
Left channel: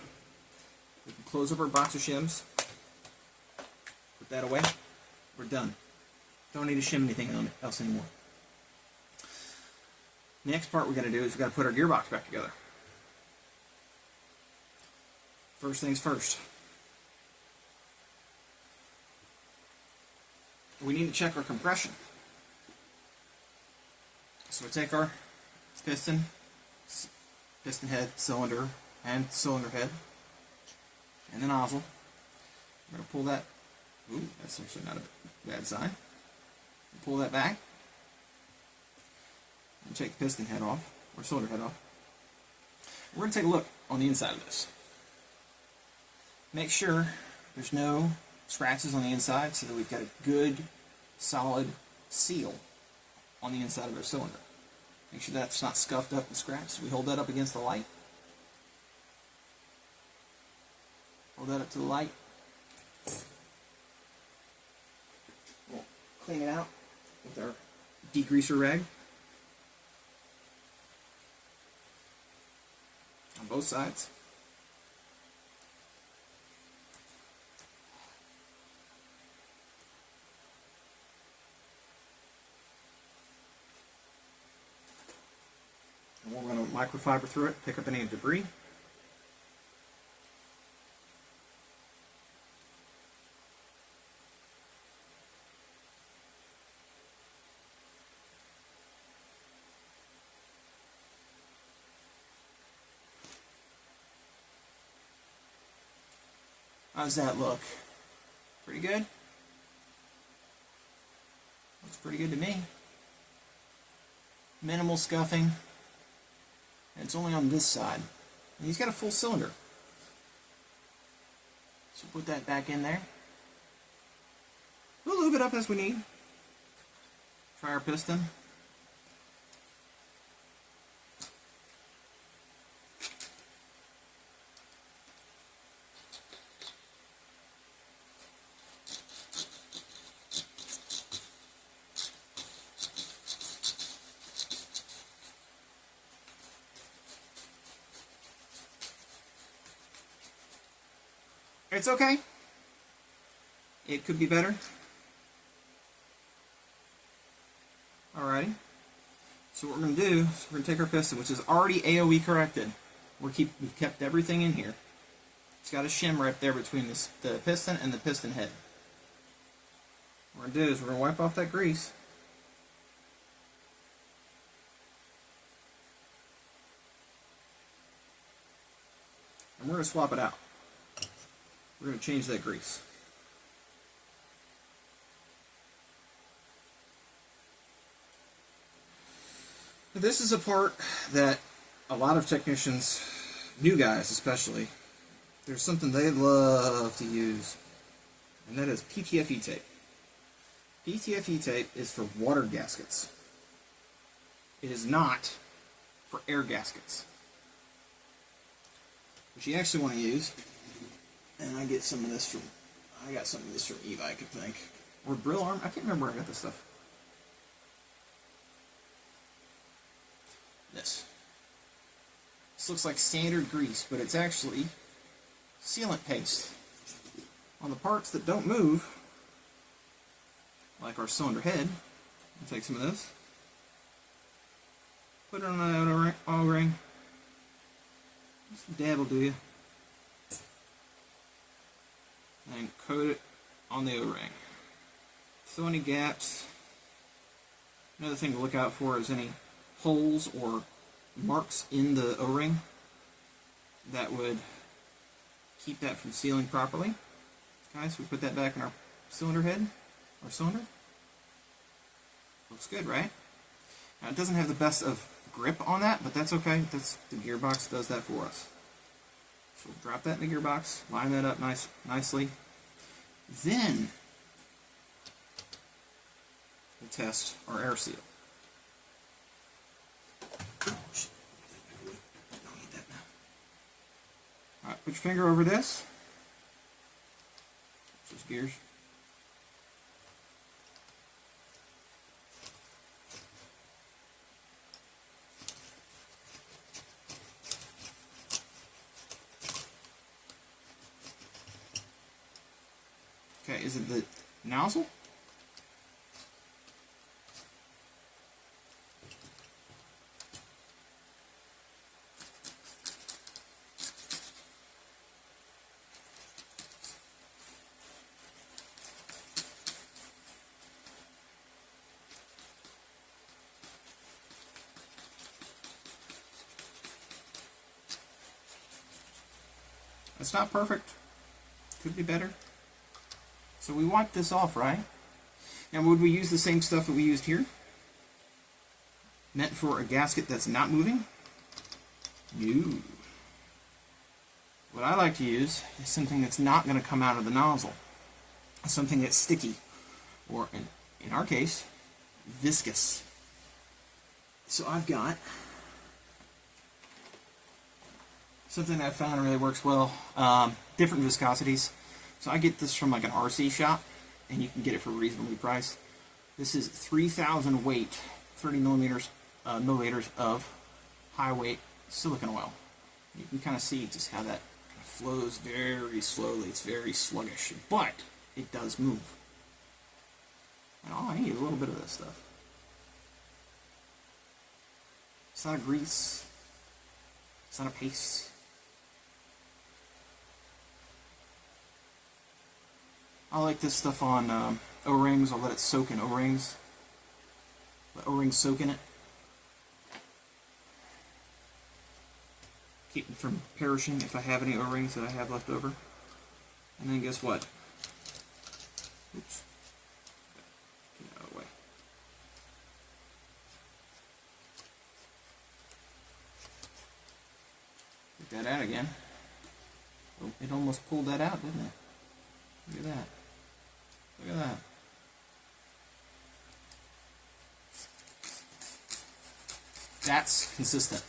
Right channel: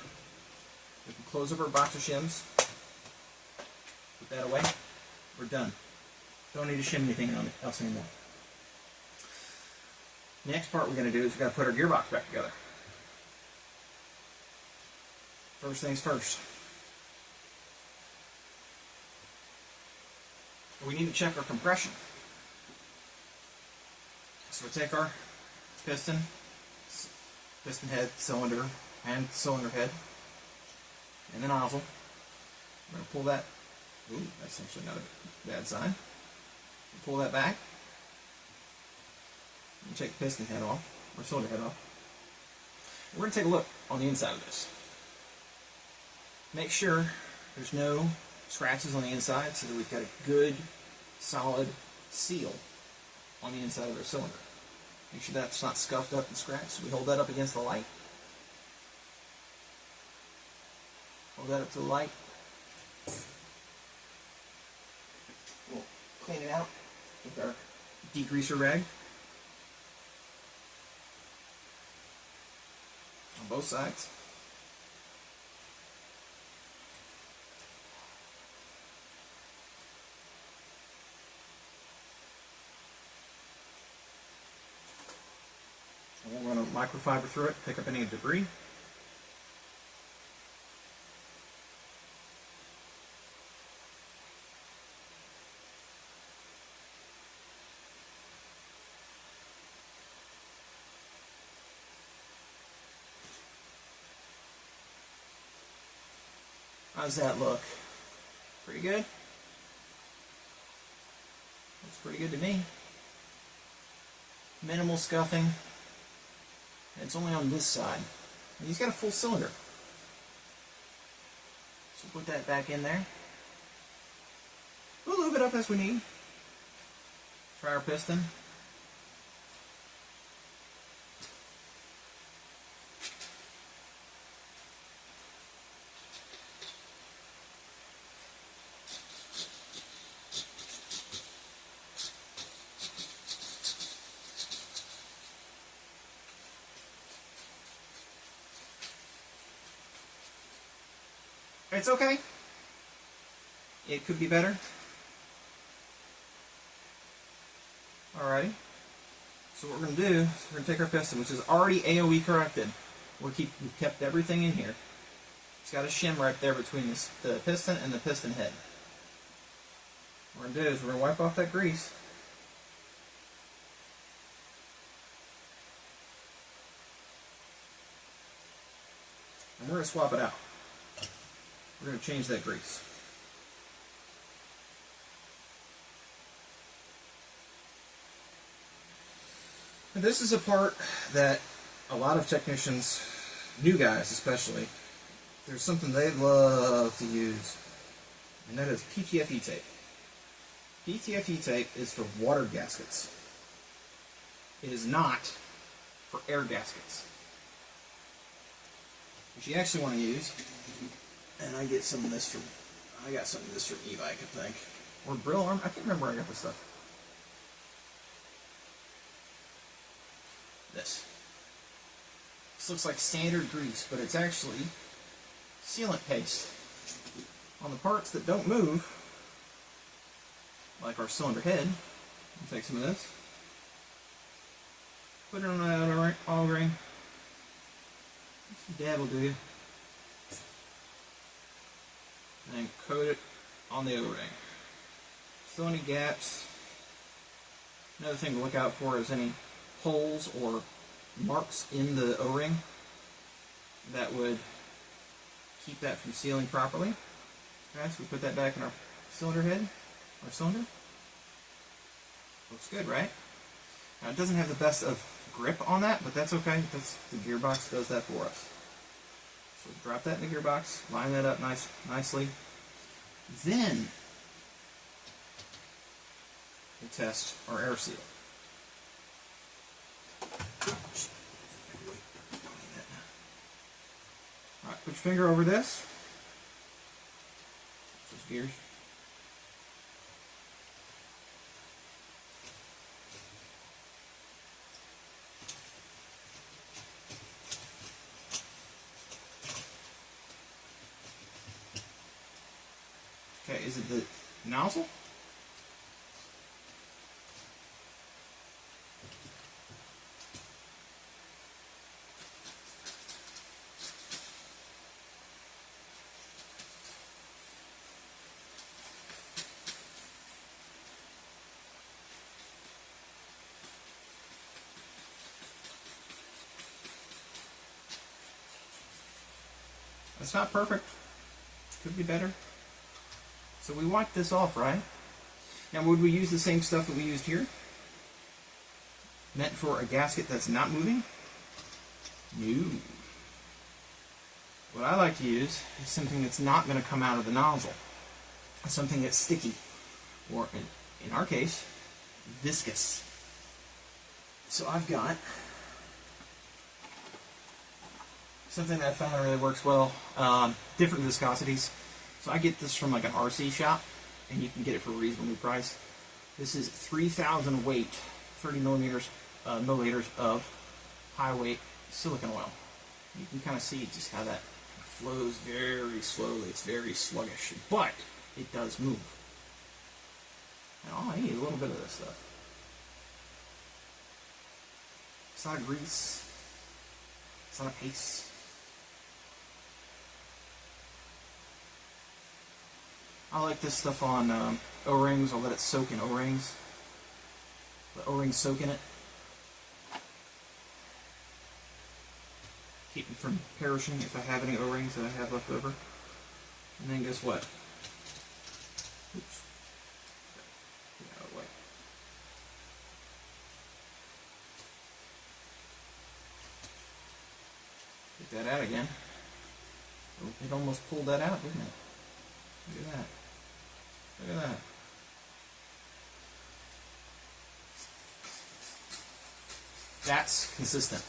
We can close up our box of shims. Put that away. We're done. Don't need to shim anything else anymore. The next part we're going to do is we've got to put our gearbox back together. First things first. We need to check our compression. So we take our piston head, cylinder, and cylinder head, and the nozzle. We're going to pull that. Ooh, that's actually not a bad sign. Pull that back. And take the piston head off, or cylinder head off. We're going to take a look on the inside of this. Make sure there's no scratches on the inside so that we've got a good, solid seal on the inside of our cylinder. Make sure that's not scuffed up and scratched. We hold that up against the light. Hold that up to the light. We'll clean it out with our degreaser rag. On both sides. And we're going to microfiber through it, pick up any debris. How's that look? Pretty good? Looks pretty good to me. Minimal scuffing. It's only on this side. And he's got a full cylinder. So put that back in there. We'll lube it up as we need. Try our piston. It's okay. It could be better. Alrighty. So what we're going to do is we're going to take our piston, which is already AOE corrected. We've kept everything in here. It's got a shim right there between the piston and the piston head. What we're going to do is we're going to wipe off that grease. And we're going to swap it out. We're going to change that grease. This is a part that a lot of technicians, new guys especially, there's something they love to use, and that is PTFE tape. PTFE tape is for water gaskets. It is not for air gaskets. What you actually want to use, and I got some of this from e-bike, I think, or Brill Arm. I can't remember where I got this stuff. This looks like standard grease, but it's actually sealant paste on the parts that don't move, like our cylinder head. Take some of this, put it on the auto ring, Dab will do you. And coat it on the O-ring. So any gaps. Another thing to look out for is any holes or marks in the O-ring that would keep that from sealing properly. Okay, so we put that back in our cylinder head, our cylinder. Looks good, right? Now it doesn't have the best of grip on that, but that's okay. The gearbox does that for us. So drop that in the gearbox, line that up nicely. Then we'll test our air seal. Alright, put your finger over this. Those gears. Okay, is it the nozzle? It's not perfect. Could be better. So we want this off, right? Now, would we use the same stuff that we used here? Meant for a gasket that's not moving? No. What I like to use is something that's not going to come out of the nozzle. Something that's sticky. Or, in our case, viscous. So I've got something that I found really works well. Different viscosities. So I get this from like an RC shop, and you can get it for a reasonably priced. This is 3,000 weight, 30 milliliters of high weight silicone oil. You can kind of see just how that kind of flows very slowly. It's very sluggish, but it does move. And all I need is a little bit of this stuff. It's not a grease. It's not a paste. I like this stuff on O-rings. I'll let it soak in O-rings. Let O-rings soak in it. Keep them from perishing if I have any O-rings that I have left over. And then guess what? Oops. Get out of the way. Get that out again. It almost pulled that out, didn't it? Look at that. Look at that. That's consistent.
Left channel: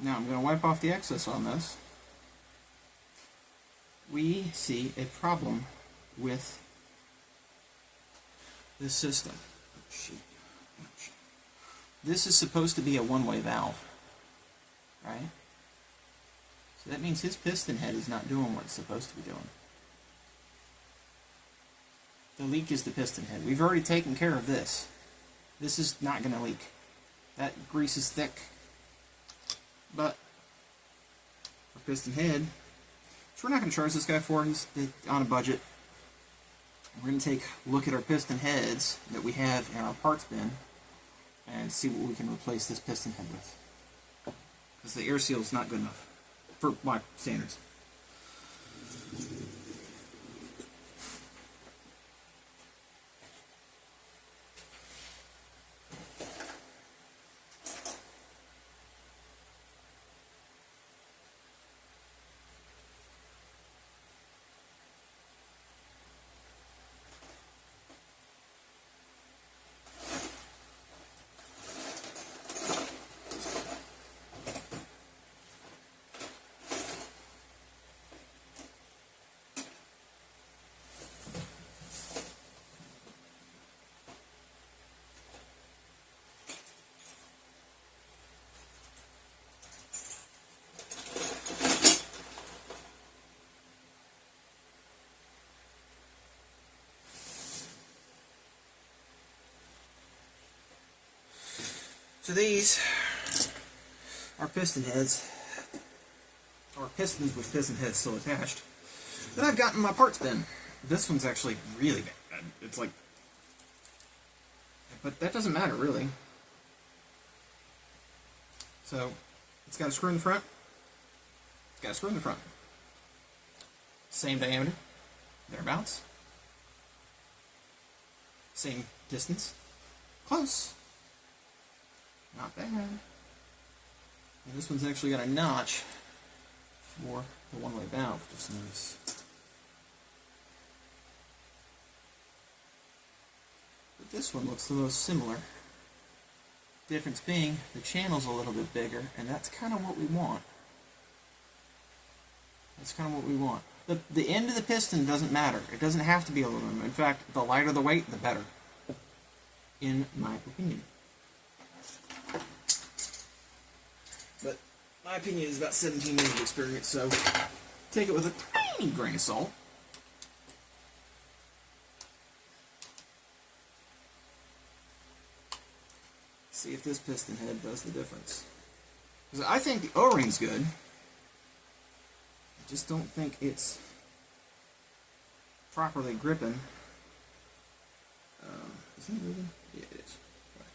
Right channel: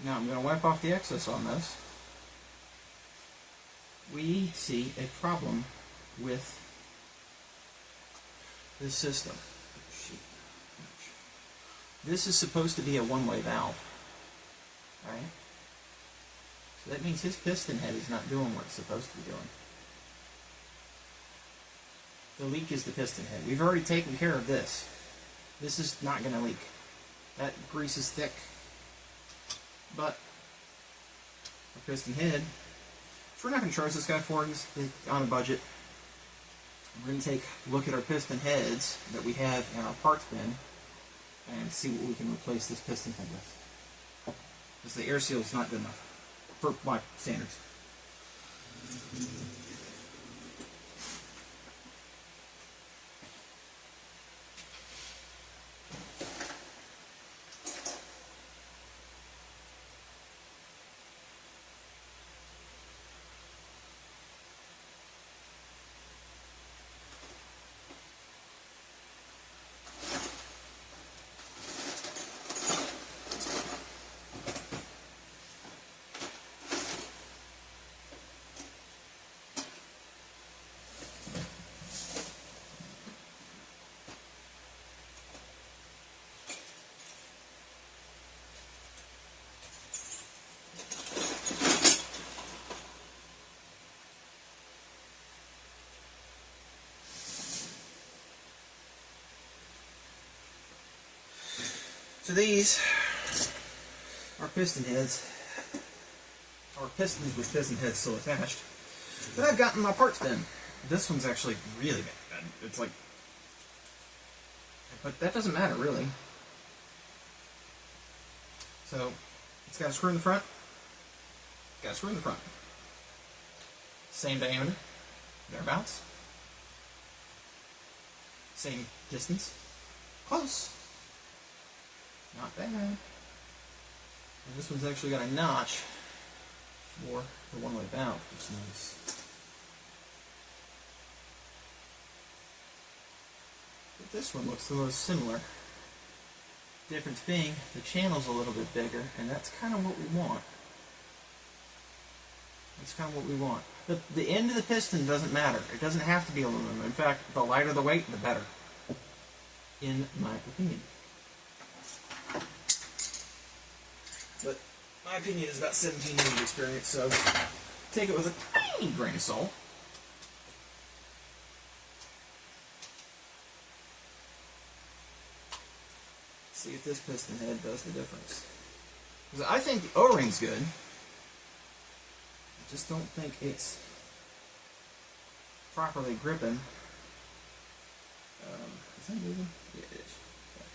Now I'm going to wipe off the excess on this. We see a problem with this system. This is supposed to be a one-way valve, right? So that means his piston head is not doing what it's supposed to be doing. The leak is the piston head. We've already taken care of this. This is not going to leak. That grease is thick. But our piston head, so we're not going to charge this guy for it. He's on a budget. We're going to take a look at our piston heads that we have in our parts bin and see what we can replace this piston head with. Because the air seal is not good enough for my standards. So these are piston heads, or pistons with piston heads still attached, that I've gotten my parts bin. This one's actually really bad. It's like, but that doesn't matter really. So it's got a screw in the front. It's got a screw in the front. Same diameter, thereabouts. Same distance. Close. Not bad. And this one's actually got a notch for the one-way valve, which is nice. But this one looks the most similar. Difference being, the channel's a little bit bigger, and that's kind of what we want. That's kind of what we want. The end of the piston doesn't matter. It doesn't have to be aluminum. In fact, the lighter the weight, the better. In my opinion. But my opinion is about 17 years of experience, so take it with a tiny grain of salt. See if this piston head does the difference. Because I think the O-ring's good. I just don't think it's properly gripping. Is that moving? Yeah, it is. Okay.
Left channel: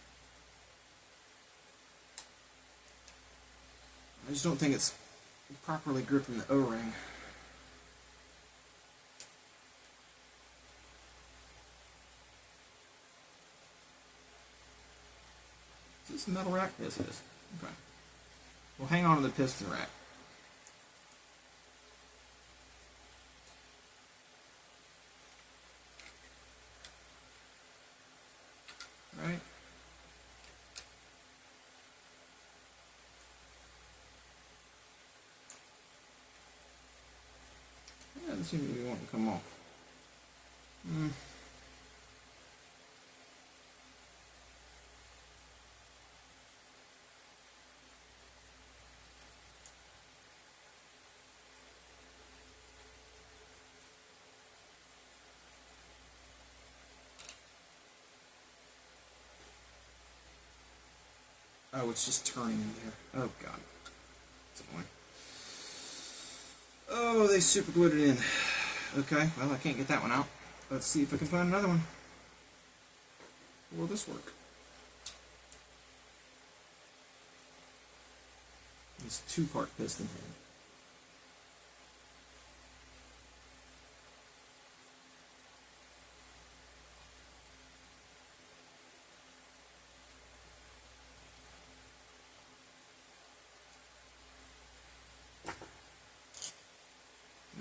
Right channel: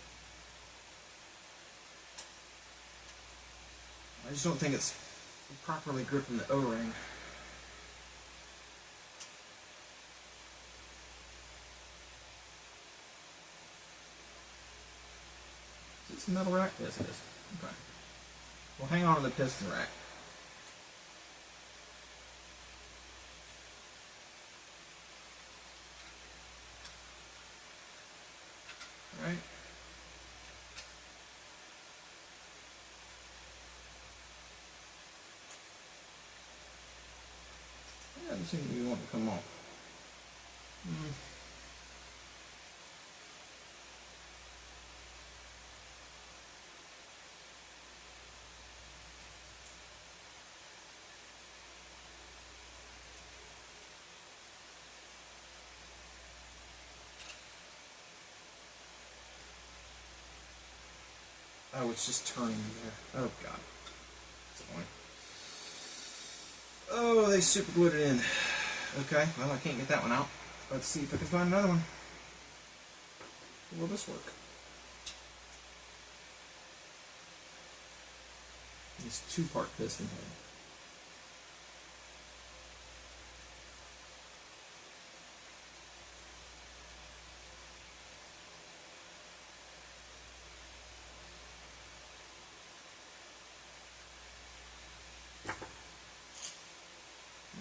I just don't think it's properly gripping the O-ring. Is this a metal rack? Yes, it is. Okay. We'll hang on to the piston rack. Right. It doesn't seem to be wanting to come off. Oh, it's just turning in there. Oh, God. That's annoying. Oh, they super glued it in. Okay, well, I can't get that one out. Let's see if I can find another one. Will this work? This two-part piston head.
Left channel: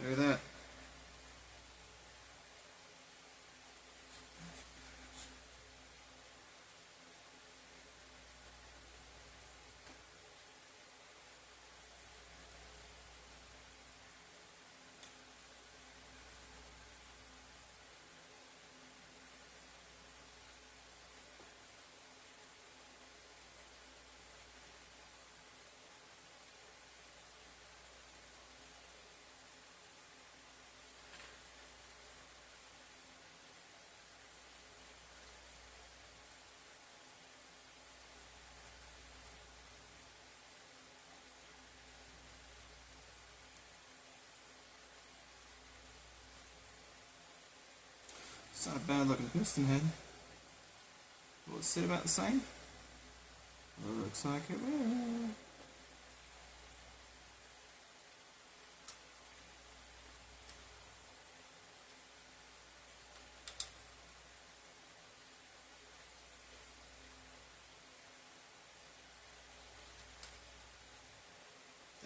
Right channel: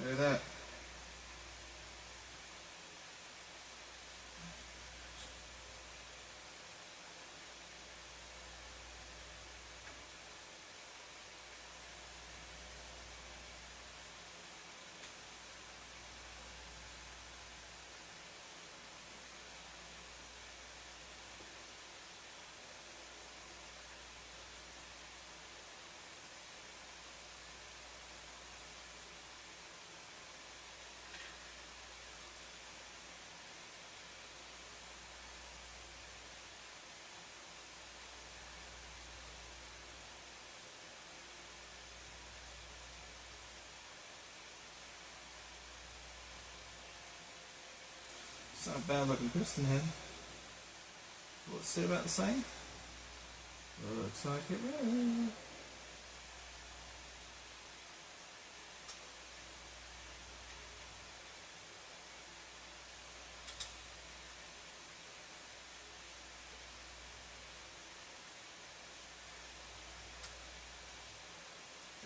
Look at that. It's not a bad looking piston head. Will it sit about the same? Looks like it will.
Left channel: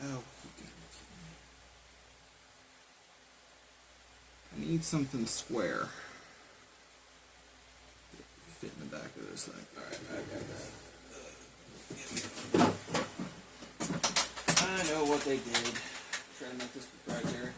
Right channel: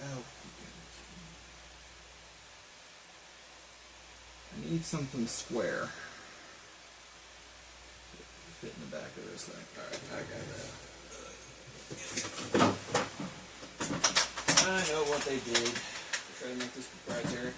Oh, goodness. I need something square. Fit in the back of this thing. Alright, I got that. I know what they did. Try to make this proprietary.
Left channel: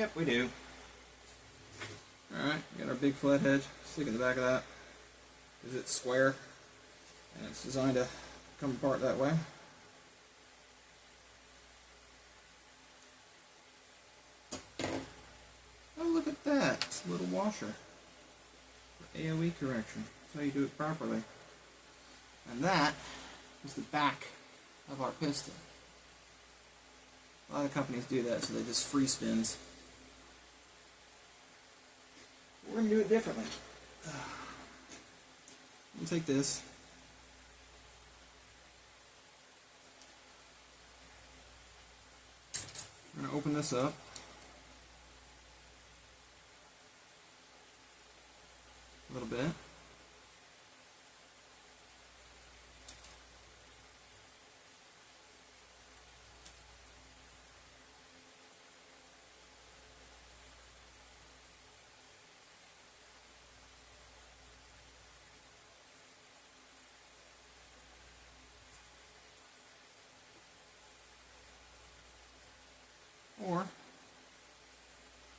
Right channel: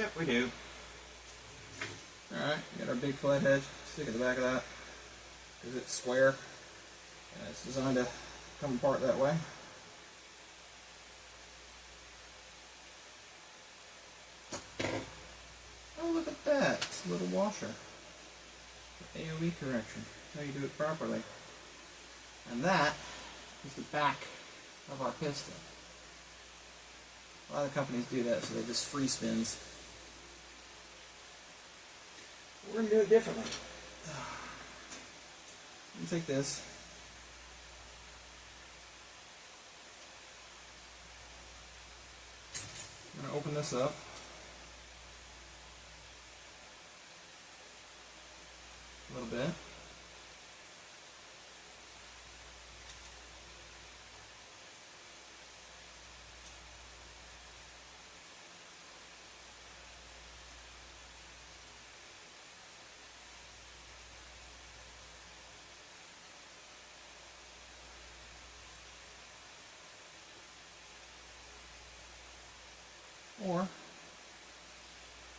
Yep, we do. Alright, got our big flathead. Stick in the back of that. Because it's square. And it's designed to come apart that way. Oh, look at that. It's a little washer. For AOE correction. That's how you do it properly. And that is the back of our piston. A lot of companies do that, so they just free spins. We're going to do it differently. Let me take this. I'm going to open this up. A little bit. Or,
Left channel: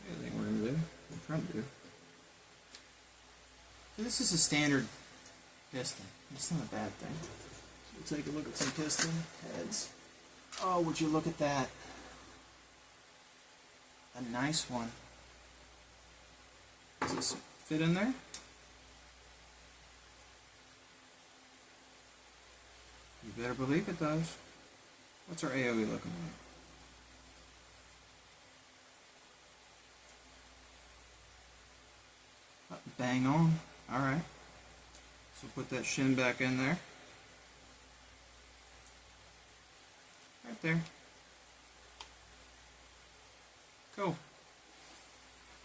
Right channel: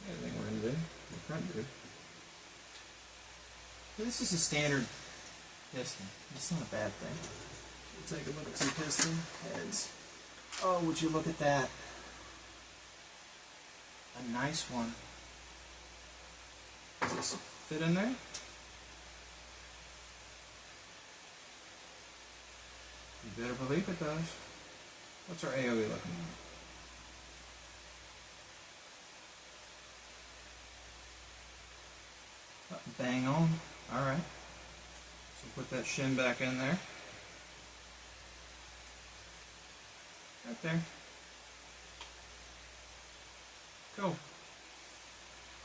the other thing we're going to do, the front do. So this is a standard piston. It's not a bad thing. We'll take a look at some piston heads. Oh, would you look at that? A nice one. Does this fit in there? You better believe it does. What's our AOE looking like? Bang on. Alright. So put that shim back in there. Right there. Cool.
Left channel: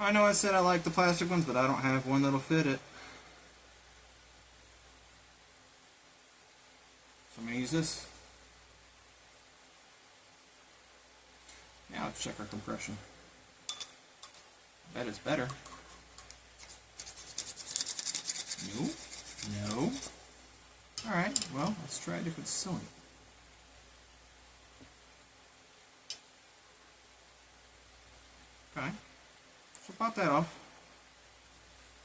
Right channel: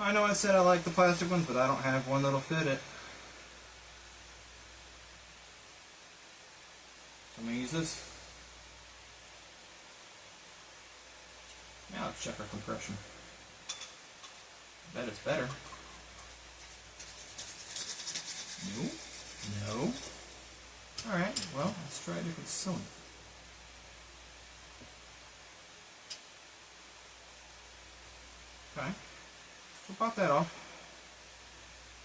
I know I said I like the plastic ones, but I don't have one that'll fit it. So I'm going to use this. Now let's check our compression. I bet it's better. No. No. Alright, well, let's try a different cylinder. Okay. So pop that off.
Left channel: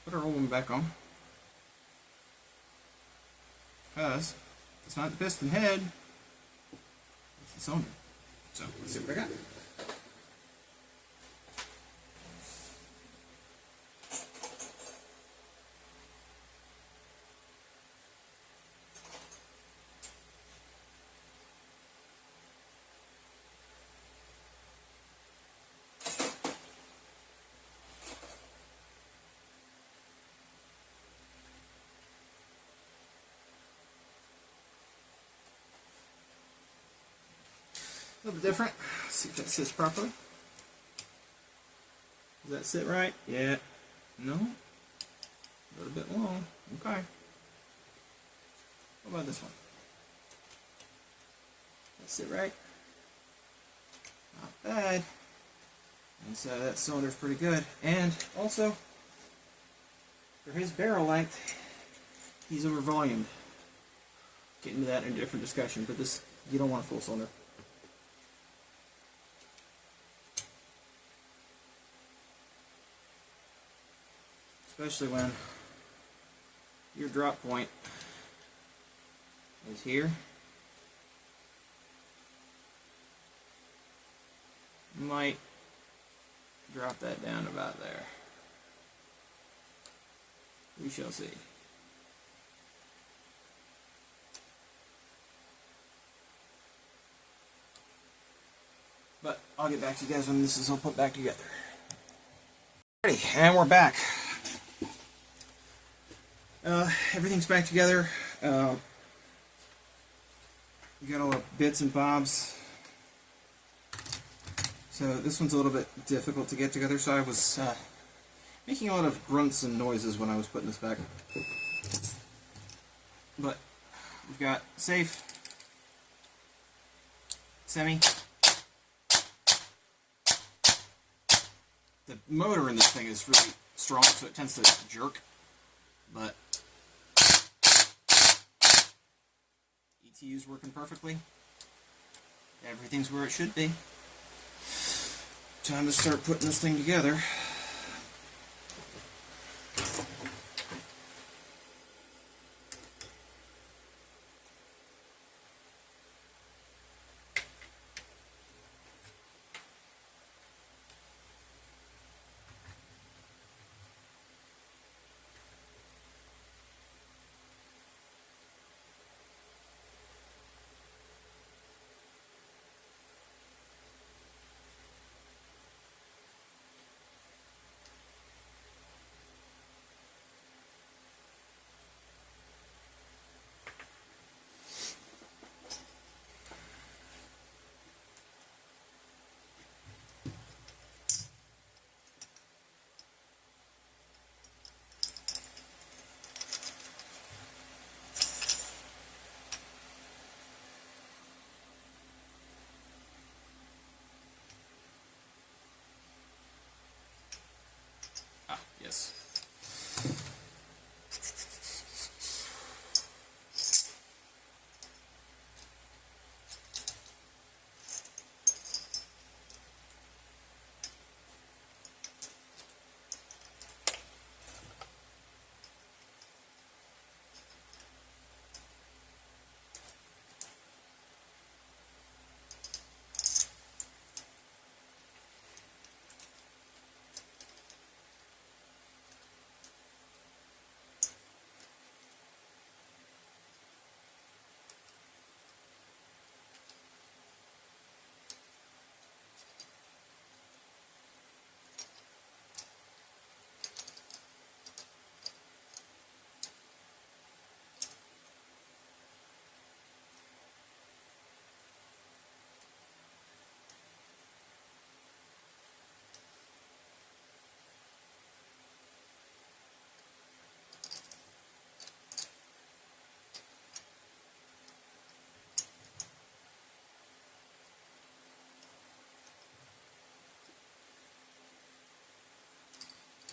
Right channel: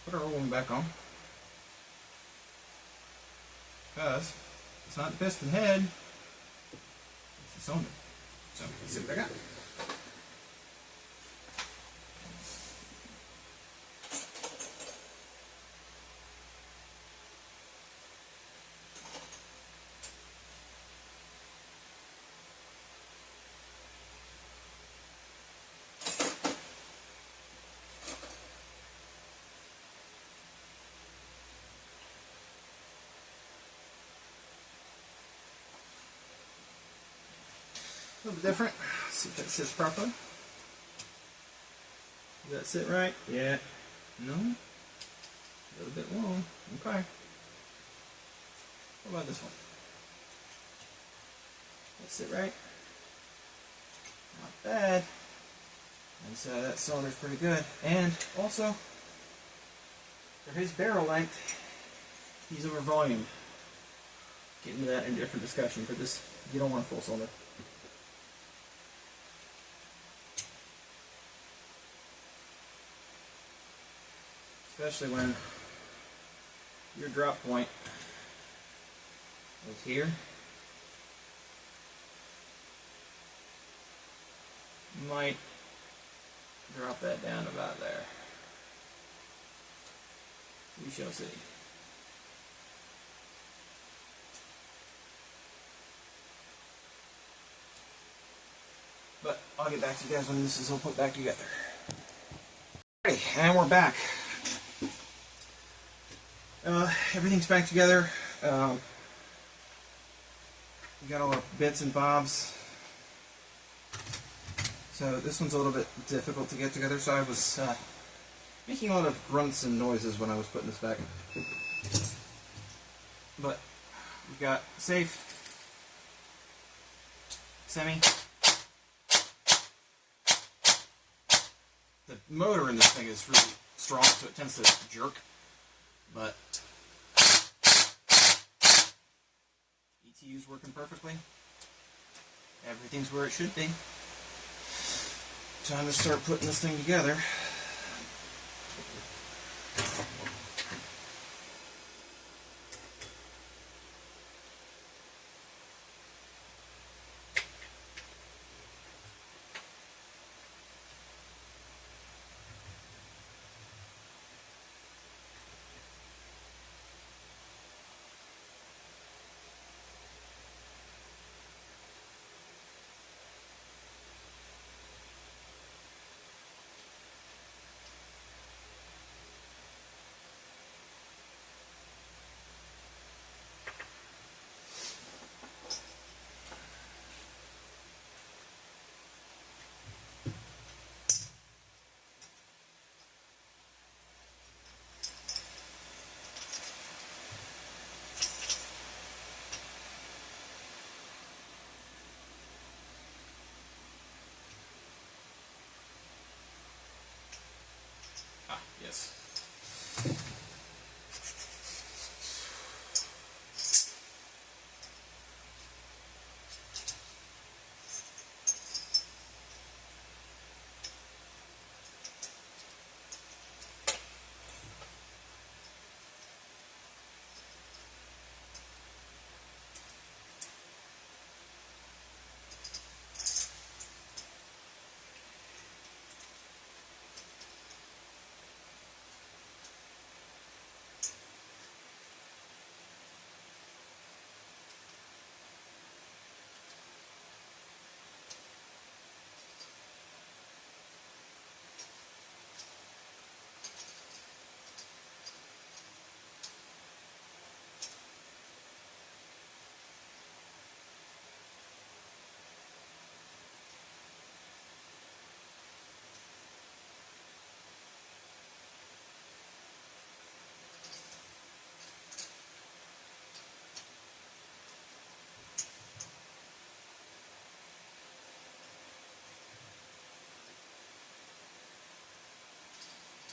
Put our old one back on. Because it's not the piston head, it's the cylinder. So let's see what I got. A little bit different. Let's see if that sits properly. Does that sit right? Yeah. No? A little bit long. Okay. What about this one? Does that sit right? Not bad. And so that cylinder's pretty good. And also, for his barrel length, he's over volume. Get into that in a different discussion, but this, you don't want a full cylinder. Especially when your drop point is here. You might drop that down about there. We shall see. But I'll get back to you guys when this is all put back together. Alrighty, and we're back. Everything's back together. We got all the bits and bobs. So this one's a little bit difficult to get together, so I was making a lot of grunts and noises when I was putting this back. But we've got safe, semi. The motor in this thing is really strong, so it tends to jerk. But ETU's working perfectly. Everything's where it should be. Time to start putting this thing together. Yes.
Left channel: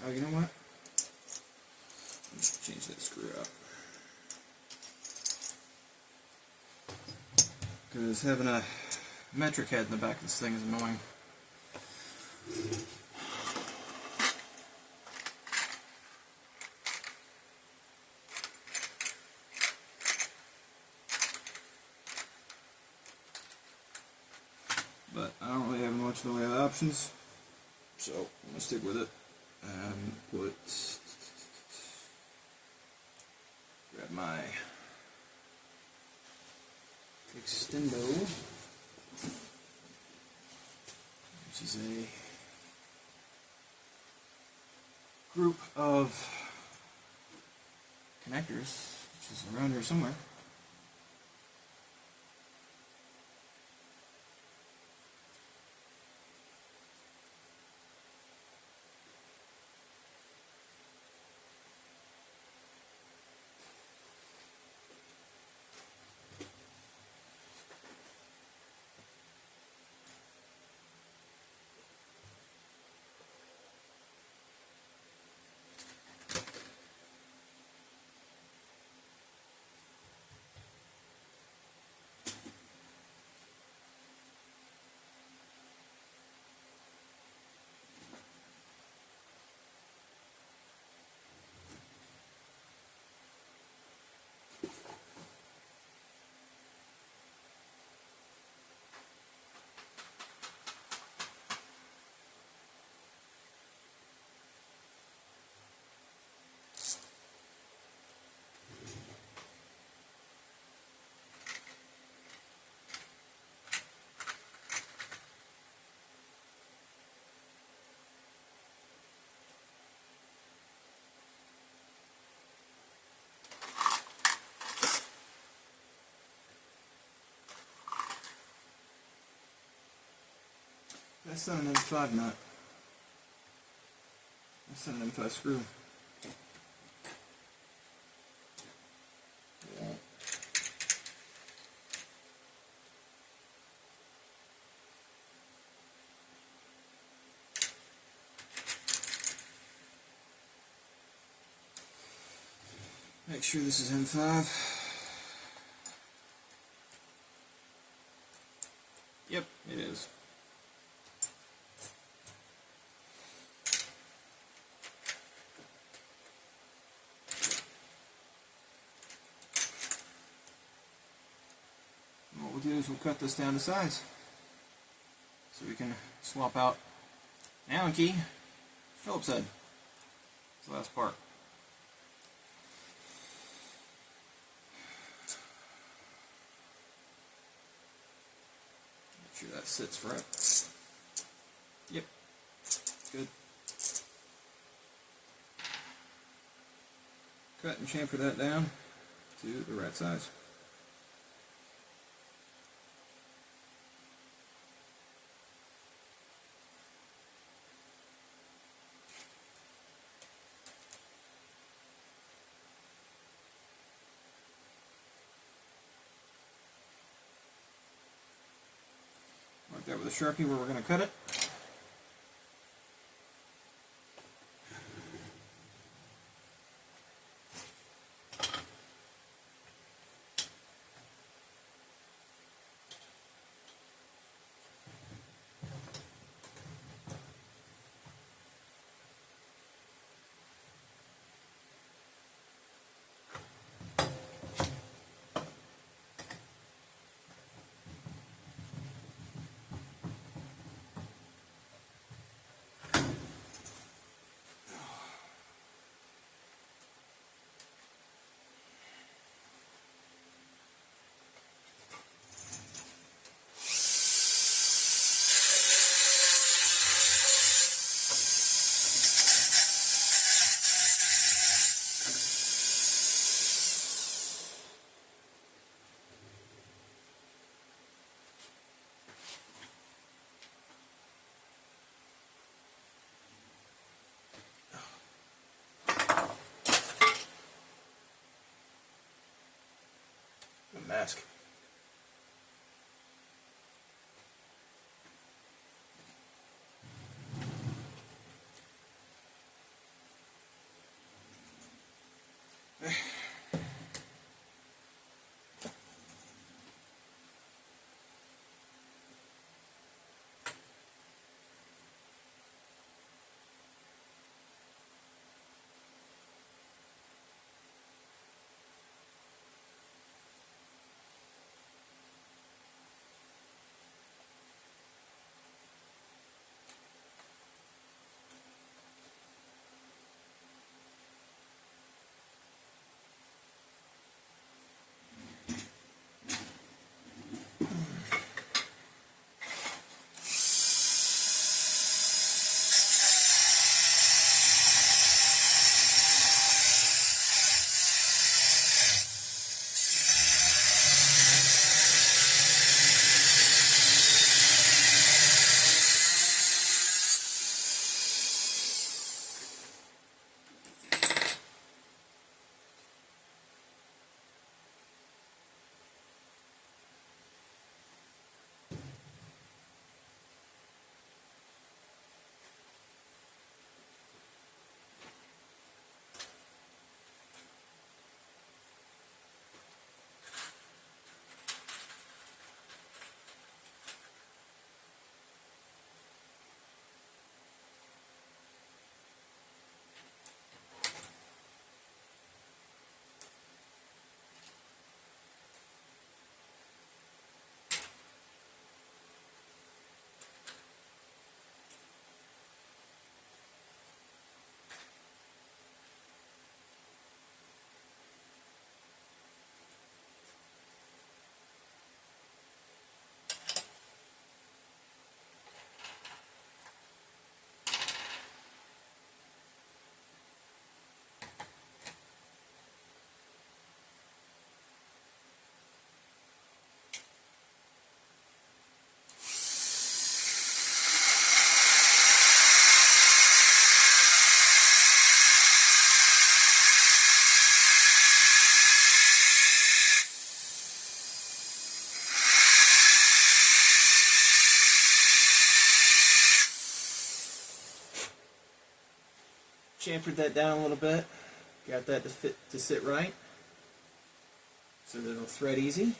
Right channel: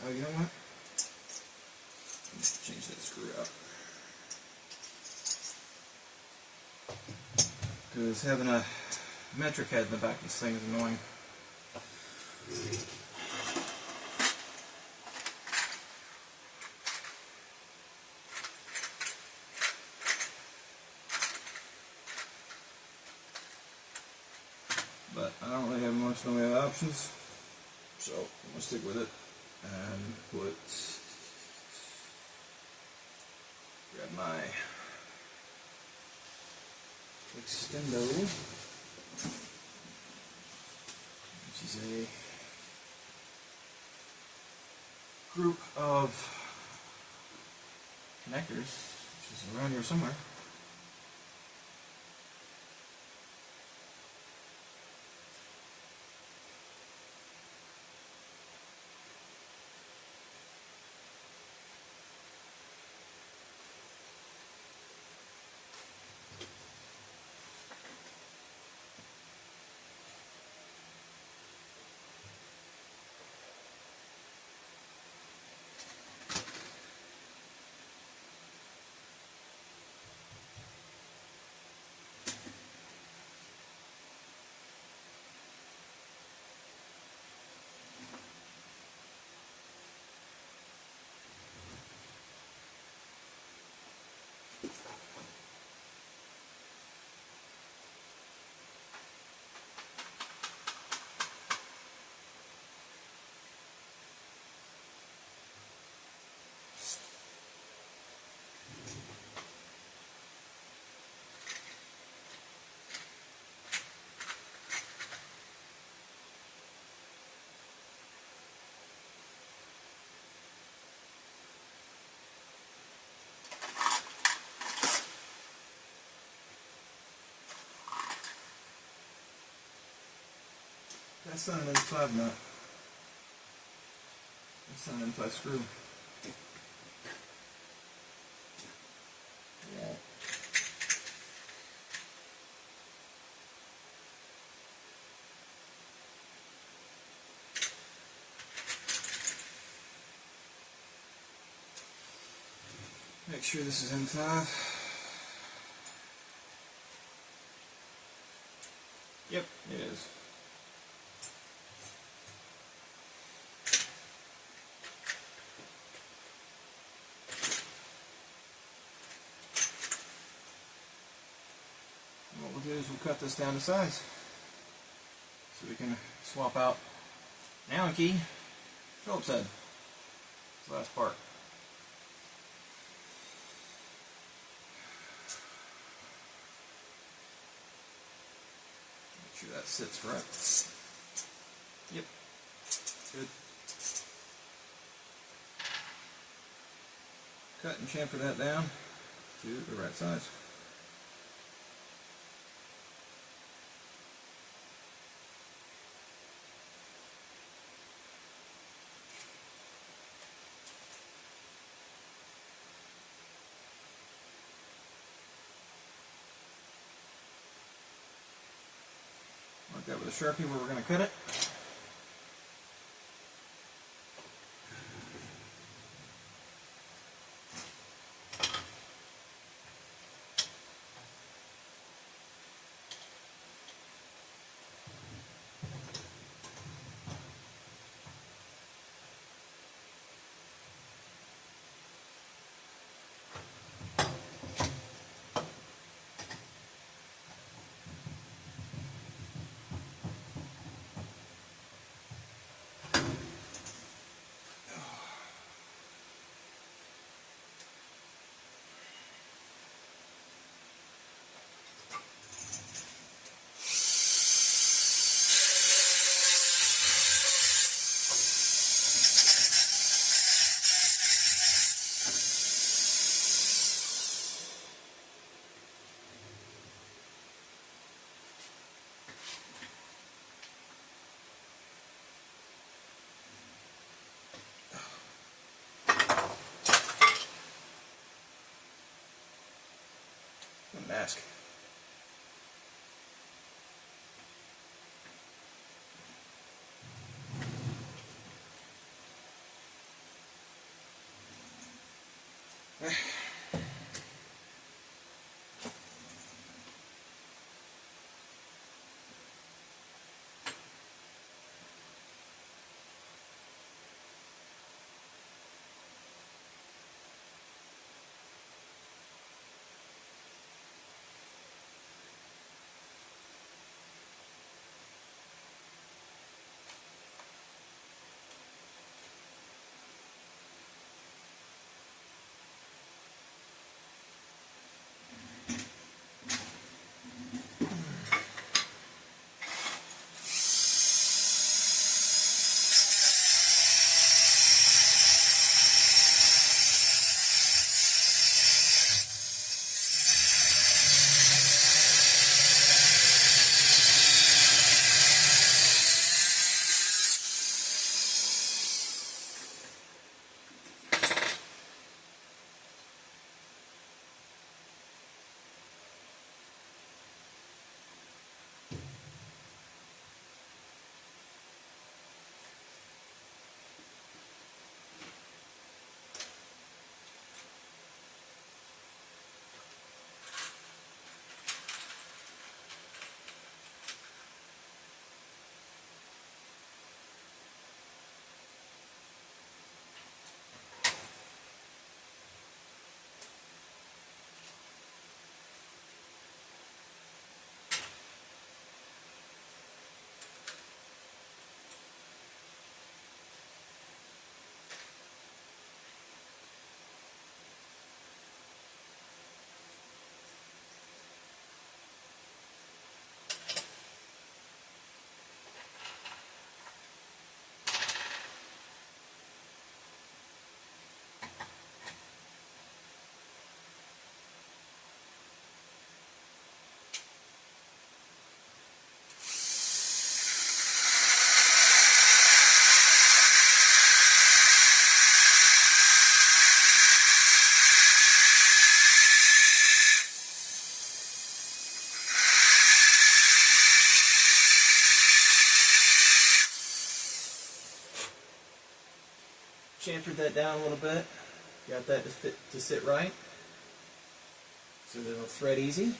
Oh, you know what? Let's change that screw out. Because having a metric head in the back of this thing is annoying. But I don't really have much in the way of options, so I'm going to stick with it and grab my extendo, which is a group of connectors, which is around here somewhere. That's not an M5 nut. That's not an M5 screw. Yeah. Make sure this is M5. Yep, it is. we'll do is we'll cut this down to size. So we can swap out Allen key, Phillips head. That's the last part. Make sure that sits right. Yep, good. Cut and chamfer that down to the right size. Mark that with a Sharpie where we're going to cut it. Mask. Chamfered that down a little bit, got that to sit right, so that it'll thread easy.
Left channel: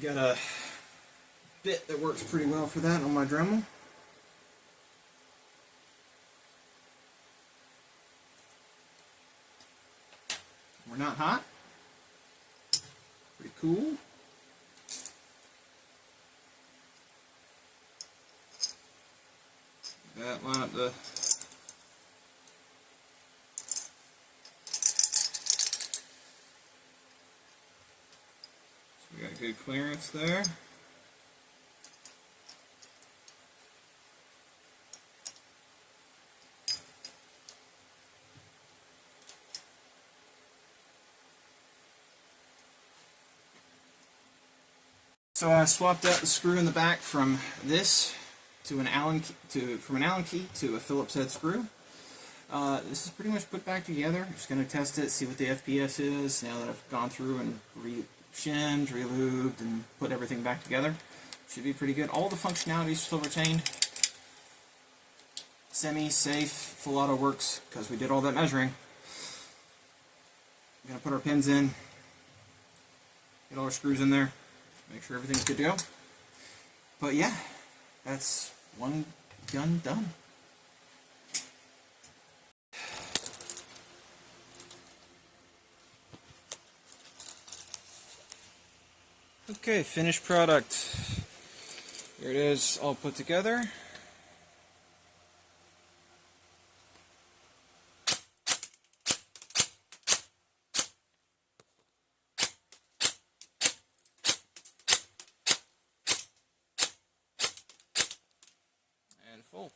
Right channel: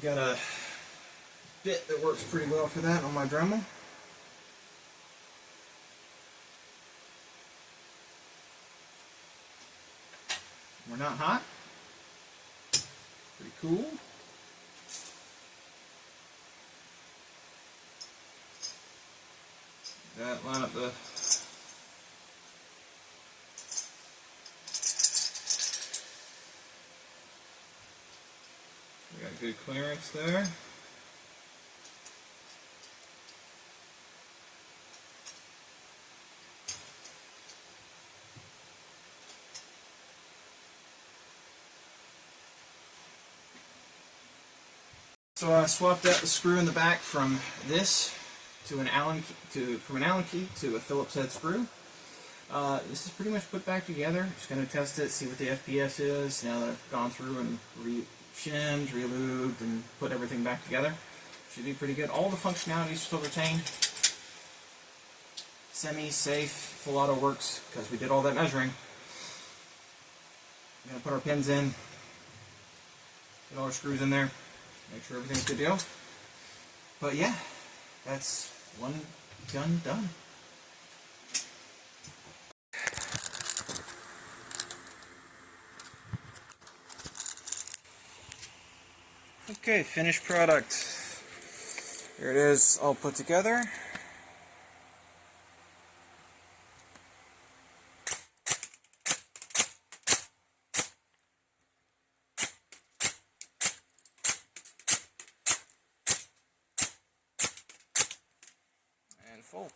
Got a bit that works pretty well for that on my Dremel. We're not hot. cool. That line up the we got good clearance there. So I swapped out the screw in the back from this to an Allen key to a Phillips head screw. This is pretty much put back together. Just going to test it, see what the FPS is. Now that I've gone through and shimmed, relubed, and put everything back together, should be pretty good. All the functionality is still retained. Semi-safe, full auto works because we did all that measuring. We're going to put our pins in, get all our screws in there, make sure everything's good to go. But yeah, that's one gun done. Okay, finished product. Here it is, all put together. And full.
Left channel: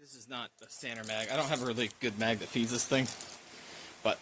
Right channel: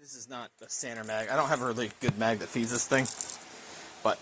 This is not a standard mag. I don't have a really good mag that feeds this thing, but